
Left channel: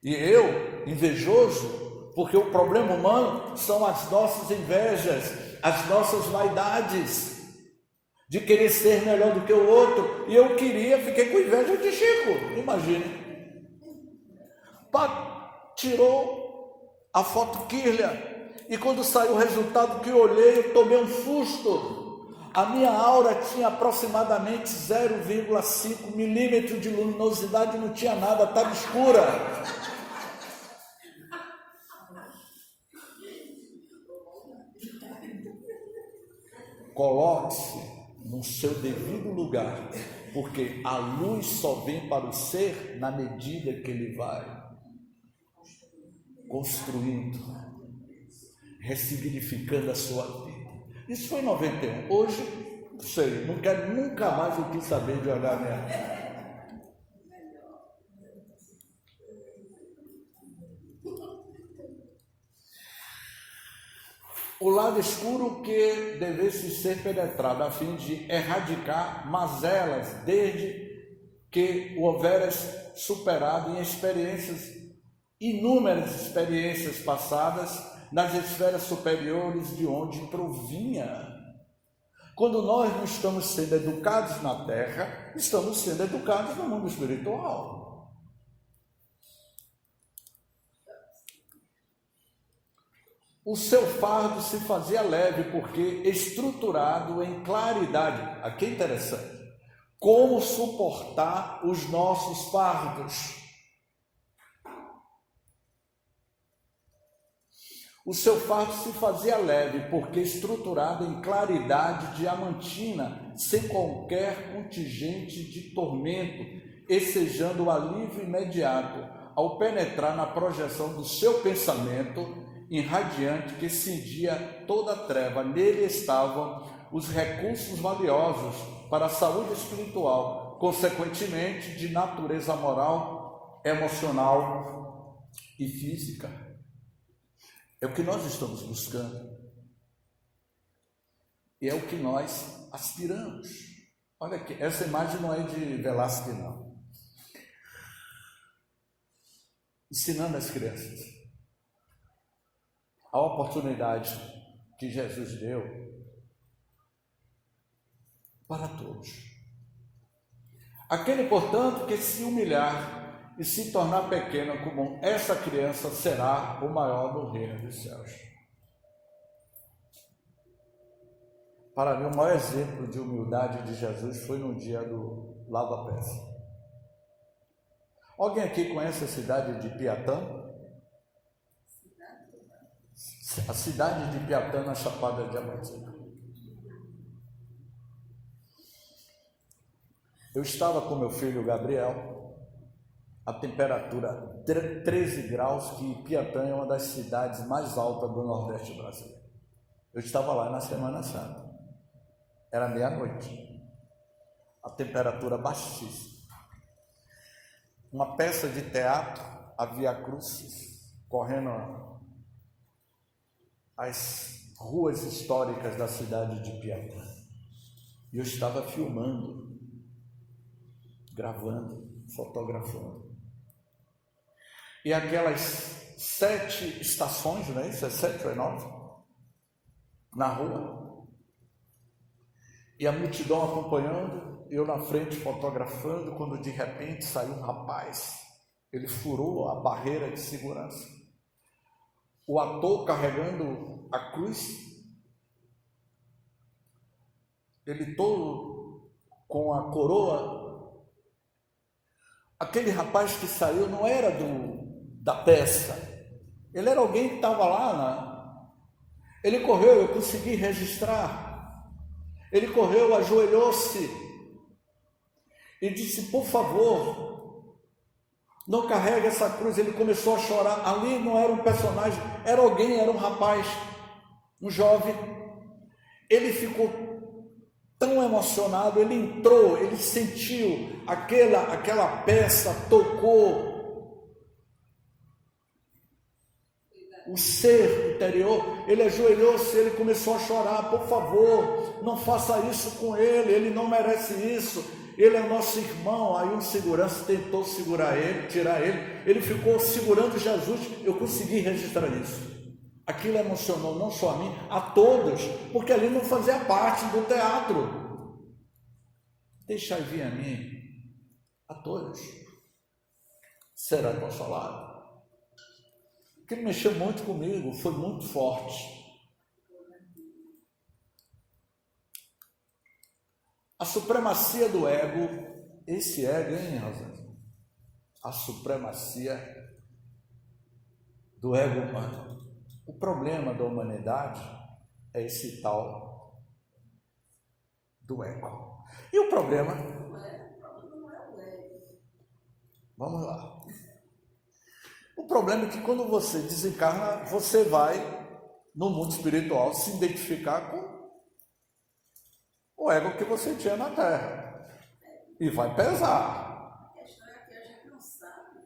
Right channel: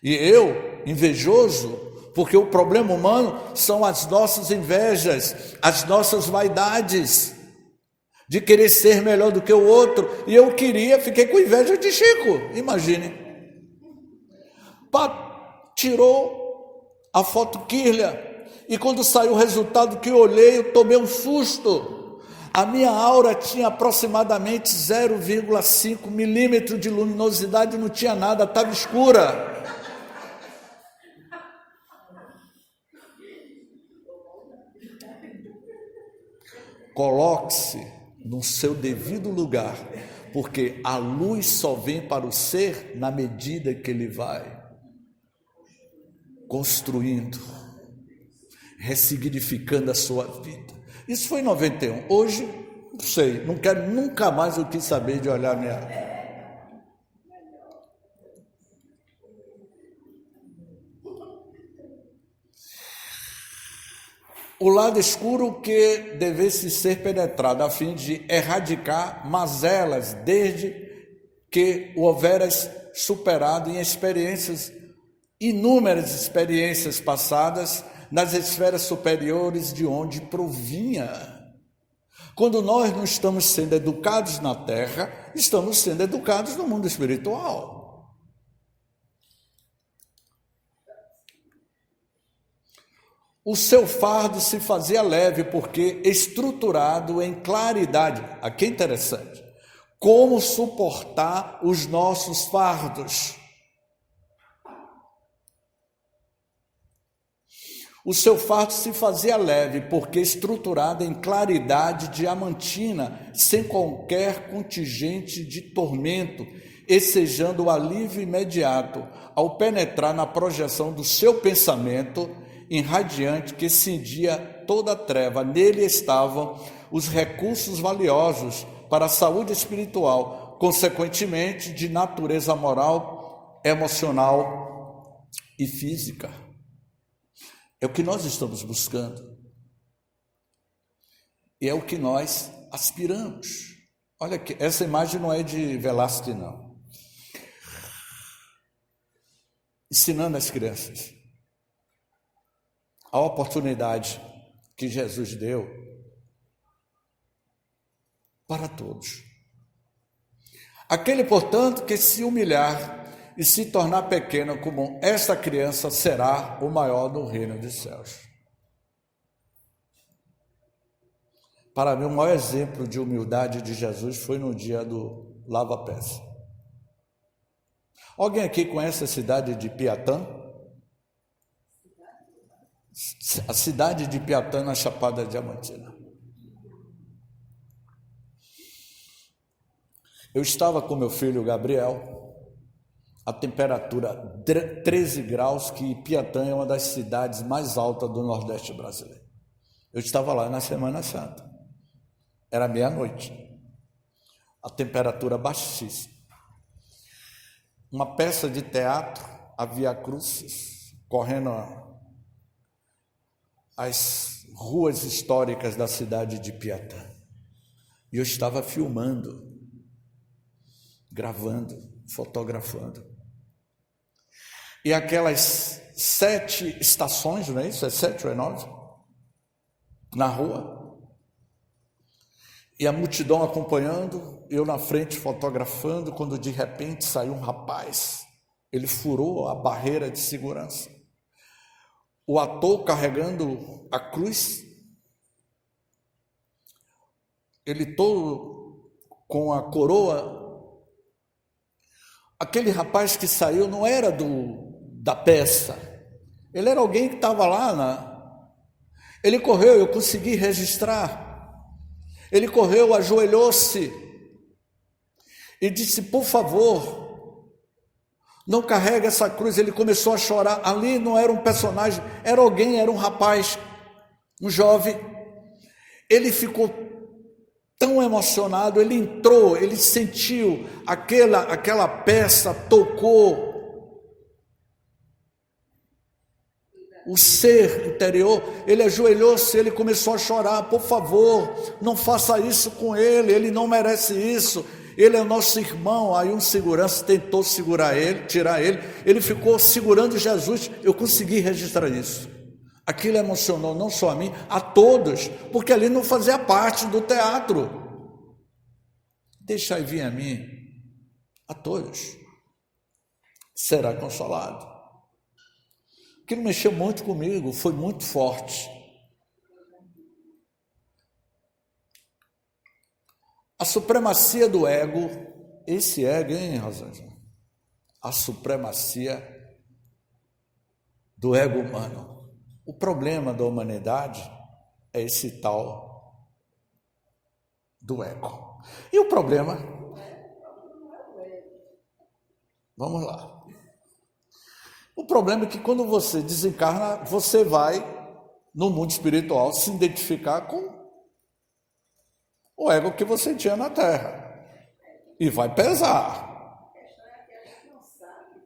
E eu, invejoso, porque o problema humano são as nossas invejas, as nossas vaidades, de querer ser melhor do que o outro, e eu fiquei com inveja de Chico, imagine. Tirou a foto Kirlian, e quando saiu o resultado que eu olhei, eu tomei um susto. A minha aura tinha aproximadamente 0,5 milímetros de luminosidade, não tinha nada, estava escura. Coloque-se no seu devido lugar, porque a luz só vem para o ser na medida que ele vai construindo, ressignificando a sua vida. Isso foi em 91. Hoje, não sei, não quero nunca mais eu quis saber de olhar minha... O lado escuro que devesse ser penetrado, a fim de erradicar mazelas, desde que o houveras superado em experiências, inúmeras experiências passadas, nas esferas superiores de onde provinha. Quando nós não estamos sendo educados na terra, estamos sendo educados no mundo espiritual. O seu fardo se fazia leve, porque estruturado em claridade. Aqui é interessante. Como suportar os nossos fardos? O seu fardo se fazia leve, porque estruturado em claridade diamantina, sem qualquer contingente de tormento, ensejando o alívio imediato, ao penetrar na projeção do seu pensamento irradiante que cindia toda a treva. Nele estavam os recursos valiosos para a saúde espiritual, consequentemente de natureza moral, emocional e física. É o que nós estamos buscando. E é o que nós aspiramos. Olha aqui, essa imagem não é de Velázquez, não. Ensinando as crianças a oportunidade que Jesus deu para todos. Aquele, portanto, que se humilhar e se tornar pequeno como esta criança será o maior no reino dos céus. Para mim, o maior exemplo de humildade de Jesus foi no dia do lava-pés. Alguém aqui conhece a cidade de Piatã? A cidade de Piatã, na Chapada Diamantina. Eu estava com meu filho Gabriel, a temperatura 13 graus, que Piatã é uma das cidades mais altas do Nordeste brasileiro. Eu estava lá na Semana Santa. Era meia-noite, a temperatura baixíssima. Uma peça de teatro, a Via Crucis, correndo as ruas históricas da cidade de Piatã. E eu estava filmando, gravando, fotografando. E aquelas 7 estações, não é isso? É 7 ou é 9? Na rua. E a multidão acompanhando, eu na frente fotografando, quando de repente saiu um rapaz. Ele furou a barreira de segurança. O ator carregando a cruz, ele todo com a coroa. Aquele rapaz que saiu não era da peça, ele era alguém que estava lá. Ele correu, eu consegui registrar. Ele correu, ajoelhou-se e disse: por favor, não carregue essa cruz. Ele começou a chorar. Ali não era um personagem, era alguém, era um rapaz, um jovem. Ele ficou tão emocionado, ele entrou, ele sentiu aquela peça, tocou o ser interior. Ele ajoelhou-se, ele começou a chorar: por favor, não faça isso com ele, ele não merece isso, ele é nosso irmão. Aí um segurança tentou segurar ele, tirar ele, ele ficou segurando Jesus. Eu consegui registrar isso. Aquilo emocionou não só a mim, a todos, porque ali não fazia parte do teatro. Deixai vir a mim, a todos, será consolado. Aquilo mexeu muito comigo, foi muito forte. A supremacia do ego, esse ego, hein, Rosângela? A supremacia do ego humano. O problema da humanidade é esse tal do ego. E o problema? Vamos lá. O problema é que quando você desencarna, você vai, no mundo espiritual, se identificar com o ego que você tinha na Terra. E vai pesar. A questão é que a gente não sabe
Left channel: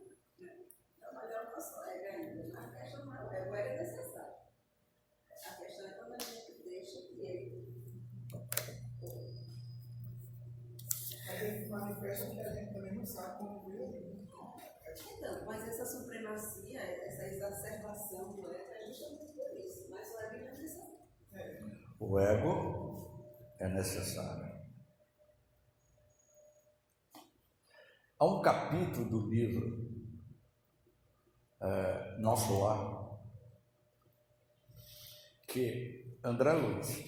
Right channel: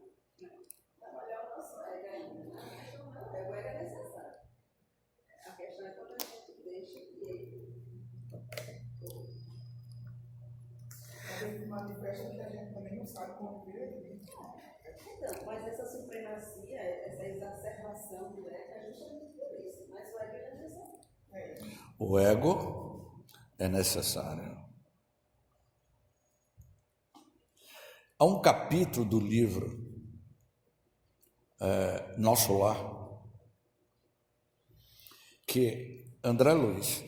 trabalhar o nosso ego ainda. A questão não é o ego é necessário. A questão é quando a gente deixa que ele... A gente manifesta que a gente também não sabe como viver. Então, mas essa supremacia, essa exacerbação do ego é justamente por isso. Mas o ego é necessário. O ego é necessário. Há um capítulo do livro Nosso Lar que André Luiz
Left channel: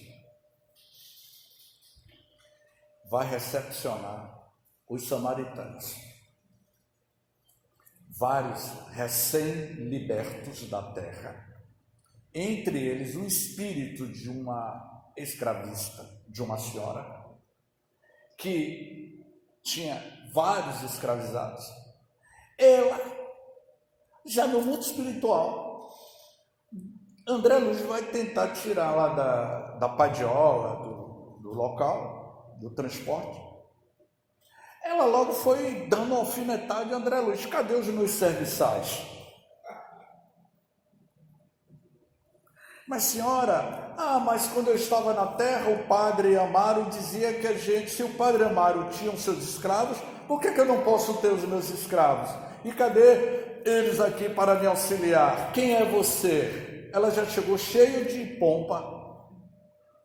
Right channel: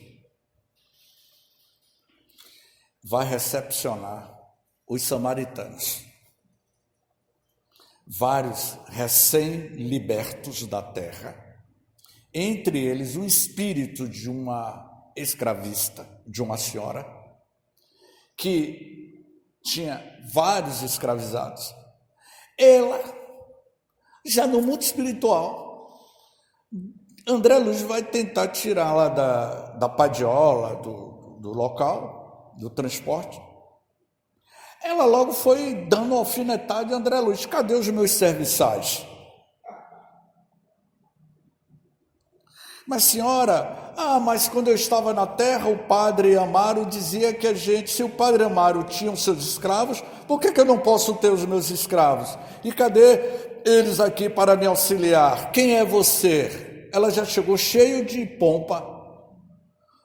vai recepcionar os samaritanos, vários recém-libertos da terra, entre eles um espírito de uma escravista, de uma senhora, que tinha vários escravizados. Ela, já no mundo espiritual, André Luiz vai tentar tirá-la da padiola, do local, do transporte. Ela logo foi dando uma alfinetada de André Luiz: cadê os meus serviçais? Mas senhora, mas quando eu estava na terra, o padre Amaro dizia que se o padre Amaro tinha os seus escravos, por que eu não posso ter os meus escravos? E cadê eles aqui para me auxiliar? Quem é você? Ela já chegou cheio de pompa.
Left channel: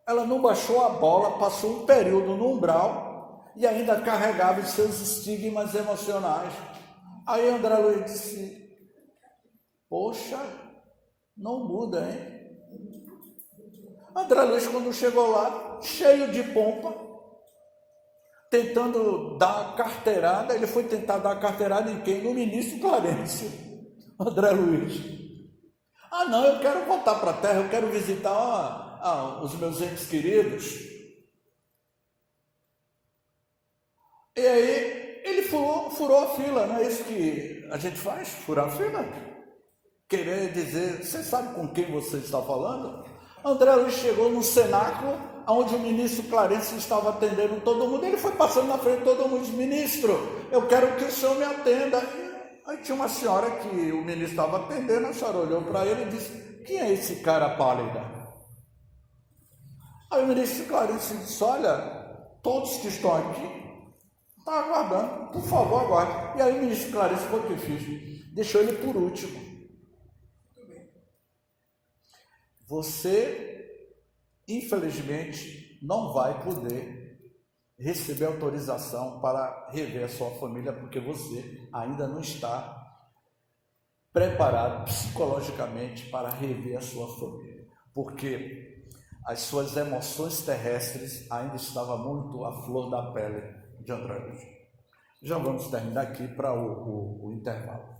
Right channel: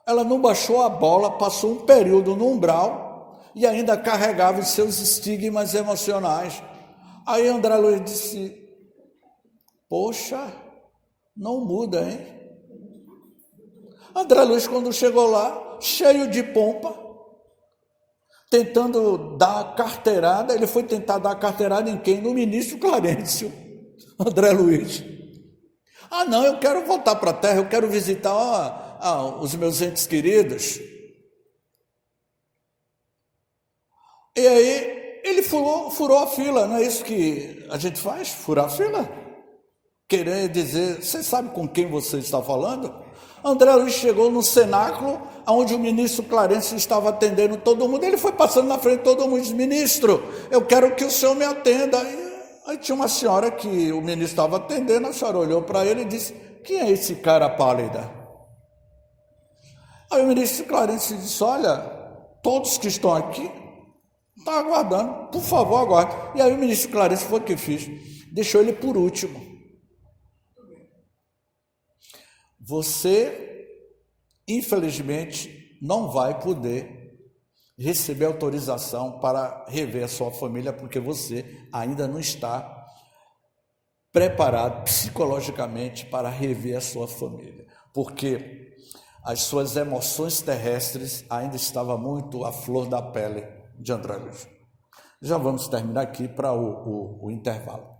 Ela não baixou a bola, passou um período no umbral e ainda carregava os seus estigmas emocionais. Aí André Luiz disse: poxa, não muda, hein? André Luiz, quando chegou lá, cheio de pompa, tentando dar carteirada, ele foi tentar dar carteirada em quem? No ministro Clarencio, André Luiz. Não, eu quero voltar para a terra, eu quero visitar os meus entes queridos. E aí ele furou a fila, não é isso que a gente faz? Furar a fila? Querer dizer, você sabe com quem você está falando? André Luiz chegou no cenáculo, onde o ministro Clarencio estava atendendo todo mundo. Ele foi passando na frente de todo mundo e disse: ministro, eu quero que o senhor me atenda. Aí tinha uma senhora que o ministro estava atendendo, a senhora olhou para ele e disse: quem é esse cara pálida? Aí o ministro Clarencio disse: olha, todos que estão aqui estão aguardando, por favor, aguarde. E aí o ministro Clarencio foi o que fez, deixou ele por último. Você, infelizmente, não vai poder receber autorização para rever a sua família, porque você ainda não está preparado psicologicamente para rever a sua família, porque as suas emoções terrestres ainda estavam muito à flor da pele de André Luiz. Já vamos terminar aqui para o intervalo.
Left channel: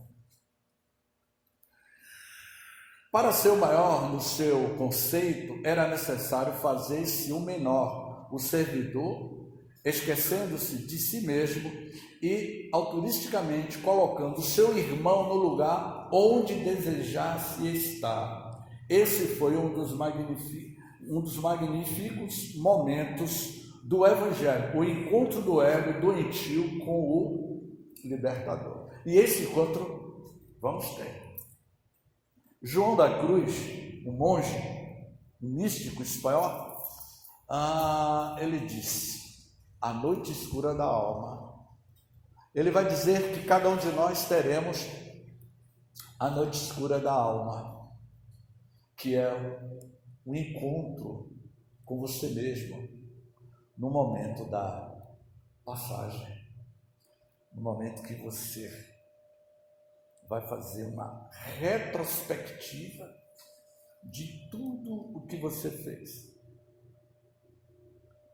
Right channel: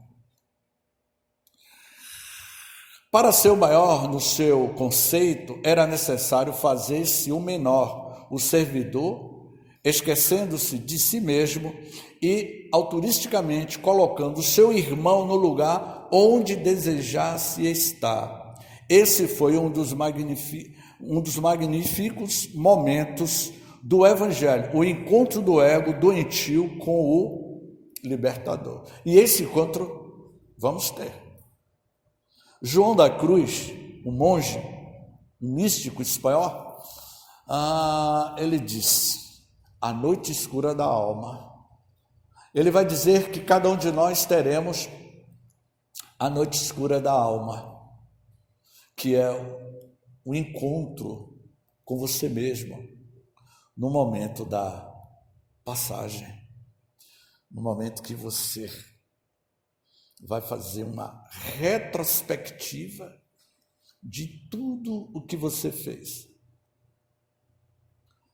Para ser o maior no seu conceito, era necessário fazer-se o menor, o servidor, esquecendo-se de si mesmo e autoristicamente colocando o seu irmão no lugar onde desejasse estar. Esse foi um dos magníficos momentos do Evangelho, o encontro do ego doentio com o libertador. E esse encontro vamos ter. João da Cruz, um monge, um místico espanhol, ele disse: a noite escura da alma. Ele vai dizer que cada um de nós teremos a noite escura da alma, que é o encontro com você mesmo, no momento da passagem, no momento que você vai fazer uma retrospectiva de tudo o que você fez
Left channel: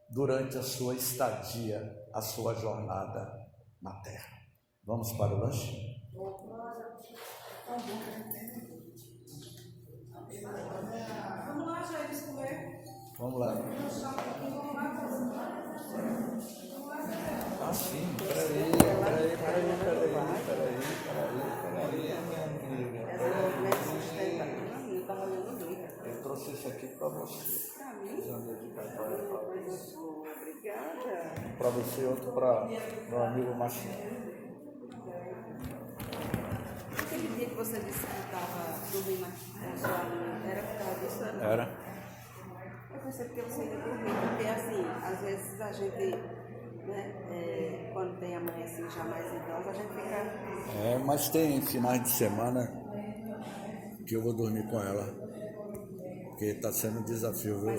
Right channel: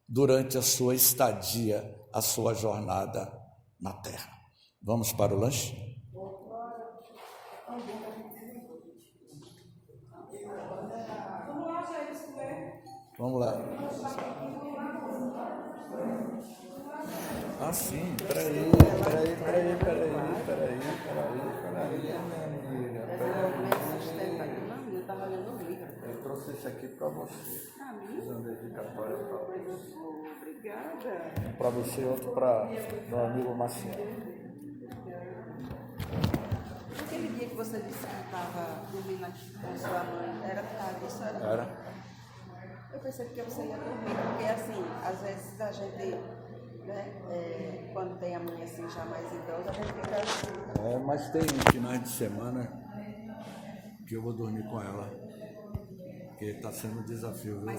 durante a sua estadia, a sua jornada na Terra. Vamos para o lanche? Vamos lá, Jair, comer. Vamos lá. Sim, peraí, minha amiga. Eu trouxe isso aqui para você. Fiz um dedicatório para você. Obrigada. Um para você e outro para meu amigo Marcinho. Aquele dia que você disse que estava dormindo com sua aluna, era por causa disso? Era? Eu pensei que você ia dormir, porque assim, às vezes a gente, né, quando tem a mãe assim já mais idosa, a gente fica... Mas tem finais de semana que eu vou dormir com ela, porque está sendo um desafio, viu?